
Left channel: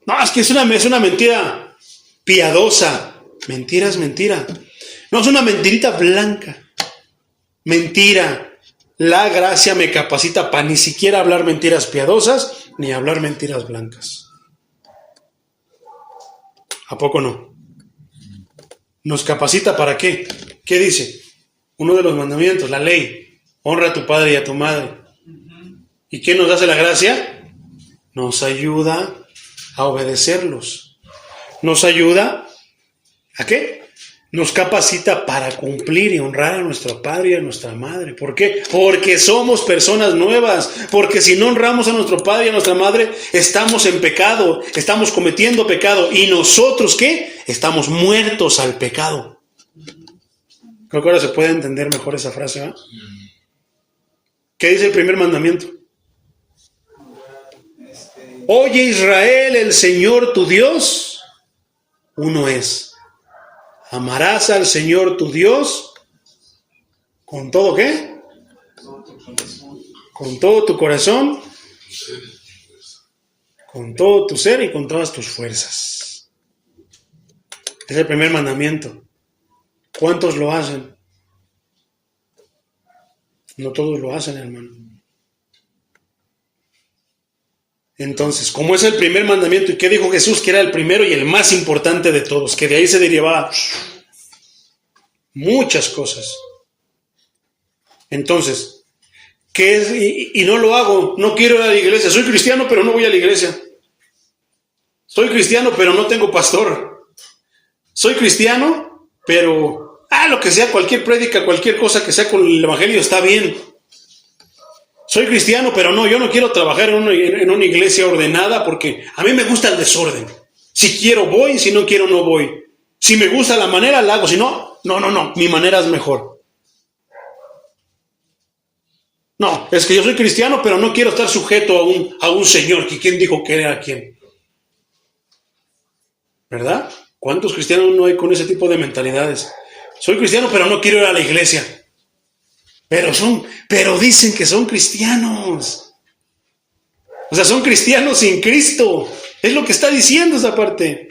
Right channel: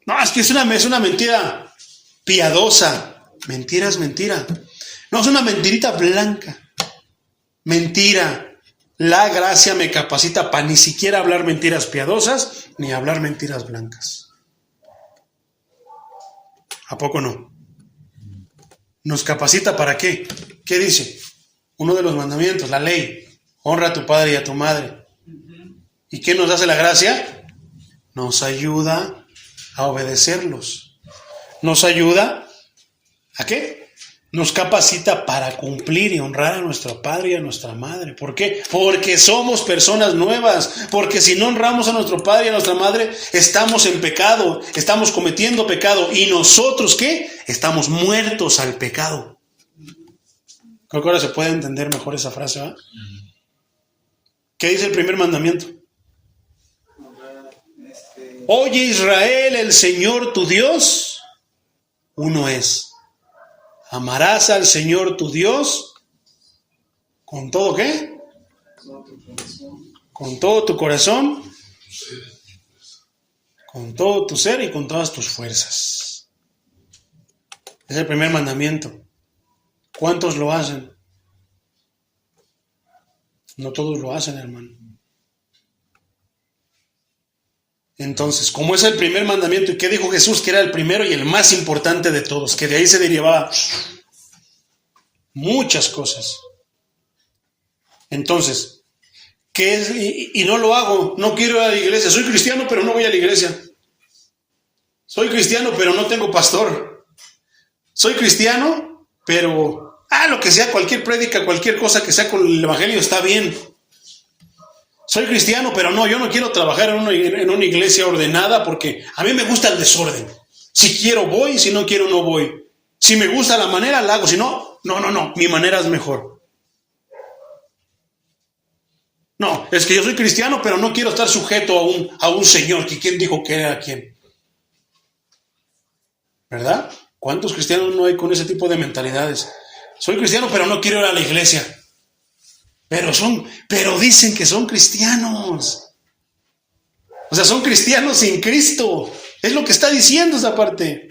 No, es que es una mentira piadosa. Mentira es mentira. No, es una mentirita blanca. Mentira. La gracia me capacita para ni siquiera hablar mentiras piadosas, ni hablar mentiras blancas. ¿A poco no? ¿Nos capacita para qué? ¿Qué dice? Uno de los mandamientos, la ley. Honra a tu padre y a tu madre. ¿Y qué nos hace la gracia? Nos ayuda a obedecerlos. Nos ayuda ¿a qué? Nos capacita para cumplir y honrar a nuestro padre y a nuestra madre. ¿Por qué? Porque somos personas nuevas. Porque si no honramos a nuestro padre y a nuestra madre, estamos en pecado, estamos cometiendo pecado. ¿Y nosotros qué? Estamos muertos al pecado. Creo que ahora se puede entender mejor esa frase, ¿eh? ¿Qué dice el primer mandamiento? Oye Israel, el Señor tu Dios, uno es. Amarás al Señor tu Dios ¿Con todo qué? Con todo tu corazón, con todo tu ser y con todas tus fuerzas. Es el primer mandamiento. ¿Cuántos lo hacen? No todos lo hacen, hermano. Entonces, como es el primer mandamiento, ¿y qué dijo Jesús? Que era el primero y el más importante de todos, que de ahí se derivaba muchas cosas. Entonces, ¿qué es? Y no lo hago, no quiero ir a la iglesia. Soy cristiano, pero no voy a la iglesia. Soy cristiano, pero no tengo pastor. Soy cristiano, pero lo que sea, cualquier prédica, cualquier cosa que sea con el evangelio está bien. Soy cristiano, pero no, yo no quiero trabajar en una iglesia ordenada porque a mí me gusta el desorden. Si quiero voy, si no quiero no voy. Si me gusta la manera, la hago. Si no, no, mi manera es mejor. No, es que yo soy cristiano, pero no quiero estar sujeto a un señor. Que ¿quién dijo que era quién? ¿Verdad? ¿Cuántos cristianos no hay con ese tipo de mentalidades? Soy cristiano, pero no quiero ir a la iglesia. Pero dicen que son cristianos. O sea, son cristianos sin Cristo. Es lo que está diciendo esa parte.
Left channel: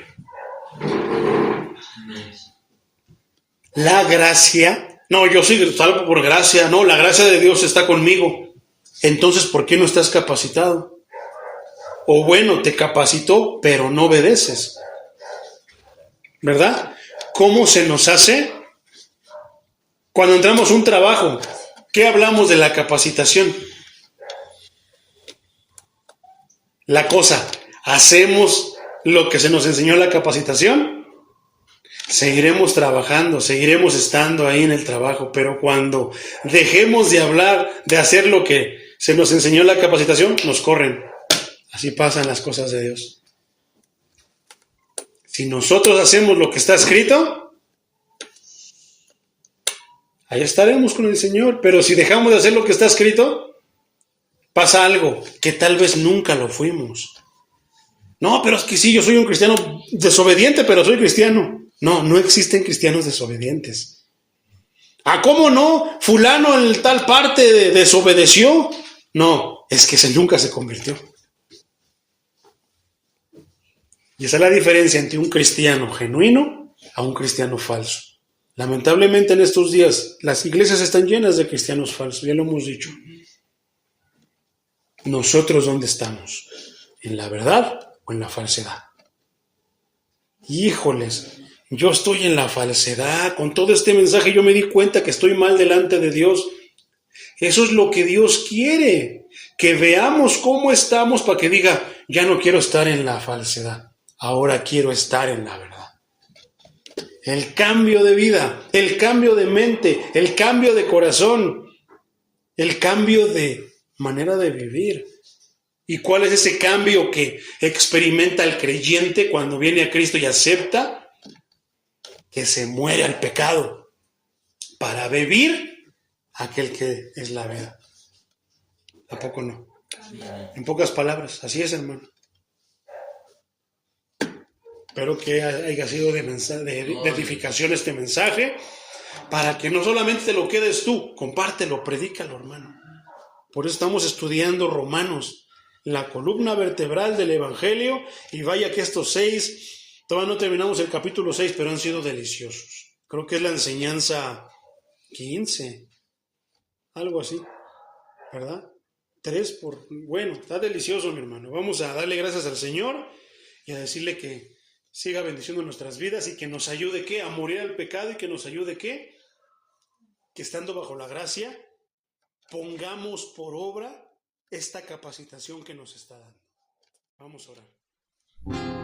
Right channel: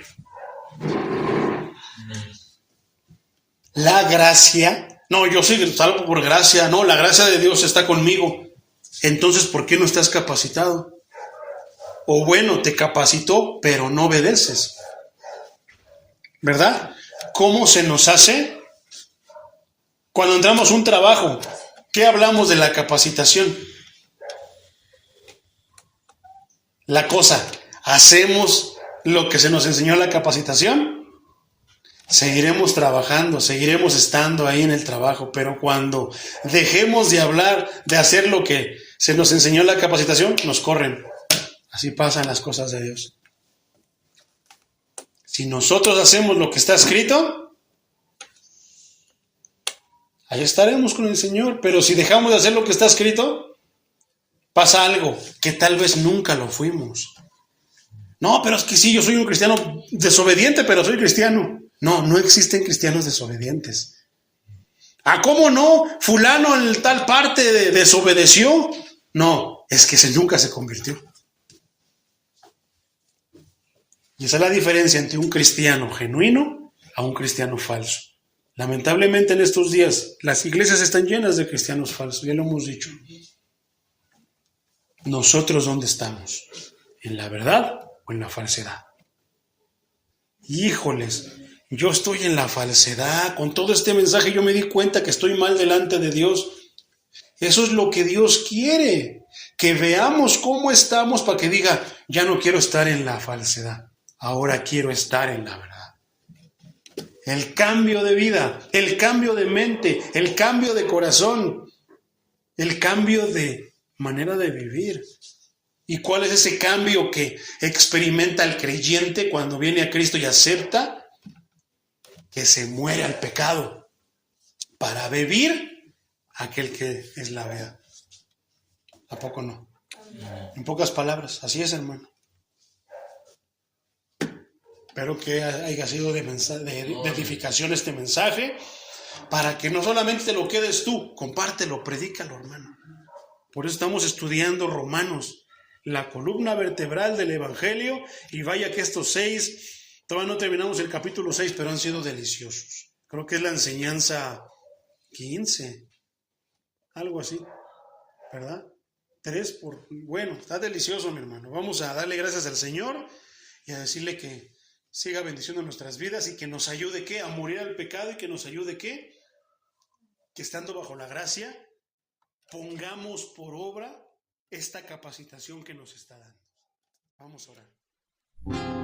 La gracia. No, yo soy salvo por gracia. No, la gracia de Dios está conmigo. Entonces, ¿por qué no estás capacitado? O bueno, te capacitó, pero no obedeces. ¿Verdad? ¿Cómo se nos hace? Cuando entramos a un trabajo, ¿qué hablamos de la capacitación? La cosa, ¿hacemos lo que se nos enseñó en la capacitación? Seguiremos trabajando, seguiremos estando ahí en el trabajo, pero cuando dejemos de hablar, de hacer lo que se nos enseñó en la capacitación, nos corren. Así pasan las cosas de Dios. Si nosotros hacemos lo que está escrito, ahí estaremos con el Señor. Pero si dejamos de hacer lo que está escrito, pasa algo que tal vez nunca lo fuimos. No, pero es que sí, yo soy un cristiano desobediente, pero soy cristiano. No existen cristianos desobedientes. ¿Cómo no? Fulano en tal parte desobedeció. No, es que nunca se convirtió. Y esa es la diferencia entre un cristiano genuino a un cristiano falso. Lamentablemente en estos días las iglesias están llenas de cristianos falsos, ya lo hemos dicho. ¿Nosotros dónde estamos? ¿En la verdad o en la falsedad? Híjoles, yo estoy en la falsedad. Con todo este mensaje yo me di cuenta que estoy mal delante de Dios. Eso es lo que Dios quiere, que veamos cómo estamos para que diga, ya no quiero estar en la falsedad, ahora quiero estar en la verdad. El cambio de vida, el cambio de mente, el cambio de corazón, el cambio de manera de vivir. ¿Y cuál es ese cambio que experimenta el creyente cuando viene a Cristo y acepta que se muere al pecado para vivir aquel que es la vida? ¿A poco no? En pocas palabras, así es, hermano. Espero que haya sido de edificación este mensaje, para que no solamente te lo quedes tú, compártelo, predícalo, hermano. Por eso estamos estudiando Romanos, la columna vertebral del Evangelio, y vaya que estos 6, todavía no terminamos el capítulo 6, pero han sido deliciosos. Creo que es la enseñanza 15, algo así, ¿verdad? 3 bueno, está delicioso, mi hermano. Vamos a darle gracias al Señor y a decirle que siga bendiciendo nuestras vidas y que nos ayude, ¿qué? A morir al pecado, y que nos ayude, ¿qué? Que estando bajo la gracia, pongamos por obra esta capacitación que nos está dando. Vamos a orar.